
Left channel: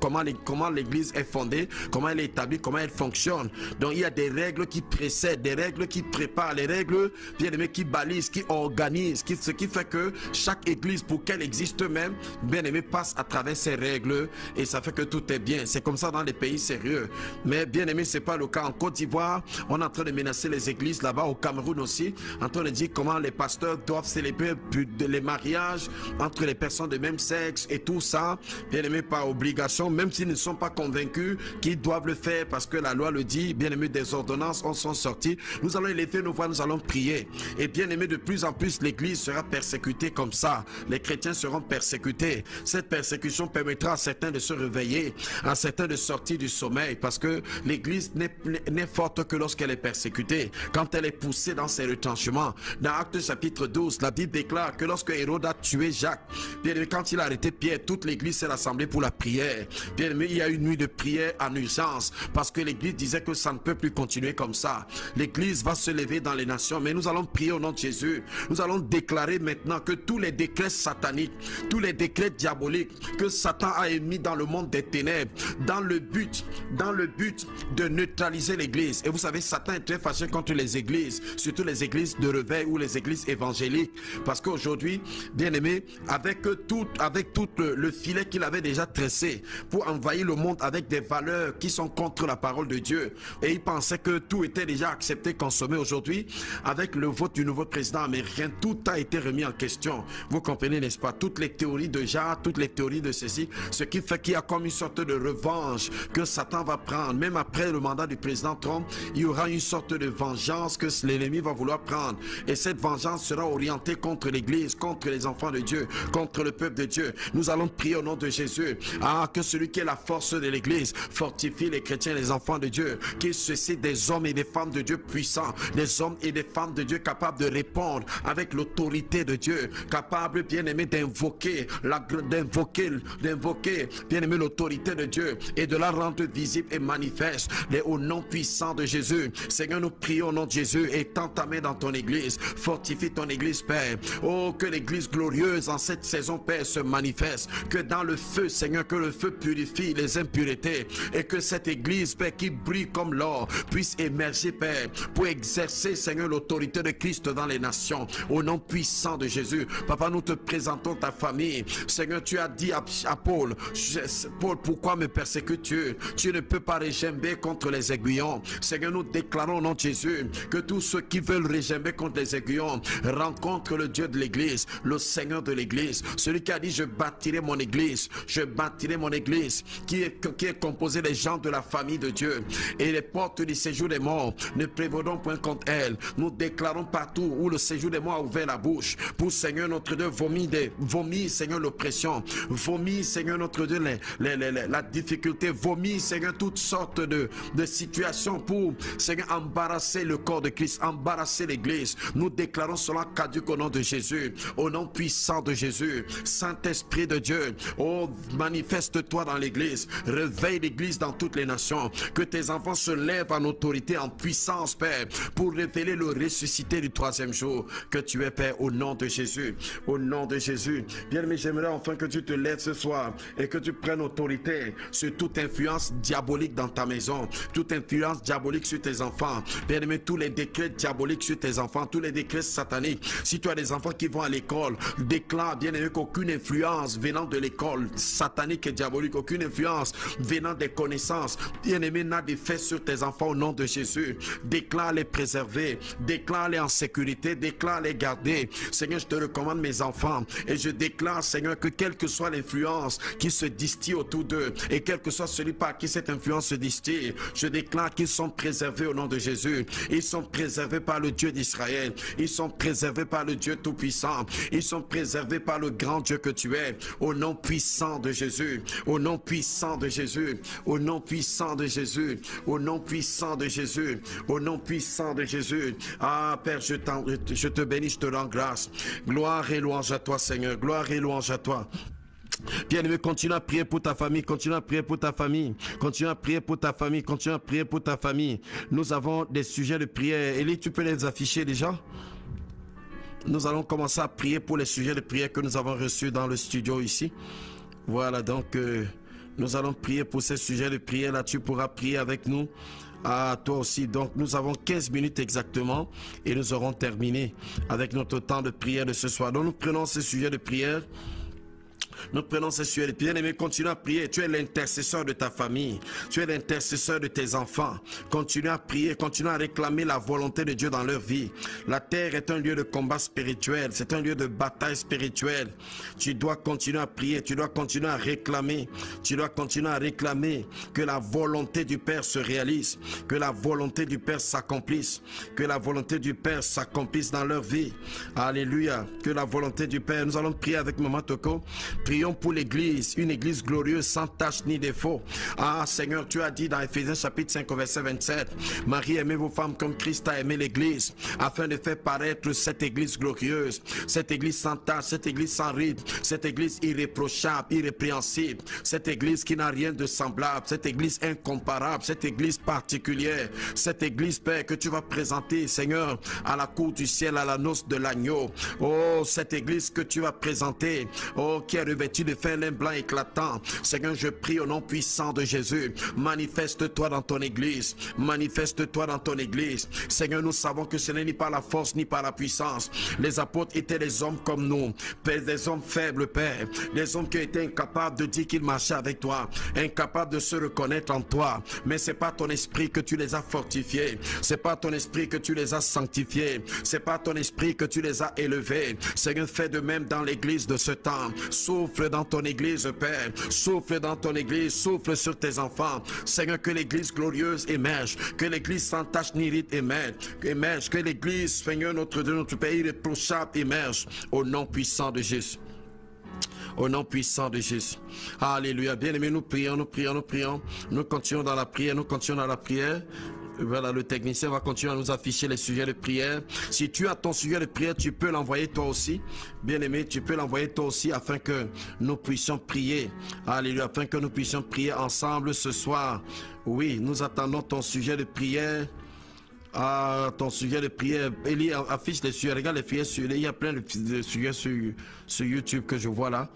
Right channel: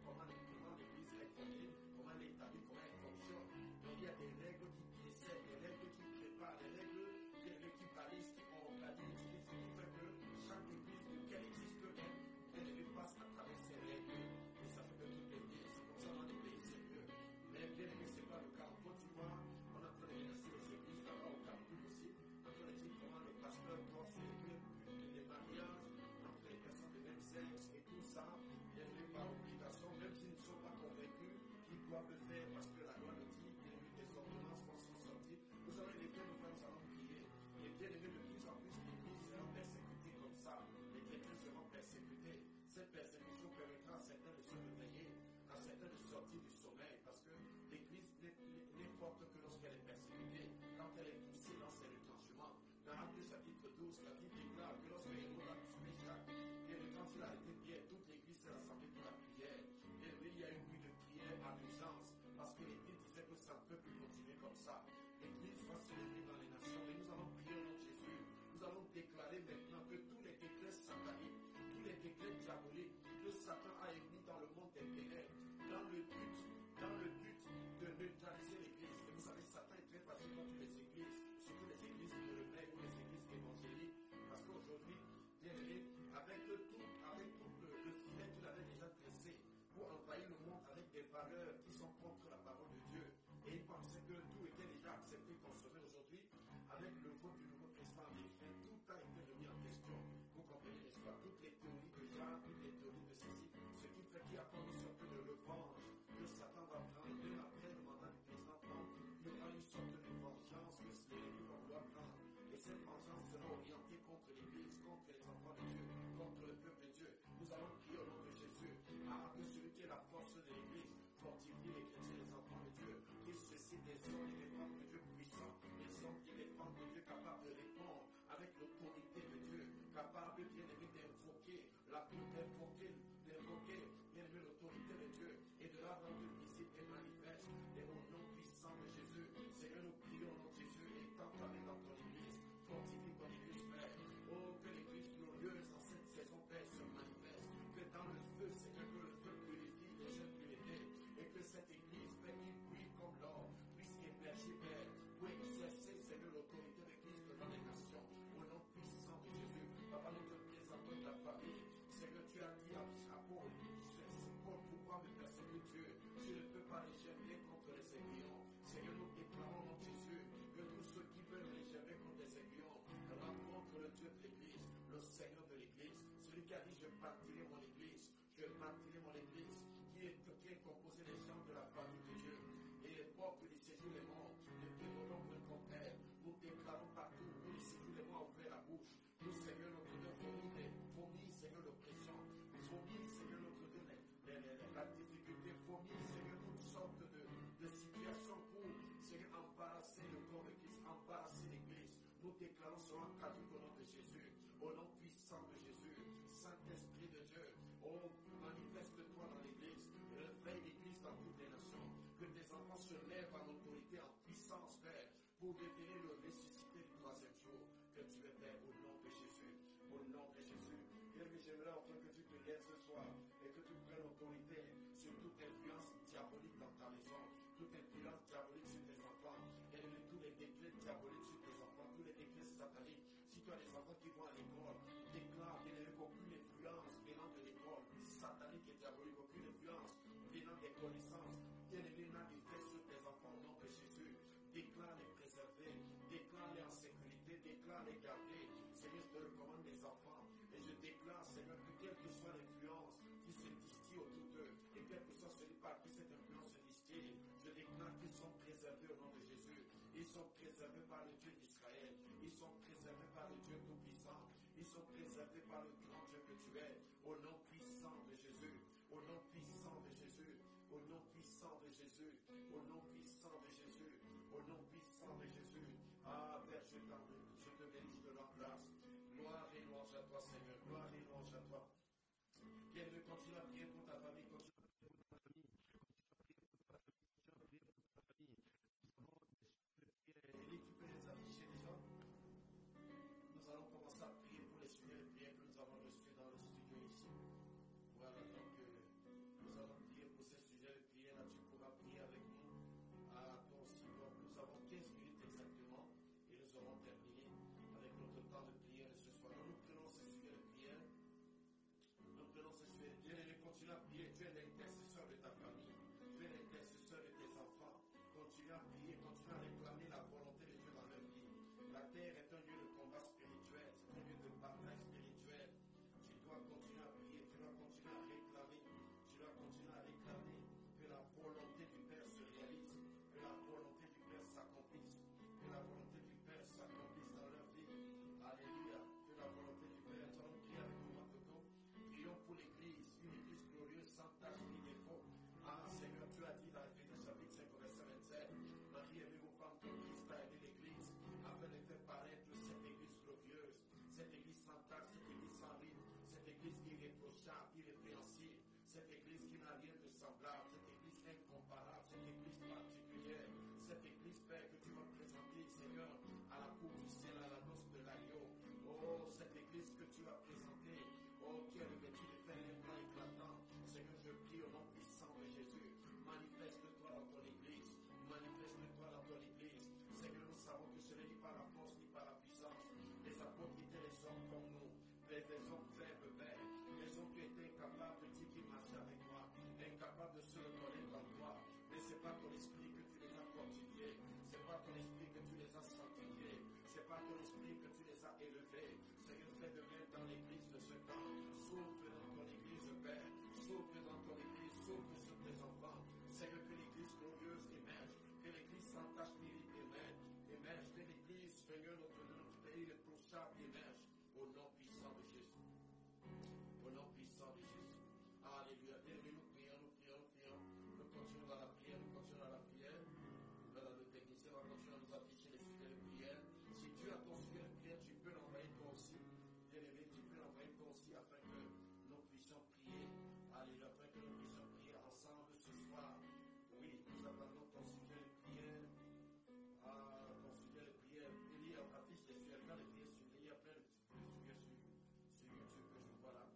comment l'église est fondée, comment elle est établie, comment elle fonctionne. Donc il y a des règles qui précèdent, des règles qui préparent, les règles bien aimés qui balisent, qui organisent, ce qui fait que chaque église, pour qu'elle existe même, bien aimé, passe à travers ces règles et ça fait que tout est bien. C'est comme ça dans les pays sérieux. Mais bien aimé, c'est pas le cas en Côte d'Ivoire. On est en train de menacer les églises là-bas, au Cameroun aussi, en train de dire comment les pasteurs doivent célébrer les mariages entre les personnes de même sexe et tout ça, bien aimé, par obligation, même s'ils ne sont pas convaincus qu'ils doivent le faire parce que la loi le dit. Bien aimé, des ordonnances en sont sorties. Nous allons élever nos voix, nous allons prier. Et bien aimé, de plus en plus l'église sera persécutée comme ça. Les chrétiens seront persécutés. Cette persécution permettra à certains de se réveiller, à certains de sortir du sommeil, parce que l'église n'est forte que lorsqu'elle est persécutée, quand elle est poussée dans ses retranchements. Dans Actes chapitre 12, la Bible déclare que lorsque Hérode a tué Jacques, bien aimé, quand il a arrêté Pierre, toute l'église s'est rassemblée pour la prière. Bien aimé, il y a une nuit de prière en urgence, parce que l'église disait que ça ne peut plus continuer comme ça. L'église va se lever dans les nations, mais nous allons prier au nom de Jésus. Nous allons déclarer maintenant que tous les décrets sataniques, tous les décrets diaboliques que Satan a émis dans le monde des ténèbres, dans le but de neutraliser l'église. Et vous savez, Satan est très fâché contre les églises, surtout les églises de réveil ou les églises évangéliques, parce qu'aujourd'hui, bien aimé, avec tout le filet qu'il avait déjà tressé pour envahir le monde avec des valeurs qui sont contre la parole de Dieu, et il pensait que tout était déjà accepté, consommé. Aujourd'hui, avec le vote du nouveau président américain, tout a été remis en question. Vous comprenez, n'est-ce pas? Toutes les théories de Jah, toutes les théories de ceci, ce qui fait qu'il y a comme une sorte de revanche que Satan va prendre. Même après le mandat du président Trump, il y aura une sorte de vengeance que l'ennemi va vouloir prendre. reprendre. Et cette vengeance sera orientée contre l'Église, contre les enfants de Dieu, contre le peuple de Dieu. Nous allons prier au nom de Jésus. Que celui qui est la force de l'Église fortifie les chrétiens, les enfants de Dieu, qu'il suscite des hommes et des femmes de Dieu puissants, des hommes et des femmes de Dieu capables de répondre avec l'autorité de Dieu, capables, bien aimé, d'invoquer, bien aimé, l'autorité de Dieu et de la rendre visible et manifeste au nom puissant de Jésus. Seigneur, nous prions au nom de Jésus. Étends ta main dans ton église, fortifie ton église, Père. Oh, que l'église glorieuse en cette saison, Père, se manifeste, que dans le feu, Seigneur, que le feu purifie les impuretés et que cette église, Père, qui brille comme l'or, puisse émerger, Père, pour exercer, Seigneur, l'autorité de Christ dans les nations, au nom puissant de Jésus. Papa, nous te présentons ta famille. Seigneur, tu as dit à Paul, Paul, pourquoi me persécutes-tu? Tu ne peux pas régimber contre les aiguillons. Seigneur, nous déclarons au nom de Jésus que tous ceux qui veulent régimber contre les aiguillons rencontrent le Dieu de l'église, le Seigneur de l'église, celui qui a dit: je bâtirai mon église, qui est composée des gens de la famille de Dieu, et les portes du séjour des morts ne prévaudront point contre elle. Nous déclarons partout où le séjour des morts a ouvert la bouche pour, Seigneur notre Dieu, vomir, Seigneur, l'oppression, vomir, Seigneur notre Dieu, la difficulté, vomir, Seigneur, toutes sortes de situations pour, Seigneur, embarrasser le corps de Christ, embarrasser l'église. Nous déclarons cela caduc au nom de Jésus, au nom puissant de Jésus. Saint-Esprit de Dieu, oh, manifeste-toi dans l'église, réveille l'église dans toutes les nations, que tes enfants se lèvent en autorité, en puissance, Père, pour révéler le ressuscité du troisième jour que tu es, Père, au nom de Jésus, au nom de Jésus. Bien-aimé, j'aimerais enfin que tu te lèves ce soir et que tu prennes autorité sur toute influence diabolique dans ta maison, toute influence diabolique sur tes enfants. Bien-aimé, tous les décrets diaboliques sur tes enfants, tous les décrets sataniques. Si tu as des enfants qui vont à l'école, déclare, bien-aimé, qu'aucune influence venant de l'école satanique et diabolique, aucune influence venant des connaissances, bien-aimé, n'a d'effet sur tes enfants au nom de Jésus. Déclare les préserver, déclare les en sécurité, déclare les garder. Seigneur, je te recommande mes enfants et je déclare, Seigneur, que quelle que soit l'influence qui se distille autour d'eux et quel que soit celui par qui cette influence se distille, je déclare qu'ils sont préservés au nom de Jésus. Ils sont préservés par le Dieu d'Israël. Ils sont préservés par le Dieu Tout-Puissant. Ils sont préservés par le grand Dieu que tu es. Au nom puissant de Jésus. Au nom puissant de Jésus. Au nom puissant de Jésus. Au nom puissant de Jésus. Au nom puissant de Jésus. Ah, Père, je te bénis, je te rends grâce. Gloire et louange à toi, Seigneur. Gloire et louange à toi. Bien-aimé, continue à prier pour ta famille, continue à prier pour ta famille, continue à prier pour ta famille, continue à prier pour ta famille. Nous avons des sujets de prière. Élie, tu peux les afficher déjà? Nous allons commencer à prier pour les sujets de prière que nous avons reçus dans le studio ici. Voilà, donc nous allons prier pour ces sujets de prière. Là, tu pourras prier avec nous. À toi aussi. Donc nous avons 15 minutes exactement et nous aurons terminé avec notre temps de prière de ce soir. Donc nous prenons ce sujet de prière. Nous prenons ces sujets de prière. Bien-aimé, continue à prier. Tu es l'intercesseur de ta famille. Tu es l'intercesseur de tes enfants. Continue à prier. Continue à réclamer la volonté de Dieu dans leur vie. La terre est un lieu de combat spirituel. C'est un lieu de bataille spirituelle. Tu dois continuer à prier. Tu dois continuer à réclamer. Tu dois continuer à réclamer que la volonté du Père se réalise. Que la volonté du Père s'accomplisse. Que la volonté du Père s'accomplisse dans leur vie. Alléluia. Que la volonté du Père. Nous allons prier avec Maman Toko. Prions pour l'église, une église glorieuse sans tache ni défaut. Ah Seigneur, tu as dit dans Éphésiens chapitre 5 verset 27, Marie, aimez vos femmes comme Christ a aimé l'église, afin de faire paraître cette église glorieuse, cette église sans tache, cette église sans ride, cette église irréprochable, irrépréhensible, cette église qui n'a rien de semblable, cette église incomparable, cette église particulière, cette église, Père, que tu vas présenter, Seigneur, à la cour du ciel, à la noce de l'agneau. Oh, cette église que tu vas présenter, oh, qui est revêtu de fin lin blanc éclatant. Seigneur, je prie au nom puissant de Jésus. Manifeste-toi dans ton église. Manifeste-toi dans ton église. Seigneur, nous savons que ce n'est ni par la force ni par la puissance. Les apôtres étaient des hommes comme nous. Père, des hommes faibles, Père. Des hommes qui étaient incapables de dire qu'ils marchaient avec toi. Incapables de se reconnaître en toi. Mais c'est pas ton esprit que tu les as fortifiés. C'est pas ton esprit que tu les as sanctifiés. C'est pas ton esprit que tu les as élevés. Seigneur, fais de même dans l'église de ce temps. Sauve souffle dans ton église, Père. Souffle dans ton église, souffle sur tes enfants. Seigneur, que l'église glorieuse émerge, que l'église sans tache ni ride émerge, que l'église, Seigneur, notre Dieu, notre Père irréprochable émerge, au nom puissant de Jésus. Au nom puissant de Jésus. Alléluia. Bien-aimés, nous prions, nous prions, nous prions. Nous continuons dans la prière, nous continuons dans la prière. Voilà, le technicien va continuer à nous afficher les sujets de prière. Si tu as ton sujet de prière, tu peux l'envoyer toi aussi. Bien-aimé, tu peux l'envoyer toi aussi afin que nous puissions prier. Alléluia, afin que nous puissions prier ensemble ce soir. Oui, nous attendons ton sujet de prière. Ah, ton sujet de prière. Élie affiche les sujets. Regarde les sujets sur. Il y a plein de sujets sur YouTube que je vois là.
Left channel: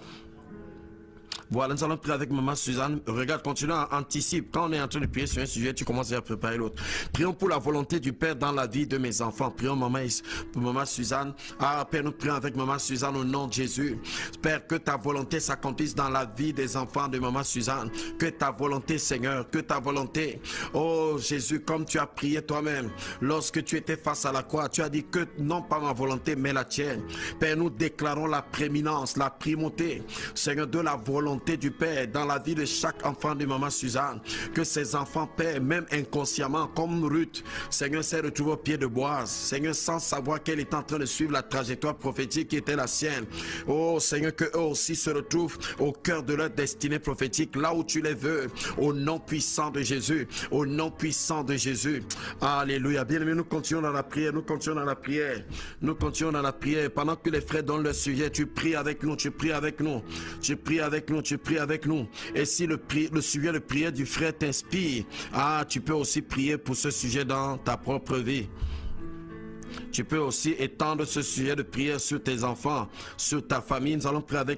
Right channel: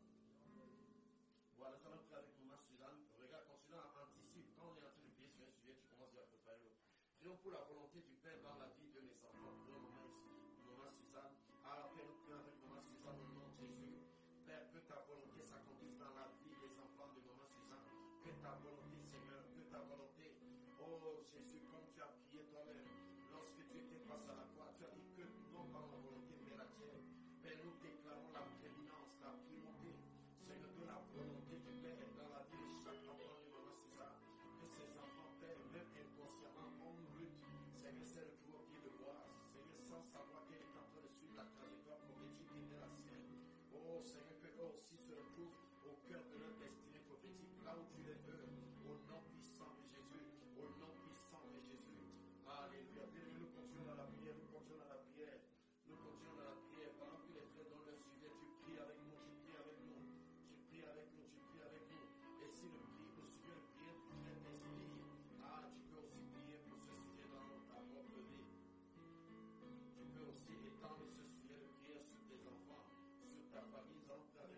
Voilà, nous allons prier avec maman Suzanne. Regarde, continue à anticiper. Quand on est en train de prier sur un sujet, tu commences à préparer l'autre. Prions pour la volonté du Père dans la vie de mes enfants. Prions pour maman Suzanne. Ah, Père, nous prions avec maman Suzanne au nom de Jésus. Père, que ta volonté s'accomplisse dans la vie des enfants de maman Suzanne. Que ta volonté, Seigneur, que ta volonté. Oh Jésus, comme tu as prié toi-même, lorsque tu étais face à la croix, tu as dit que non pas ma volonté, mais la tienne. Père, nous déclarons la prééminence, la primauté, Seigneur, de la volonté du Père dans la vie de chaque enfant de maman Suzanne. Que ces enfants, Père, même inconsciemment, comme Ruth, Seigneur, s'est retrouvé au pied de Boaz, Seigneur, sans savoir qu'elle est en train de suivre la trajectoire prophétique qui était la sienne. Oh Seigneur, que eux aussi se retrouvent au cœur de leur destinée prophétique, là où tu les veux, au nom puissant de Jésus, au nom puissant de Jésus. Alléluia. Bien-aimés, nous continuons dans la prière, nous continuons dans la prière, nous continuons dans la prière. Pendant que les frères donnent le sujet, tu pries avec nous, tu pries avec nous, tu pries avec nous, tu pries avec nous. Et si le sujet de prière du frère t'inspire, tu peux aussi prier pour ce sujet dans ta propre vie. Tu peux aussi étendre ce sujet de prière sur tes enfants, sur ta famille. Nous allons prier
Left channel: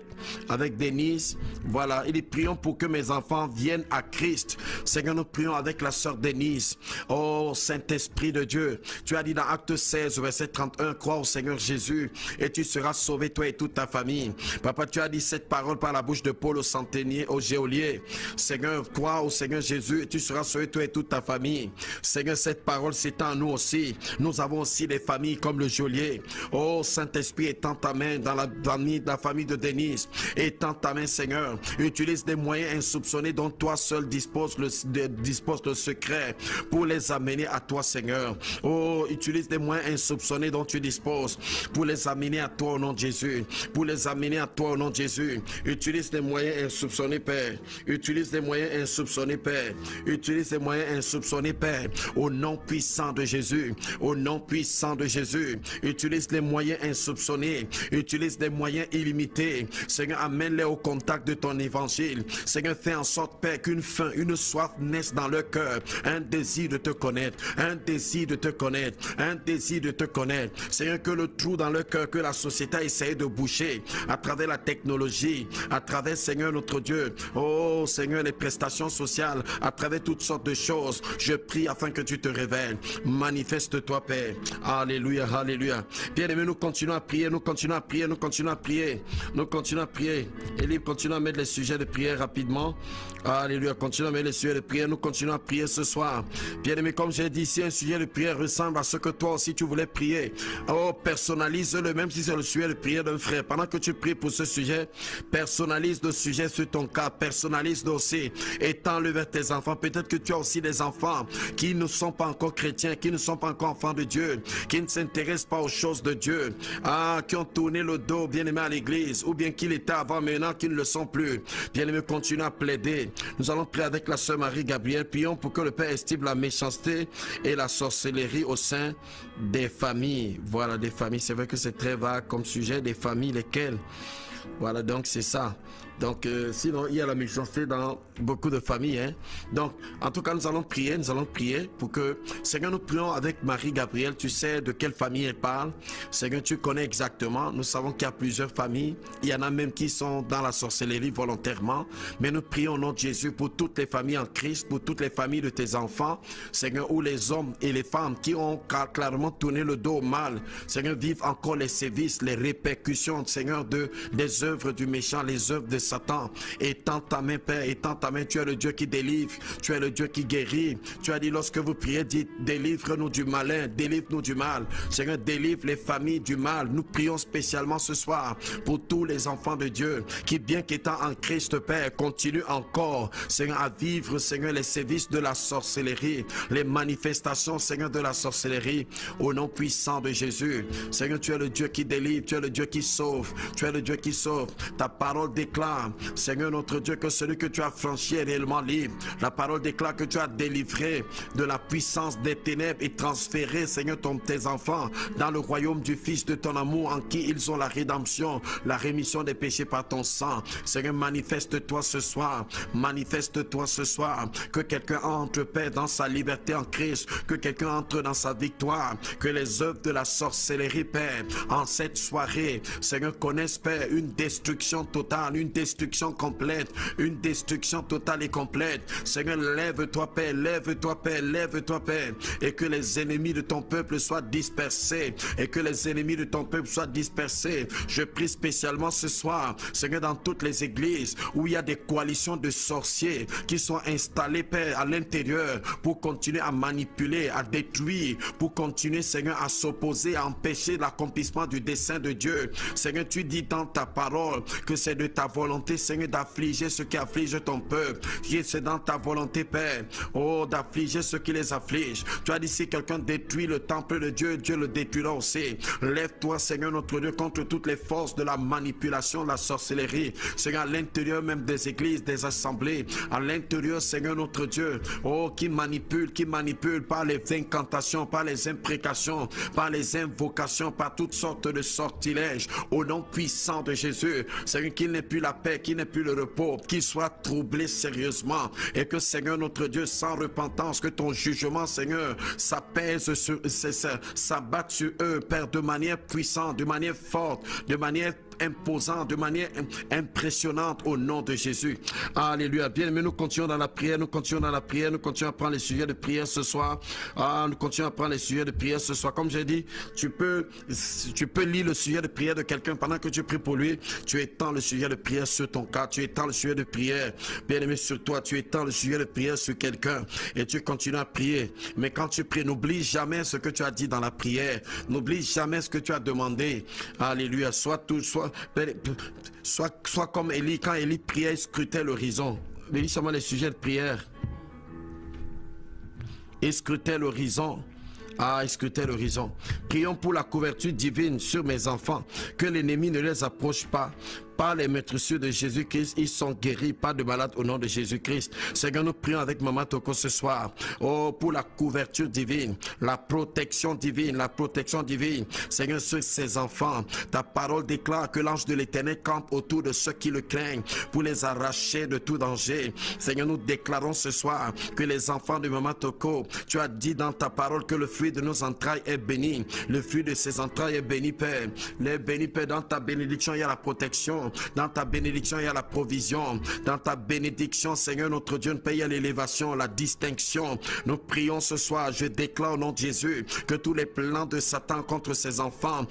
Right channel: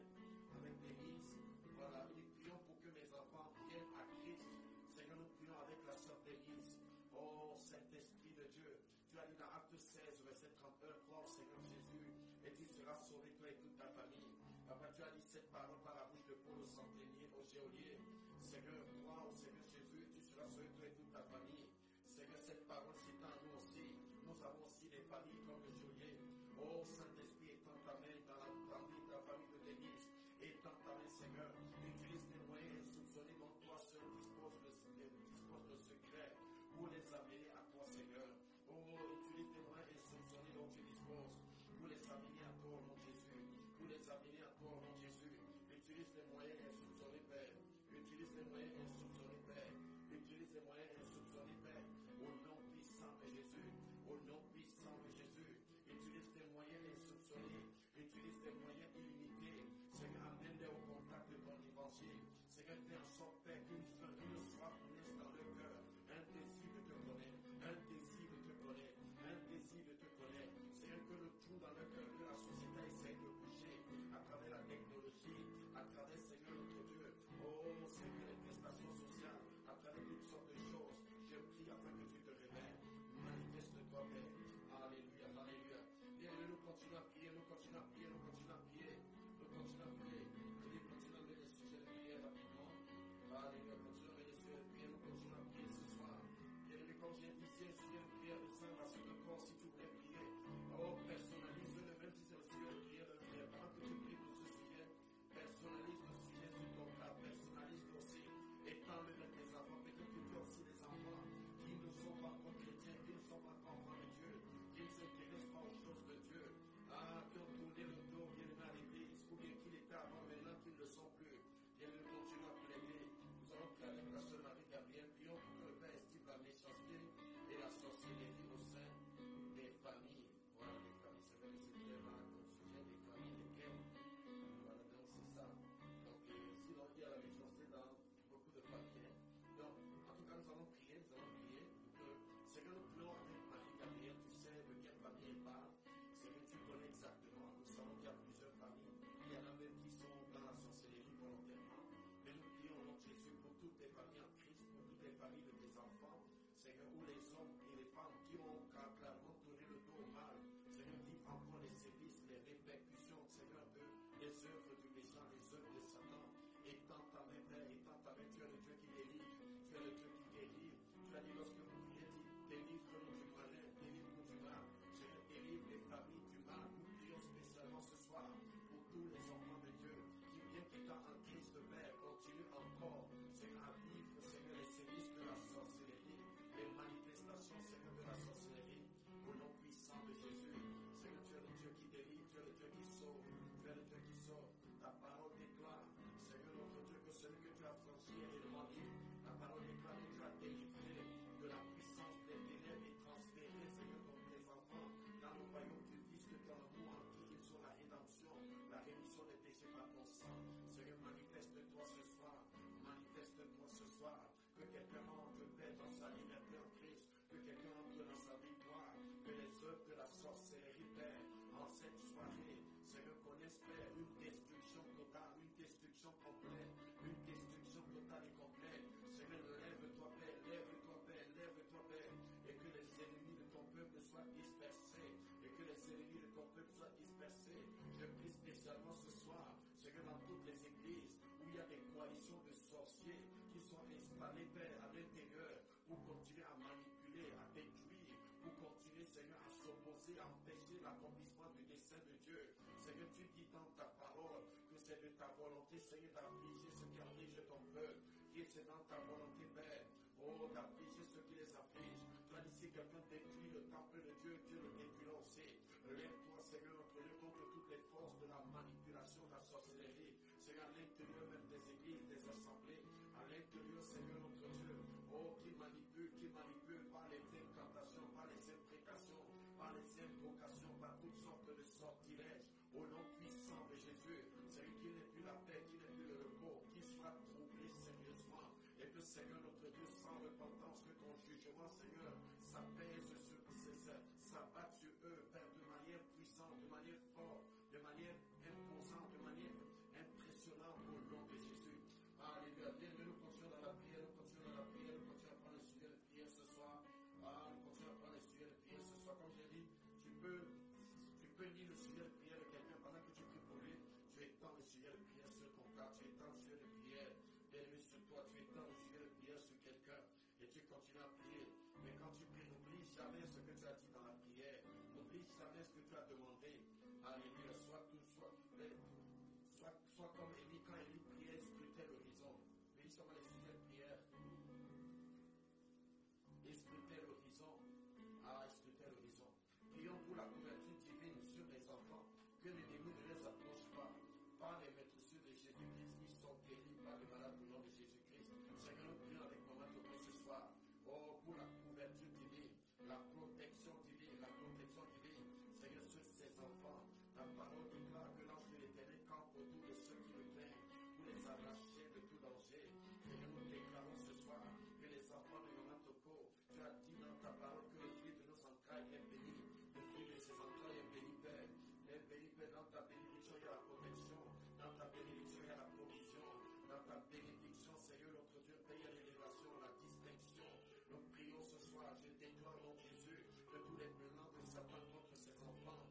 avec Denise. Voilà, il dit, prions pour que mes enfants viennent à Christ. Seigneur, nous prions avec la sœur Denise. Oh, Saint-Esprit de Dieu, tu as dit dans Acte 16, verset 31, crois au Seigneur Jésus et tu seras sauvé, toi et toute ta famille. Papa, tu as dit cette parole par la bouche de Paul au centenier, au geôlier. Seigneur, crois au Seigneur Jésus et tu seras sauvé, toi et toute ta famille. Seigneur, cette parole s'étend à nous aussi. Nous avons aussi des familles comme le geôlier. Oh Saint-Esprit, étends ta main dans la famille de Denise. Étends ta main, Seigneur. Utilise des moyens insoupçonnés dont toi seul dispose le secret pour les amener à toi, Seigneur. Oh, utilise des moyens insoupçonnés dont tu disposes pour les amener à toi au nom de Jésus. Pour les amener à toi au nom de Jésus. Utilise des moyens insoupçonnés, Père. Utilise des moyens insoupçonnés, Père. Utilise des moyens insoupçonnés, Père. Au nom puissant de Jésus. Au nom puissant de Jésus, utilise les moyens insoupçonnés, utilise des moyens illimités. Seigneur, amène-les au contact de ton évangile. Seigneur, fais en sorte, Père, qu'une faim, une soif naisse dans leur cœur, un désir de te connaître, un désir de te connaître, un désir de te connaître. Seigneur, que le trou dans leur cœur que la société a essayé de boucher à travers la technologie, à travers, Seigneur, notre Dieu, oh Seigneur, les prestations sociales, à travers toutes sortes de choses, je prie afin que tu te révèles. Manifeste-toi, Père. Alléluia, alléluia. Bien-aimés, nous continuons à prier, nous continuons à prier, nous continuons à prier, nous continuons à prier. Élie, continue à mettre les sujets de prière rapidement. Alléluia, continue à mettre les sujets de prière, nous continuons à prier ce soir. Bien-aimés, comme j'ai dit, si un sujet de prière ressemble à ce que toi aussi tu voulais prier, oh, personnalise-le, même si c'est le sujet de prière d'un frère. Pendant que tu pries pour ce sujet, personnalise le sujet sur ton cas, personnalise le aussi, étends-le vers tes enfants. Peut-être que tu as aussi des enfants qui ne sont pas encore chrétiens, qui ne sont pas encore enfants de Dieu, qui ne s'intéressent pas aux choses de Dieu, qui ont tourné le dos, bien-aimé, à l'église, ou bien qu'ils étaient avant, maintenant qu'ils ne le sont plus. Bien-aimé, continue à plaider. Nous allons prier avec la sœur Marie-Gabrielle. Prions pour que le Père estime la méchanceté et la sorcellerie au sein des familles. Voilà, des familles. C'est vrai que c'est très vague comme sujet, des familles, lesquelles. Voilà, donc c'est ça. Donc, sinon, il y a la méchanceté dans beaucoup de familles. Hein. Donc, en tout cas, nous allons prier pour que, Seigneur, nous prions avec Marie-Gabrielle. Tu sais de quelle famille elle parle. Seigneur, tu connais exactement. Nous savons qu'il y a plusieurs familles. Il y en a même qui sont dans la sorcellerie volontairement. Mais nous prions au nom de Jésus pour toutes les familles en Christ, pour toutes les familles de tes enfants. Seigneur, où les hommes et les femmes qui ont clairement tourné le dos au mal, Seigneur, vivent encore les sévices, les répercussions, Seigneur, des œuvres du méchant, les œuvres de Satan. Étends ta main, Père, étends ta main. Tu es le Dieu qui délivre, tu es le Dieu qui guérit. Tu as dit lorsque vous priez, dites, délivre-nous du malin, délivre-nous du mal. Seigneur, délivre les familles du mal. Nous prions spécialement ce soir pour tous les enfants de Dieu qui, bien qu'étant en Christ, Père, continuent encore, Seigneur, à vivre, Seigneur, les sévices de la sorcellerie, les manifestations, Seigneur, de la sorcellerie, au nom puissant de Jésus. Seigneur, tu es le Dieu qui délivre, tu es le Dieu qui sauve, tu es le Dieu qui sauve. Ta parole déclare, Seigneur notre Dieu, que celui que tu as franchi est réellement libre. La parole déclare que tu as délivré de la puissance des ténèbres et transféré, Seigneur, tes enfants dans le royaume du Fils de ton amour, en qui ils ont la rédemption, la rémission des péchés par ton sang. Seigneur, manifeste-toi ce soir, manifeste-toi ce soir, que quelqu'un entre, Père, dans sa liberté en Christ, que quelqu'un entre dans sa victoire, que les œuvres de la sorcellerie, Père, en cette soirée, Seigneur, connaissent, Père, une destruction totale, une destruction complète, une destruction totale et complète. Seigneur, lève-toi, Père, lève-toi, Père, lève-toi, Père, et que les ennemis de ton peuple soient dispersés, et que les ennemis de ton peuple soient dispersés. Je prie spécialement ce soir, Seigneur, dans toutes les églises où il y a des coalitions de sorciers qui sont installés, Père, à l'intérieur pour continuer à manipuler, à détruire, pour continuer, Seigneur, à s'opposer, à empêcher l'accomplissement du dessein de Dieu. Seigneur, tu dis dans ta parole que c'est de ta volonté, Seigneur, d'affliger ceux qui affligent ton peuple. C'est dans ta volonté, Père, oh, d'affliger ceux qui les affligent. Tu as dit, si quelqu'un détruit le temple de Dieu, Dieu le détruira aussi. Lève-toi, Seigneur, notre Dieu, contre toutes les forces de la manipulation, de la sorcellerie. Seigneur, à l'intérieur même des églises, des assemblées, à l'intérieur, Seigneur, notre Dieu, oh, qui manipule par les incantations, par les imprécations, par les invocations, par toutes sortes de sortilèges, au nom puissant de Jésus. Seigneur, qu'il n'ait plus la paix, qu'il n'ait plus le repos, qu'il soit troublé sérieusement, et que, Seigneur, notre Dieu, sans repentance, que ton jugement, Seigneur, s'apaise sur, s'abatte sur eux, Père, de manière puissante, de manière forte, de manière imposante, de manière impressionnante, au nom de Jésus. Alléluia. Bien, mais nous continuons dans la prière, nous continuons dans la prière, nous continuons à prendre les sujets de prière ce soir. Nous continuons à prendre les sujets de prière ce soir. Comme j'ai dit, tu peux lire le sujet de prière de quelqu'un pendant que tu pries pour lui. Tu étends le sujet de prière sur ton cas, tu étends le sujet de prière, bien aimé, sur toi, tu étends le sujet de prière sur quelqu'un et tu continues à prier. Mais quand tu pries, n'oublie jamais ce que tu as dit dans la prière, n'oublie jamais ce que tu as demandé. Alléluia. Sois comme Élie, quand Élie priait, il scrutait l'horizon. Lis seulement les sujets de prière. Il scrutait l'horizon. Il scrutait l'horizon. Prions pour la couverture divine sur mes enfants, que l'ennemi ne les approche pas. Par les maîtresses de Jésus-Christ, ils sont guéris, pas de malades au nom de Jésus-Christ. Seigneur, nous prions avec Maman Toko ce soir, oh, pour la couverture divine, la protection divine, Seigneur, sur ses enfants. Ta parole déclare que l'ange de l'Éternel campe autour de ceux qui le craignent pour les arracher de tout danger. Seigneur, nous déclarons ce soir que les enfants de Maman Toko, tu as dit dans ta parole que le fruit de nos entrailles est béni. Le fruit de ses entrailles est béni, Père. Les bénis, Père, dans ta bénédiction, il y a la protection. Dans ta bénédiction, il y a la provision. Dans ta bénédiction, Seigneur, notre Dieu, nous payons l'élévation, la distinction. Nous prions ce soir, je déclare au nom de Jésus, que tous les plans de Satan contre ses enfants,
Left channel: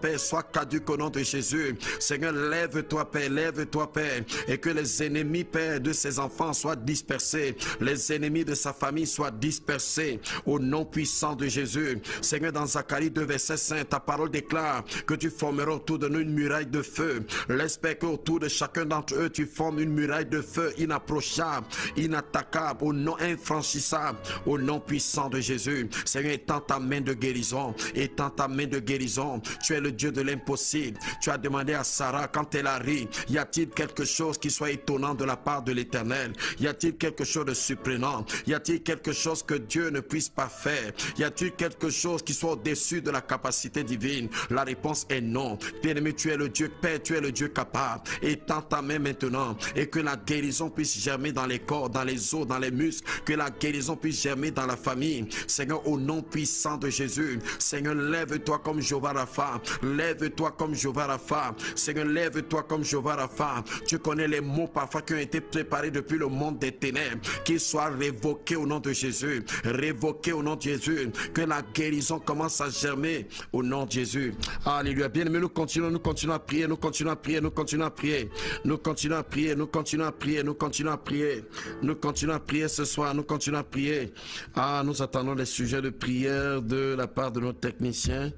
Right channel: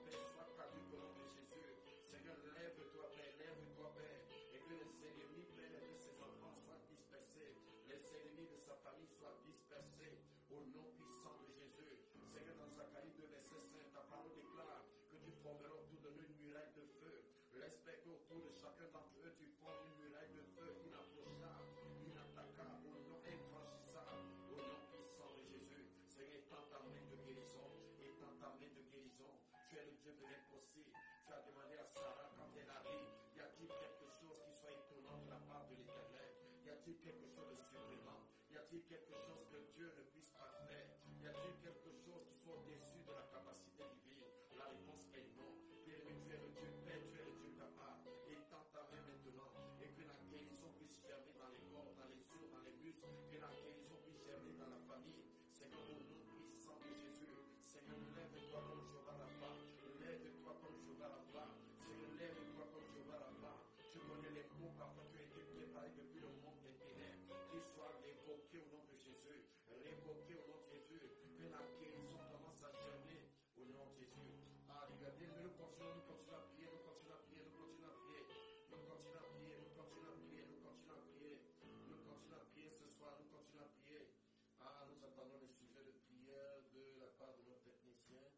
Père, soient caducs au nom de Jésus. Seigneur, lève-toi, Père, et que les ennemis, Père, de ses enfants soient dispersés. Les ennemis de sa famille soient dispersés au nom puissant de Jésus. Seigneur, dans Zacharie 2, verset 5, ta parole déclare que tu formeras autour de nous une muraille de feu. L'espère qu'autour de chacun d'entre eux, tu formes une muraille de feu inapprochable, inattaquable, au nom infranchissable, au nom puissant de Jésus. Seigneur, étends ta main de guérison, étends ta main de guérison. Tu es le Dieu de l'impossible. Tu as demandé à Sarah quand elle a ri, y a-t-il quelque chose qui soit étonnant de la part de l'Éternel? Y a-t-il quelque chose de surprenant? Y a-t-il quelque chose que Dieu ne puisse pas faire? Y a-t-il quelque chose qui soit au-dessus de la capacité divine? La réponse est non. Bien-aimé, tu es le Dieu Père, tu es le Dieu capable. Étends ta main maintenant et que la guérison puisse germer dans les corps, dans les os, dans les muscles, que la guérison puisse germer dans la famille. Seigneur, au nom puissant de Jésus, Seigneur, lève-toi comme Jéhovah Rapha, lève-toi comme Jéhovah Rapha. Seigneur, lève-toi comme Jéhovah Rapha. Tu connais les mots parfois qui ont été préparés depuis le monde des ténèbres, qu'ils soient révoqués au nom de Jésus, révoqués au nom de Jésus, que la guérison commence à germer au nom de Jésus. Alléluia. Bien aimé, nous continuons à prier prier, nous continuons à prier, nous continuons à prier, nous continuons à prier, nous continuons à prier, nous continuons à prier, nous continuons à prier ce soir, nous continuons à prier. Ah, nous attendons les sujets de prière de la part de nos techniciens.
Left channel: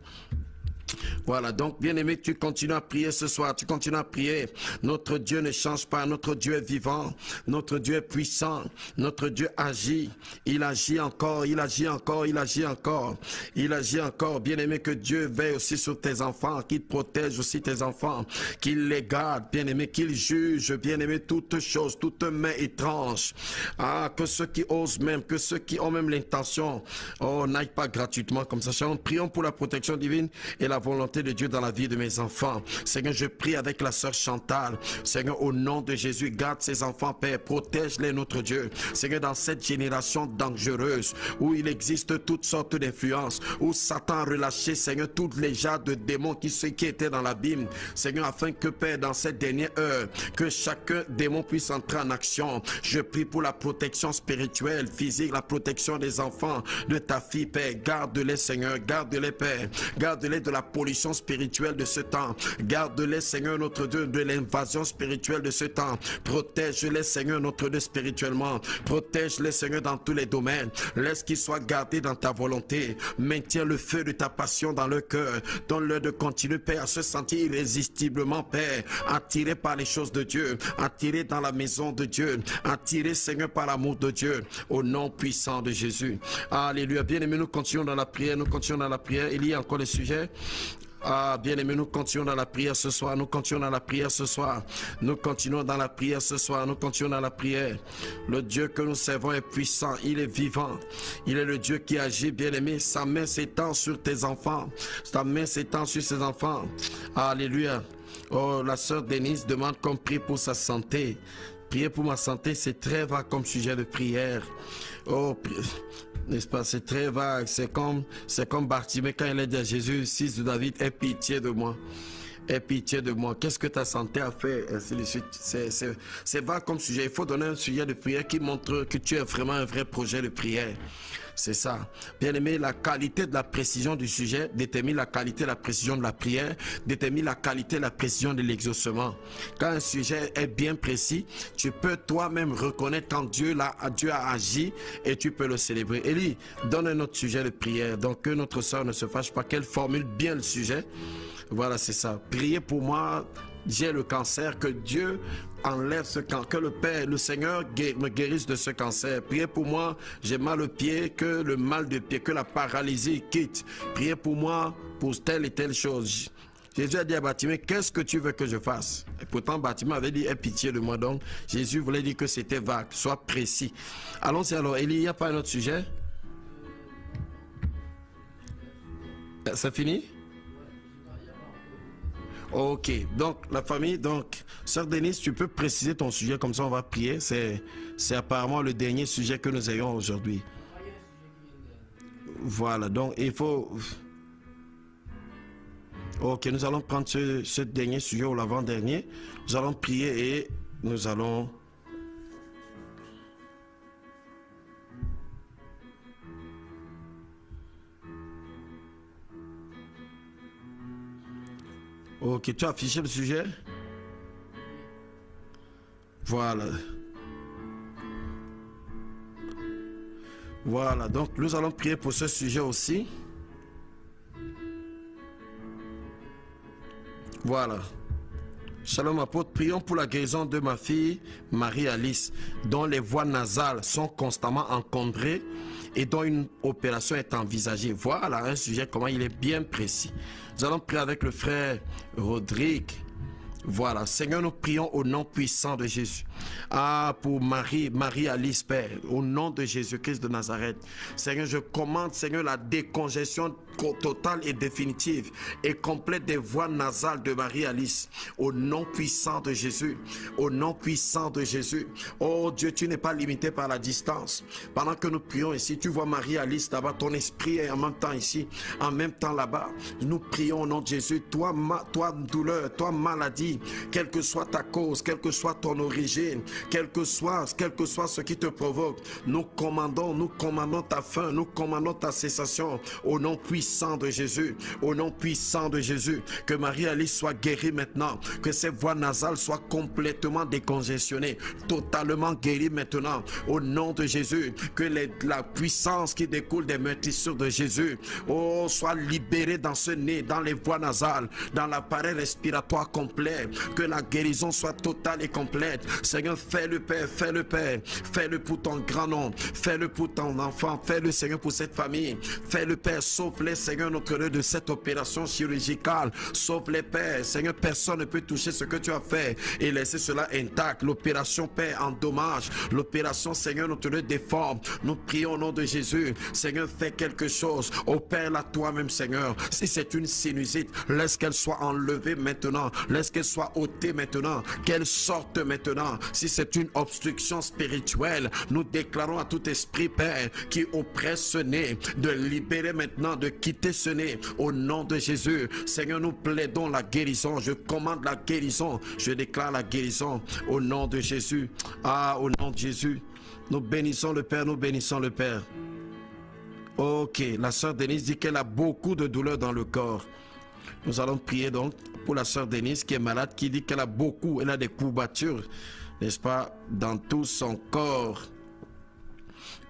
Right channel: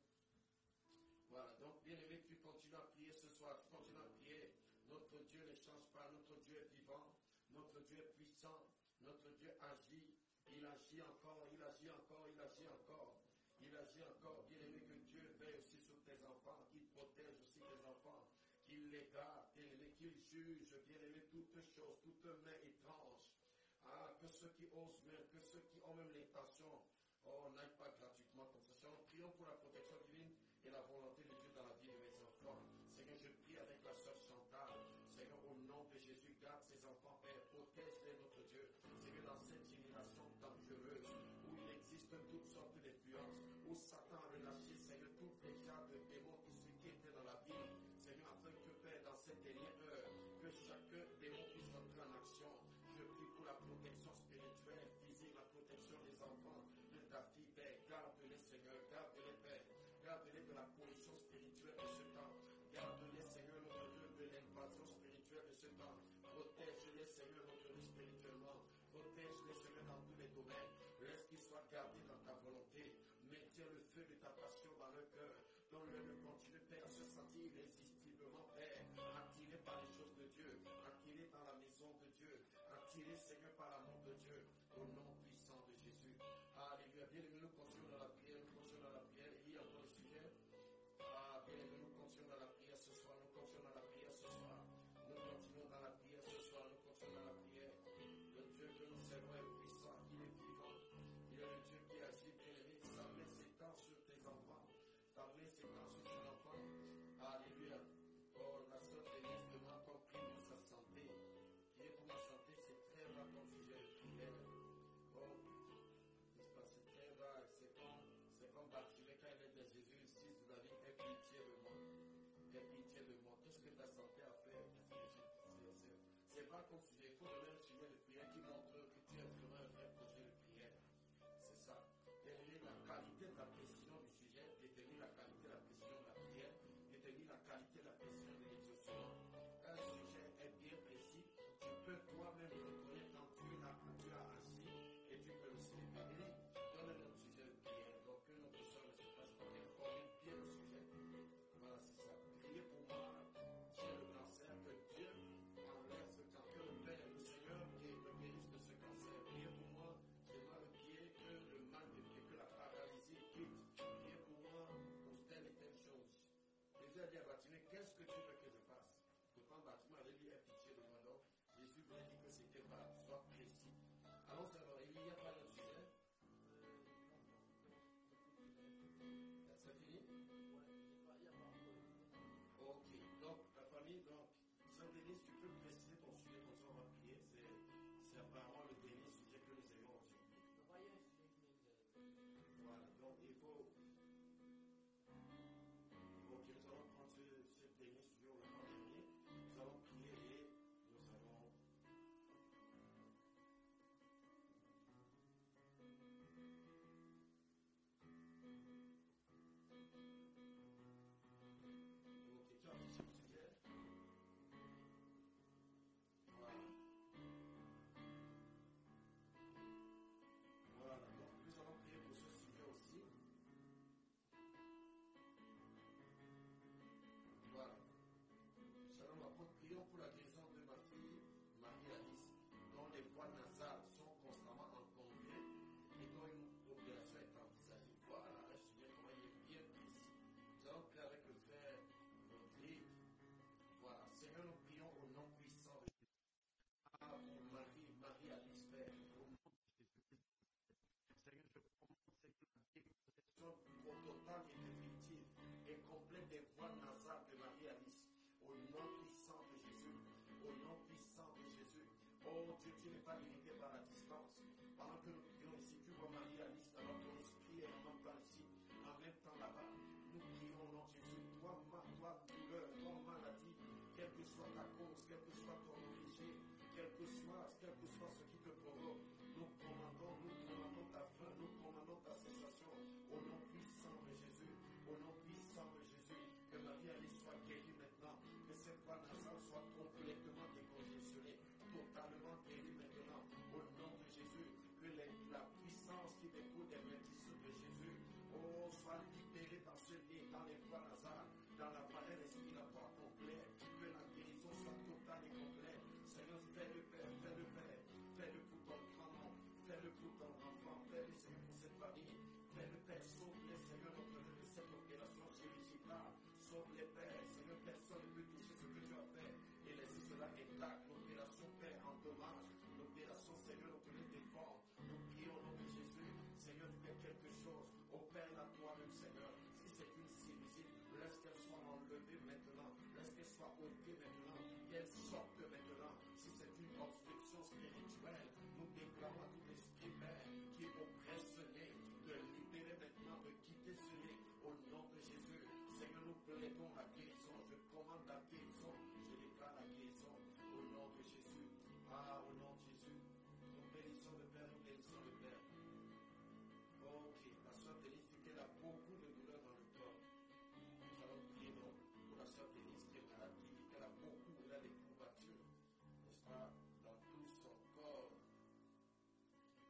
Voilà, donc bien-aimé, tu continues à prier ce soir, tu continues à prier. Notre Dieu ne change pas, notre Dieu est vivant, notre Dieu est puissant, notre Dieu agit, il agit encore, il agit encore, il agit encore, il agit encore. Bien-aimé, que Dieu veille aussi sur tes enfants, qu'il protège aussi tes enfants, qu'il les garde, bien-aimé, qu'il juge, bien-aimé, toutes choses, toute main étrange. Ah, que ceux qui osent même, que ceux qui ont même l'intention, oh, n'aillent pas gratuitement comme ça. Prions pour la protection divine et la volonté de Dieu dans la vie de mes enfants. Seigneur, je prie avec la sœur Chantal. Seigneur, au nom de Jésus, garde ces enfants, Père, protège-les, notre Dieu. Seigneur, dans cette génération dangereuse, où il existe toutes sortes d'influences, où Satan a relâché, Seigneur, toutes les genres de démons qui étaient dans l'abîme. Seigneur, afin que, Père, dans cette dernière heure, que chacun démon puisse entrer en action. Je prie pour la protection spirituelle, physique, la protection des enfants, de ta fille, Père. Garde-les, Seigneur, garde-les, Père. Garde-les de la pollution spirituelle de ce temps. Garde-les, Seigneur, notre Dieu, de l'invasion spirituelle de ce temps. Protège-les, Seigneur, notre Dieu, spirituellement. Protège-les, Seigneur, dans tous les domaines. Laisse qu'ils soient gardés dans ta volonté. Maintiens le feu de ta passion dans leur cœur. Donne-leur de continuer, Père, à se sentir irrésistiblement, Père, attirés par les choses de Dieu, attirés dans la maison de Dieu, attirés, Seigneur, par l'amour de Dieu, au nom puissant de Jésus. Alléluia. Bien-aimés, nous continuons dans la prière, nous continuons dans la prière. Il y a encore des sujets. Ah, bien-aimés, nous continuons dans la prière ce soir, nous continuons dans la prière ce soir, nous continuons dans la prière ce soir, nous continuons dans la prière. Le Dieu que nous servons est puissant, il est vivant, il est le Dieu qui agit, bien-aimé. Sa main s'étend sur tes enfants, sa main s'étend sur ses enfants. Alléluia. Oh, la sœur Denise demande qu'on prie pour sa santé. Prier pour ma santé, c'est très vague comme sujet de prière. Oh, n'est-ce pas, c'est très vague, c'est comme Bartimée quand il a dit à Jésus, fils de David, aie pitié de moi. Aie pitié de moi. Qu'est-ce que ta santé a fait? Ainsi de suite. C'est vague comme sujet. Il faut donner un sujet de prière qui montre que tu es vraiment un vrai projet de prière. C'est ça. Bien aimé, la qualité de la précision du sujet détermine la qualité de la précision de la prière, détermine la qualité de la précision de l'exaucement. Quand un sujet est bien précis, tu peux toi-même reconnaître quand Dieu a agi et tu peux le célébrer. Élie, donne un autre sujet de prière. Donc que notre soeur ne se fâche pas, qu'elle formule bien le sujet. Voilà, c'est ça. Priez pour moi, j'ai le cancer, que Dieu enlève ce cancer, que le Père, le Seigneur me guérisse de ce cancer. Priez pour moi, j'ai mal au pied, que le mal de pied, que la paralysie quitte. Priez pour moi pour telle et telle chose. Jésus a dit à Bartimée, qu'est-ce que tu veux que je fasse? Et pourtant, Bartimée avait dit, aie pitié de moi. Donc, Jésus voulait dire que c'était vague, sois précis. Allons-y alors, Élie, il n'y a pas un autre sujet? C'est fini? Ok, donc la famille, donc, sœur Denise, tu peux préciser ton sujet, comme ça on va prier. C'est apparemment le dernier sujet que nous ayons aujourd'hui. Voilà, donc il faut... Ok, nous allons prendre ce dernier sujet ou l'avant-dernier. Nous allons prier et nous allons... Ok, tu as affiché le sujet? Voilà. Voilà, donc nous allons prier pour ce sujet aussi. Voilà. Shalom apôtre, prions pour la guérison de ma fille Marie-Alice, dont les voies nasales sont constamment encombrées et dont une opération est envisagée. Voilà un sujet, comment il est bien précis. Nous allons prier avec le frère Rodrigue. Voilà, Seigneur, nous prions au nom puissant de Jésus. Ah, pour Marie-Alice, Père, au nom de Jésus-Christ de Nazareth. Seigneur, je commande, Seigneur, la décongestion totale et définitive et complète des voies nasales de Marie-Alice. Au nom puissant de Jésus. Au nom puissant de Jésus. Oh Dieu, tu n'es pas limité par la distance. Pendant que nous prions ici, tu vois Marie-Alice là-bas, ton esprit est en même temps ici, en même temps là-bas. Nous prions au nom de Jésus. Toi douleur, toi maladie, quelle que soit ta cause, quelle que soit ton origine, quel que soit ce qui te provoque, nous commandons ta fin, nous commandons ta cessation au nom puissant puissant de Jésus, au nom puissant de Jésus, que Marie-Alice soit guérie maintenant, que ses voies nasales soient complètement décongestionnées, totalement guéries maintenant, au nom de Jésus, que la puissance qui découle des meurtrissures de Jésus, soit libérée dans ce nez, dans les voies nasales, dans l'appareil respiratoire complet, que la guérison soit totale et complète. Seigneur, fais-le Père, fais-le Père, fais-le pour ton grand nom, fais-le pour ton enfant, fais-le Seigneur pour cette famille, fais-le Père, sauve-les Seigneur notre Dieu de cette opération chirurgicale, sauve-les Père, Seigneur, personne ne peut toucher ce que tu as fait et laisser cela intact. L'opération Père endommage, l'opération Seigneur notre Dieu déforme. Nous prions au nom de Jésus, Seigneur, fais quelque chose, opère-la toi-même Seigneur. Si c'est une sinusite, laisse qu'elle soit enlevée maintenant, laisse qu'elle soit ôtée maintenant, qu'elle sorte maintenant. Si c'est une obstruction spirituelle, nous déclarons à tout esprit Père qui oppresse ce nez de libérer maintenant, de quitter ce nez au nom de Jésus. Seigneur, nous plaidons la guérison, je commande la guérison, je déclare la guérison au nom de Jésus. Au nom de Jésus, nous bénissons le Père, nous bénissons le Père. Ok, la sœur Denise dit qu'elle a beaucoup de douleurs dans le corps. Nous allons prier donc pour la sœur Denise qui est malade, qui dit qu'elle a des courbatures, n'est-ce pas, dans tout son corps.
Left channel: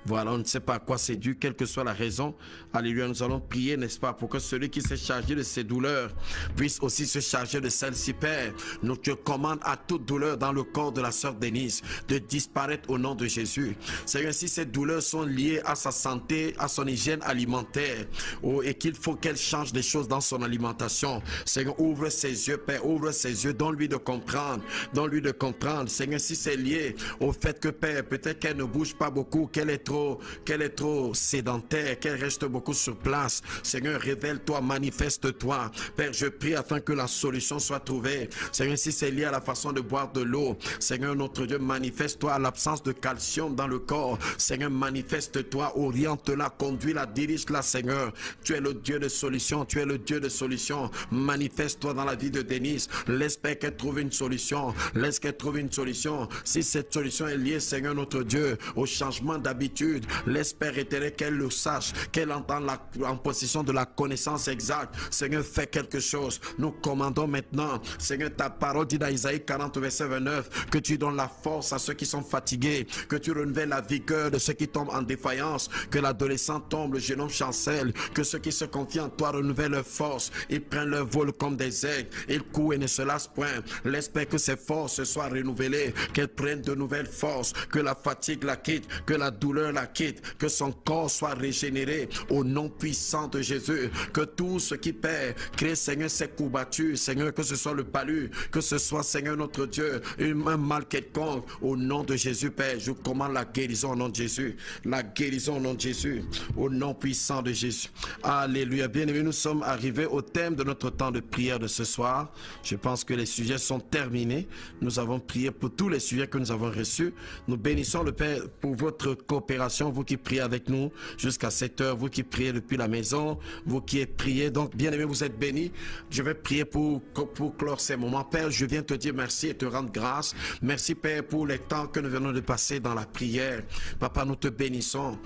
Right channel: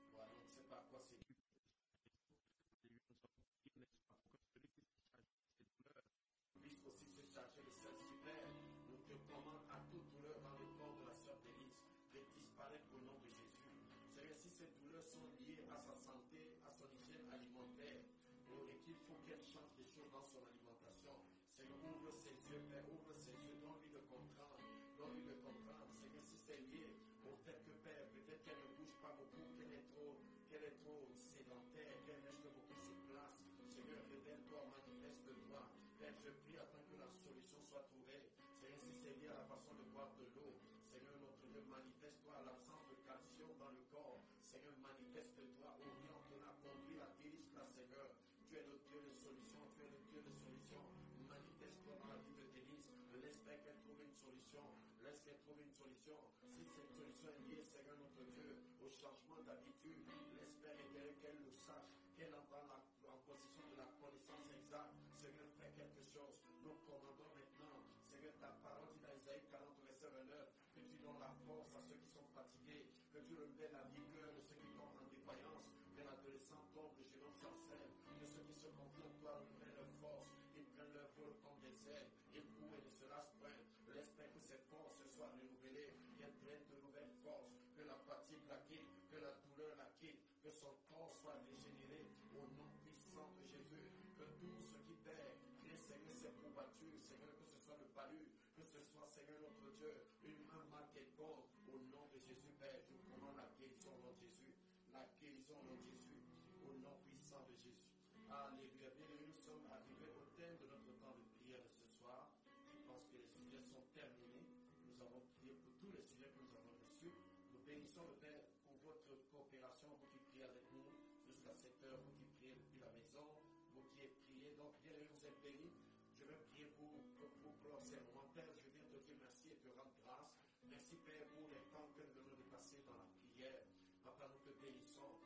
Voilà, on ne sait pas à quoi c'est dû, quelle que soit la raison. Alléluia, nous allons prier, n'est-ce pas, pour que celui qui s'est chargé de ces douleurs puisse aussi se charger de celles-ci, Père. Nous te commandons à toute douleur dans le corps de la sœur Denise de disparaître au nom de Jésus. Seigneur, si ces douleurs sont liées à sa santé, à son hygiène alimentaire, et qu'il faut qu'elle change des choses dans son alimentation, Seigneur, ouvre ses yeux, Père, ouvre ses yeux, donne-lui de comprendre, donne-lui de comprendre. Seigneur, si c'est lié au fait que, Père, peut-être qu'elle ne bouge pas beaucoup, qu'elle est trop sédentaire, qu'elle reste beaucoup sur place. Seigneur, révèle-toi, manifeste-toi. Père, je prie afin que la solution soit trouvée. Seigneur, si c'est lié à la façon de boire de l'eau, Seigneur, notre Dieu, manifeste-toi à l'absence de calcium dans le corps. Seigneur, manifeste-toi, oriente-la, conduis-la, dirige-la, Seigneur. Tu es le Dieu de solution, tu es le Dieu de solution. Manifeste-toi dans la vie de Denise. Laisse Père qu'elle trouve une solution. Laisse qu'elle trouve une solution. Si cette solution est liée, Seigneur, notre Dieu, au changement d'habitude, laisse Père éternel qu'elle le sache, qu'elle entende en possession de la connaissance exacte. Seigneur, fais quelque chose. Nous commandons maintenant, Seigneur, ta parole dit dans Isaïe 40 verset 29 que tu donnes la force à ceux qui sont fatigués, que tu renouvelles la vigueur de ceux qui tombent en défaillance, que l'adolescent tombe, le jeune homme chancelle, que ceux qui se confient en toi renouvellent leur force, ils prennent leur vol comme des aigles, ils courent et ne se lassent point. Laisse Père que ces forces soient renouvelées, qu'elles prennent de nouvelles forces, que la fatigue la quitte, que la douleur la quitte, que son corps soit régénéré au nom puissant de Jésus, que tout ce qui perd, crée Seigneur ces courbatures, Seigneur, que ce soit le palu, que ce soit Seigneur notre Dieu, un mal quelconque, au nom de Jésus Père, je commande la guérison au nom de Jésus, la guérison au nom de Jésus, au nom puissant de Jésus. Alléluia. Bien-aimés, nous sommes arrivés au thème de notre temps de prière de ce soir. Je pense que les sujets sont terminés. Nous avons prié pour tous les sujets que nous avons reçus. Nous bénissons le Père pour votre coopération, vous qui priez avec nous jusqu'à 7 heures, vous qui priez depuis la maison, vous qui êtes prié. Donc, bien-aimés, vous êtes bénis. Je vais prier pour clore ces moments. Père, je viens te dire merci et te rendre grâce. Merci, Père, pour les temps que nous venons de passer dans la prière. Papa, nous te bénissons.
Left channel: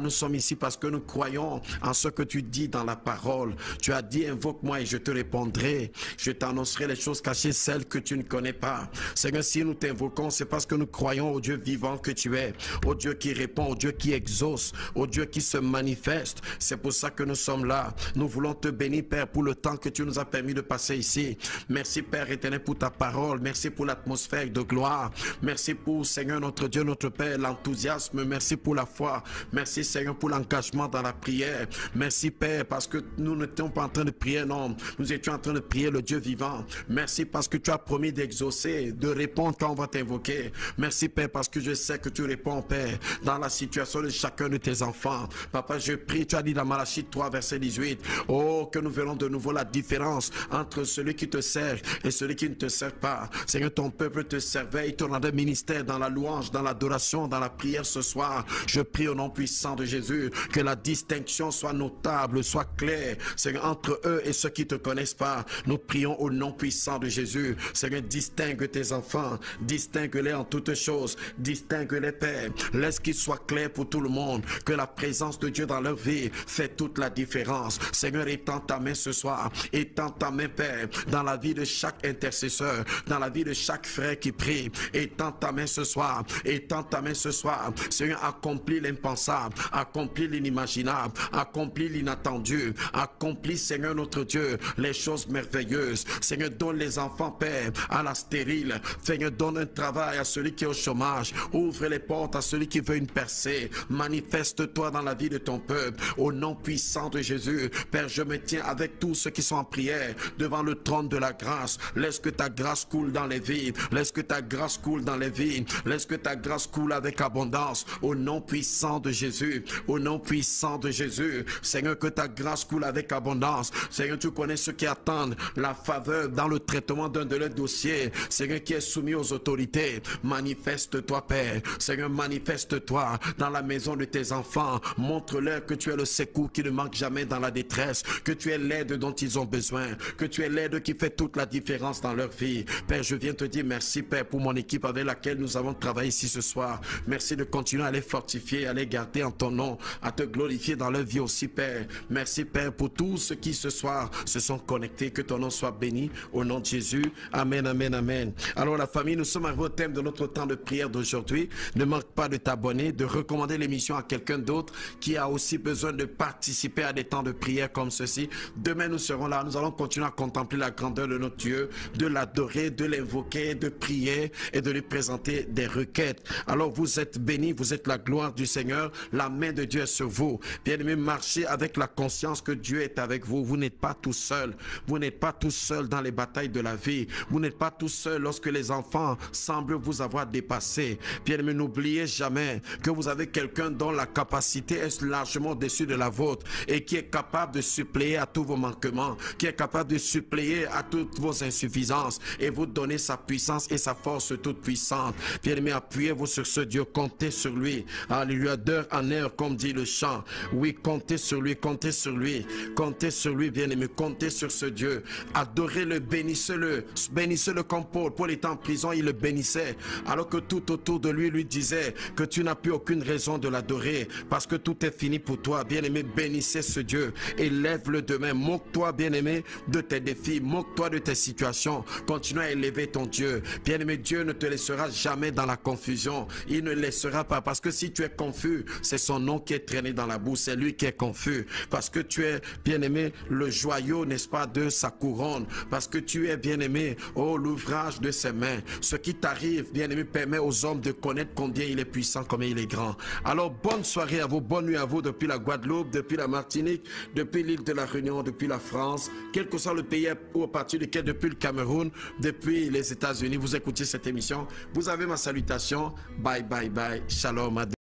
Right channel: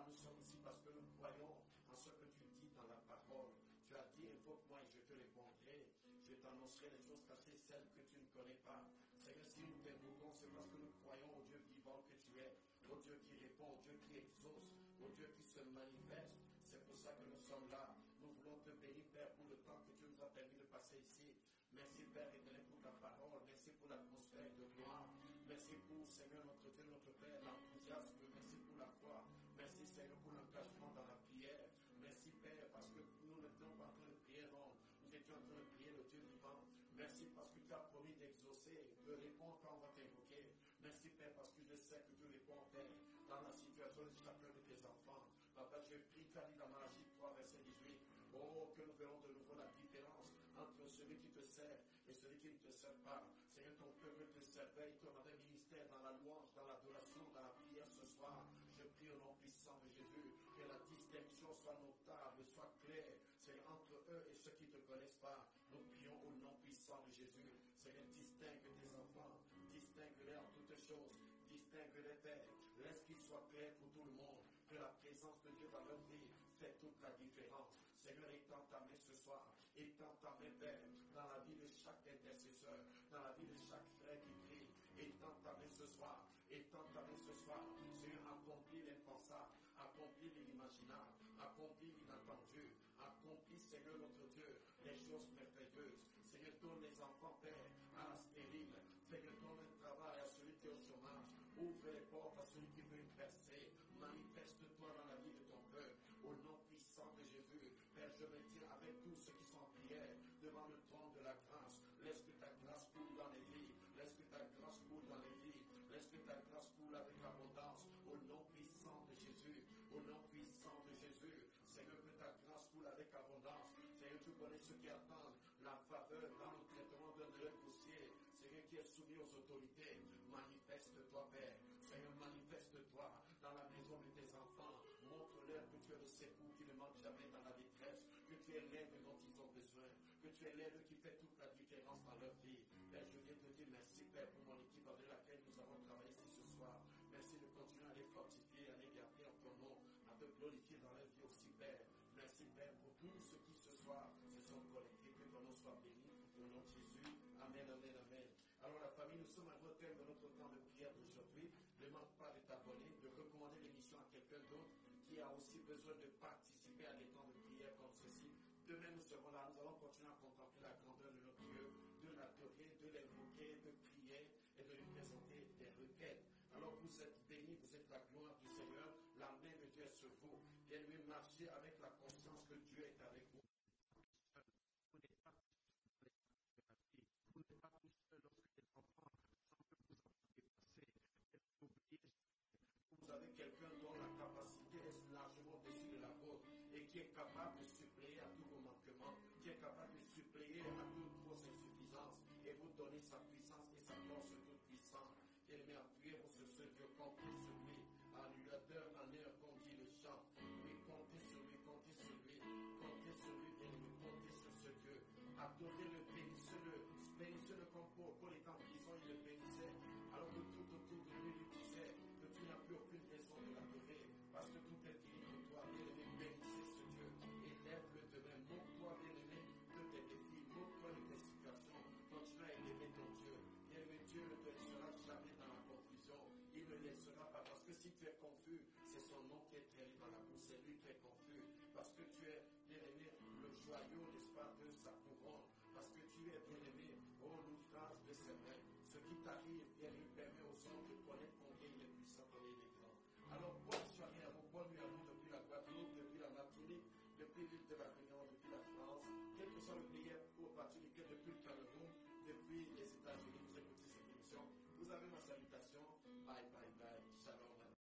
Nous sommes ici parce que nous croyons en ce que tu dis dans la parole. Tu as dit, invoque-moi et je te répondrai. Je t'annoncerai les choses cachées, celles que tu ne connais pas. Seigneur, si nous t'invoquons, c'est parce que nous croyons au Dieu vivant que tu es, au Dieu qui répond, au Dieu qui exauce, au Dieu qui se manifeste. C'est pour ça que nous sommes là. Nous voulons te bénir, Père, pour le temps que tu nous as permis de passer ici. Merci, Père éternel, pour ta parole. Merci pour l'atmosphère de gloire. Merci pour, Seigneur, notre Dieu, notre Père, l'enthousiasme. Merci pour la foi. Merci, Seigneur, pour l'engagement dans la prière. Merci, Père, parce que nous n'étions pas en train de prier, non. Nous étions en train de prier le Dieu vivant. Merci parce que tu as promis d'exaucer, de répondre quand on va t'invoquer. Merci, Père, parce que je sais que tu réponds, Père, dans la situation de chacun de tes enfants. Papa, je prie, tu as dit dans Malachie 3, verset 18, oh, que nous verrons de nouveau la différence entre celui qui te sert et celui qui ne te sert pas. Seigneur, ton peuple te servait, il te rendait ministère dans la louange, dans l'adoration, dans la prière ce soir. Je prie au nom puissant de Jésus que la distinction soit notable, soit claire, Seigneur, entre eux et ceux qui ne te connaissent pas. Nous prions au nom puissant de Jésus. Seigneur, distingue tes enfants, distingue-les en toutes choses, distingue-les, Père. Laisse qu'ils soient clairs clair pour tout le monde que la présence de Dieu dans leur vie fait toute la différence. Seigneur, étends ta main ce soir, étends ta main, Père, dans la vie de chaque intercesseur, dans la vie de chaque frère qui prie. Étends ta main ce soir, étends ta main ce soir. Seigneur, accomplis l'impensable, accomplis l'inimaginable, accomplis l'inattendu, accomplis, Seigneur notre Dieu, les choses merveilleuses. Seigneur, donne les enfants, Père, à la stérile. Seigneur, donne un travail à celui qui est au chômage. Ouvre les portes à celui qui veut une percée. Manifeste-toi dans la vie de ton peuple. Au nom puissant de Jésus, Père, je me tiens avec tous ceux qui sont en prière devant le trône de la grâce. Laisse que ta grâce coule dans les vies. Laisse que ta grâce coule dans les vies. Laisse que ta grâce coule avec abondance. Au nom puissant de Jésus. Au nom puissant de Jésus. Seigneur, que ta grâce coule avec abondance. Seigneur, tu connais ceux qui attendent la faveur dans le traitement d'un de leurs dossiers. Seigneur, qui est soumis aux autorités. Manifeste-toi, Père. Seigneur, manifeste-toi dans la maison de tes enfants. Montre-leur que tu es le secours qui ne manque jamais dans la détresse. Que tu es l'aide dont ils ont besoin. Que tu es l'aide qui fait toute la différence dans leur vie. Père, je viens te dire merci, Père, pour mon équipe avec laquelle nous avons travaillé ici ce soir. Merci de continuer à les fortifier, à les garder en ton nom, à te glorifier dans leur vie aussi, Père. Merci, Père, pour tous ceux qui ce soir se sont connectés. Que ton nom soit béni au nom de Jésus. Amen, amen, amen. Alors la famille, nous sommes arrivés au thème de notre temps de prière d'aujourd'hui. Ne manque pas de t'abonner, de recommander l'émission à quelqu'un d'autre qui a aussi besoin de participer à des temps de prière comme ceci. Demain, nous serons là. Nous allons continuer à contempler la grandeur de notre Dieu, de l'adorer, de l'invoquer, de prier et de lui présenter des requêtes. Alors vous êtes bénis, vous êtes la gloire du Seigneur. La main de Dieu est sur vous. Bien-aimés, marchez avec la conscience que Dieu est avec vous. Vous n'êtes pas tout seul. Vous n'êtes pas tout seul dans les batailles de la vie. Vous n'êtes pas tout seul lorsque les enfants semblent vous avoir dépassé. Bien-aimés, n'oubliez jamais que vous avez quelqu'un dont la capacité est largement au-dessus de la vôtre et qui est capable de suppléer à tous vos manquements, qui est capable de suppléer à toutes vos insuffisances et vous donner sa puissance et sa force toute puissante. Bien-aimés, appuyez-vous sur ce Dieu, comptez sur lui. Alléluia, d'heure en heure, comme dit le chant. Oui, comptez sur lui, comptez sur lui, comptez sur lui, bien-aimés, comptez sur ce Dieu. Adorez-le, bénissez-le, bénissez-le comme Paul. Paul était en prison, il le bénissait, alors que tout autour de lui disait que tu n'as plus aucune raison de l'adorer parce que tout est fini pour toi. Bien-aimé, bénissez ce Dieu, élève-le demain. Moque-toi, bien-aimé, de tes défis, moque-toi de tes situations. Continue à élever ton Dieu. Bien-aimé, Dieu ne te laissera jamais dans la confusion. Il ne laissera pas, parce que si tu es confus, c'est son nom qui est traîné dans la boue, c'est lui qui est confus. Parce que tu es, bien-aimé, le joyau, n'est-ce pas, de sa couronne. Parce que tu es, bien-aimé, oh, l'ouvrage de ses mains. Ce qui t'arrive, bien-aimé, permet aux hommes de connaître combien il est puissant, combien il est grand. Alors, bonne soirée à vous, bonne nuit à vous depuis la Guadeloupe, depuis la Martinique, depuis l'île de la Réunion, depuis la France, quel que soit le pays ou à partir duquel, depuis le Cameroun, depuis les États-Unis, vous écoutez cette émission. Vous avez ma salutation. Bye, bye, bye. Shalom.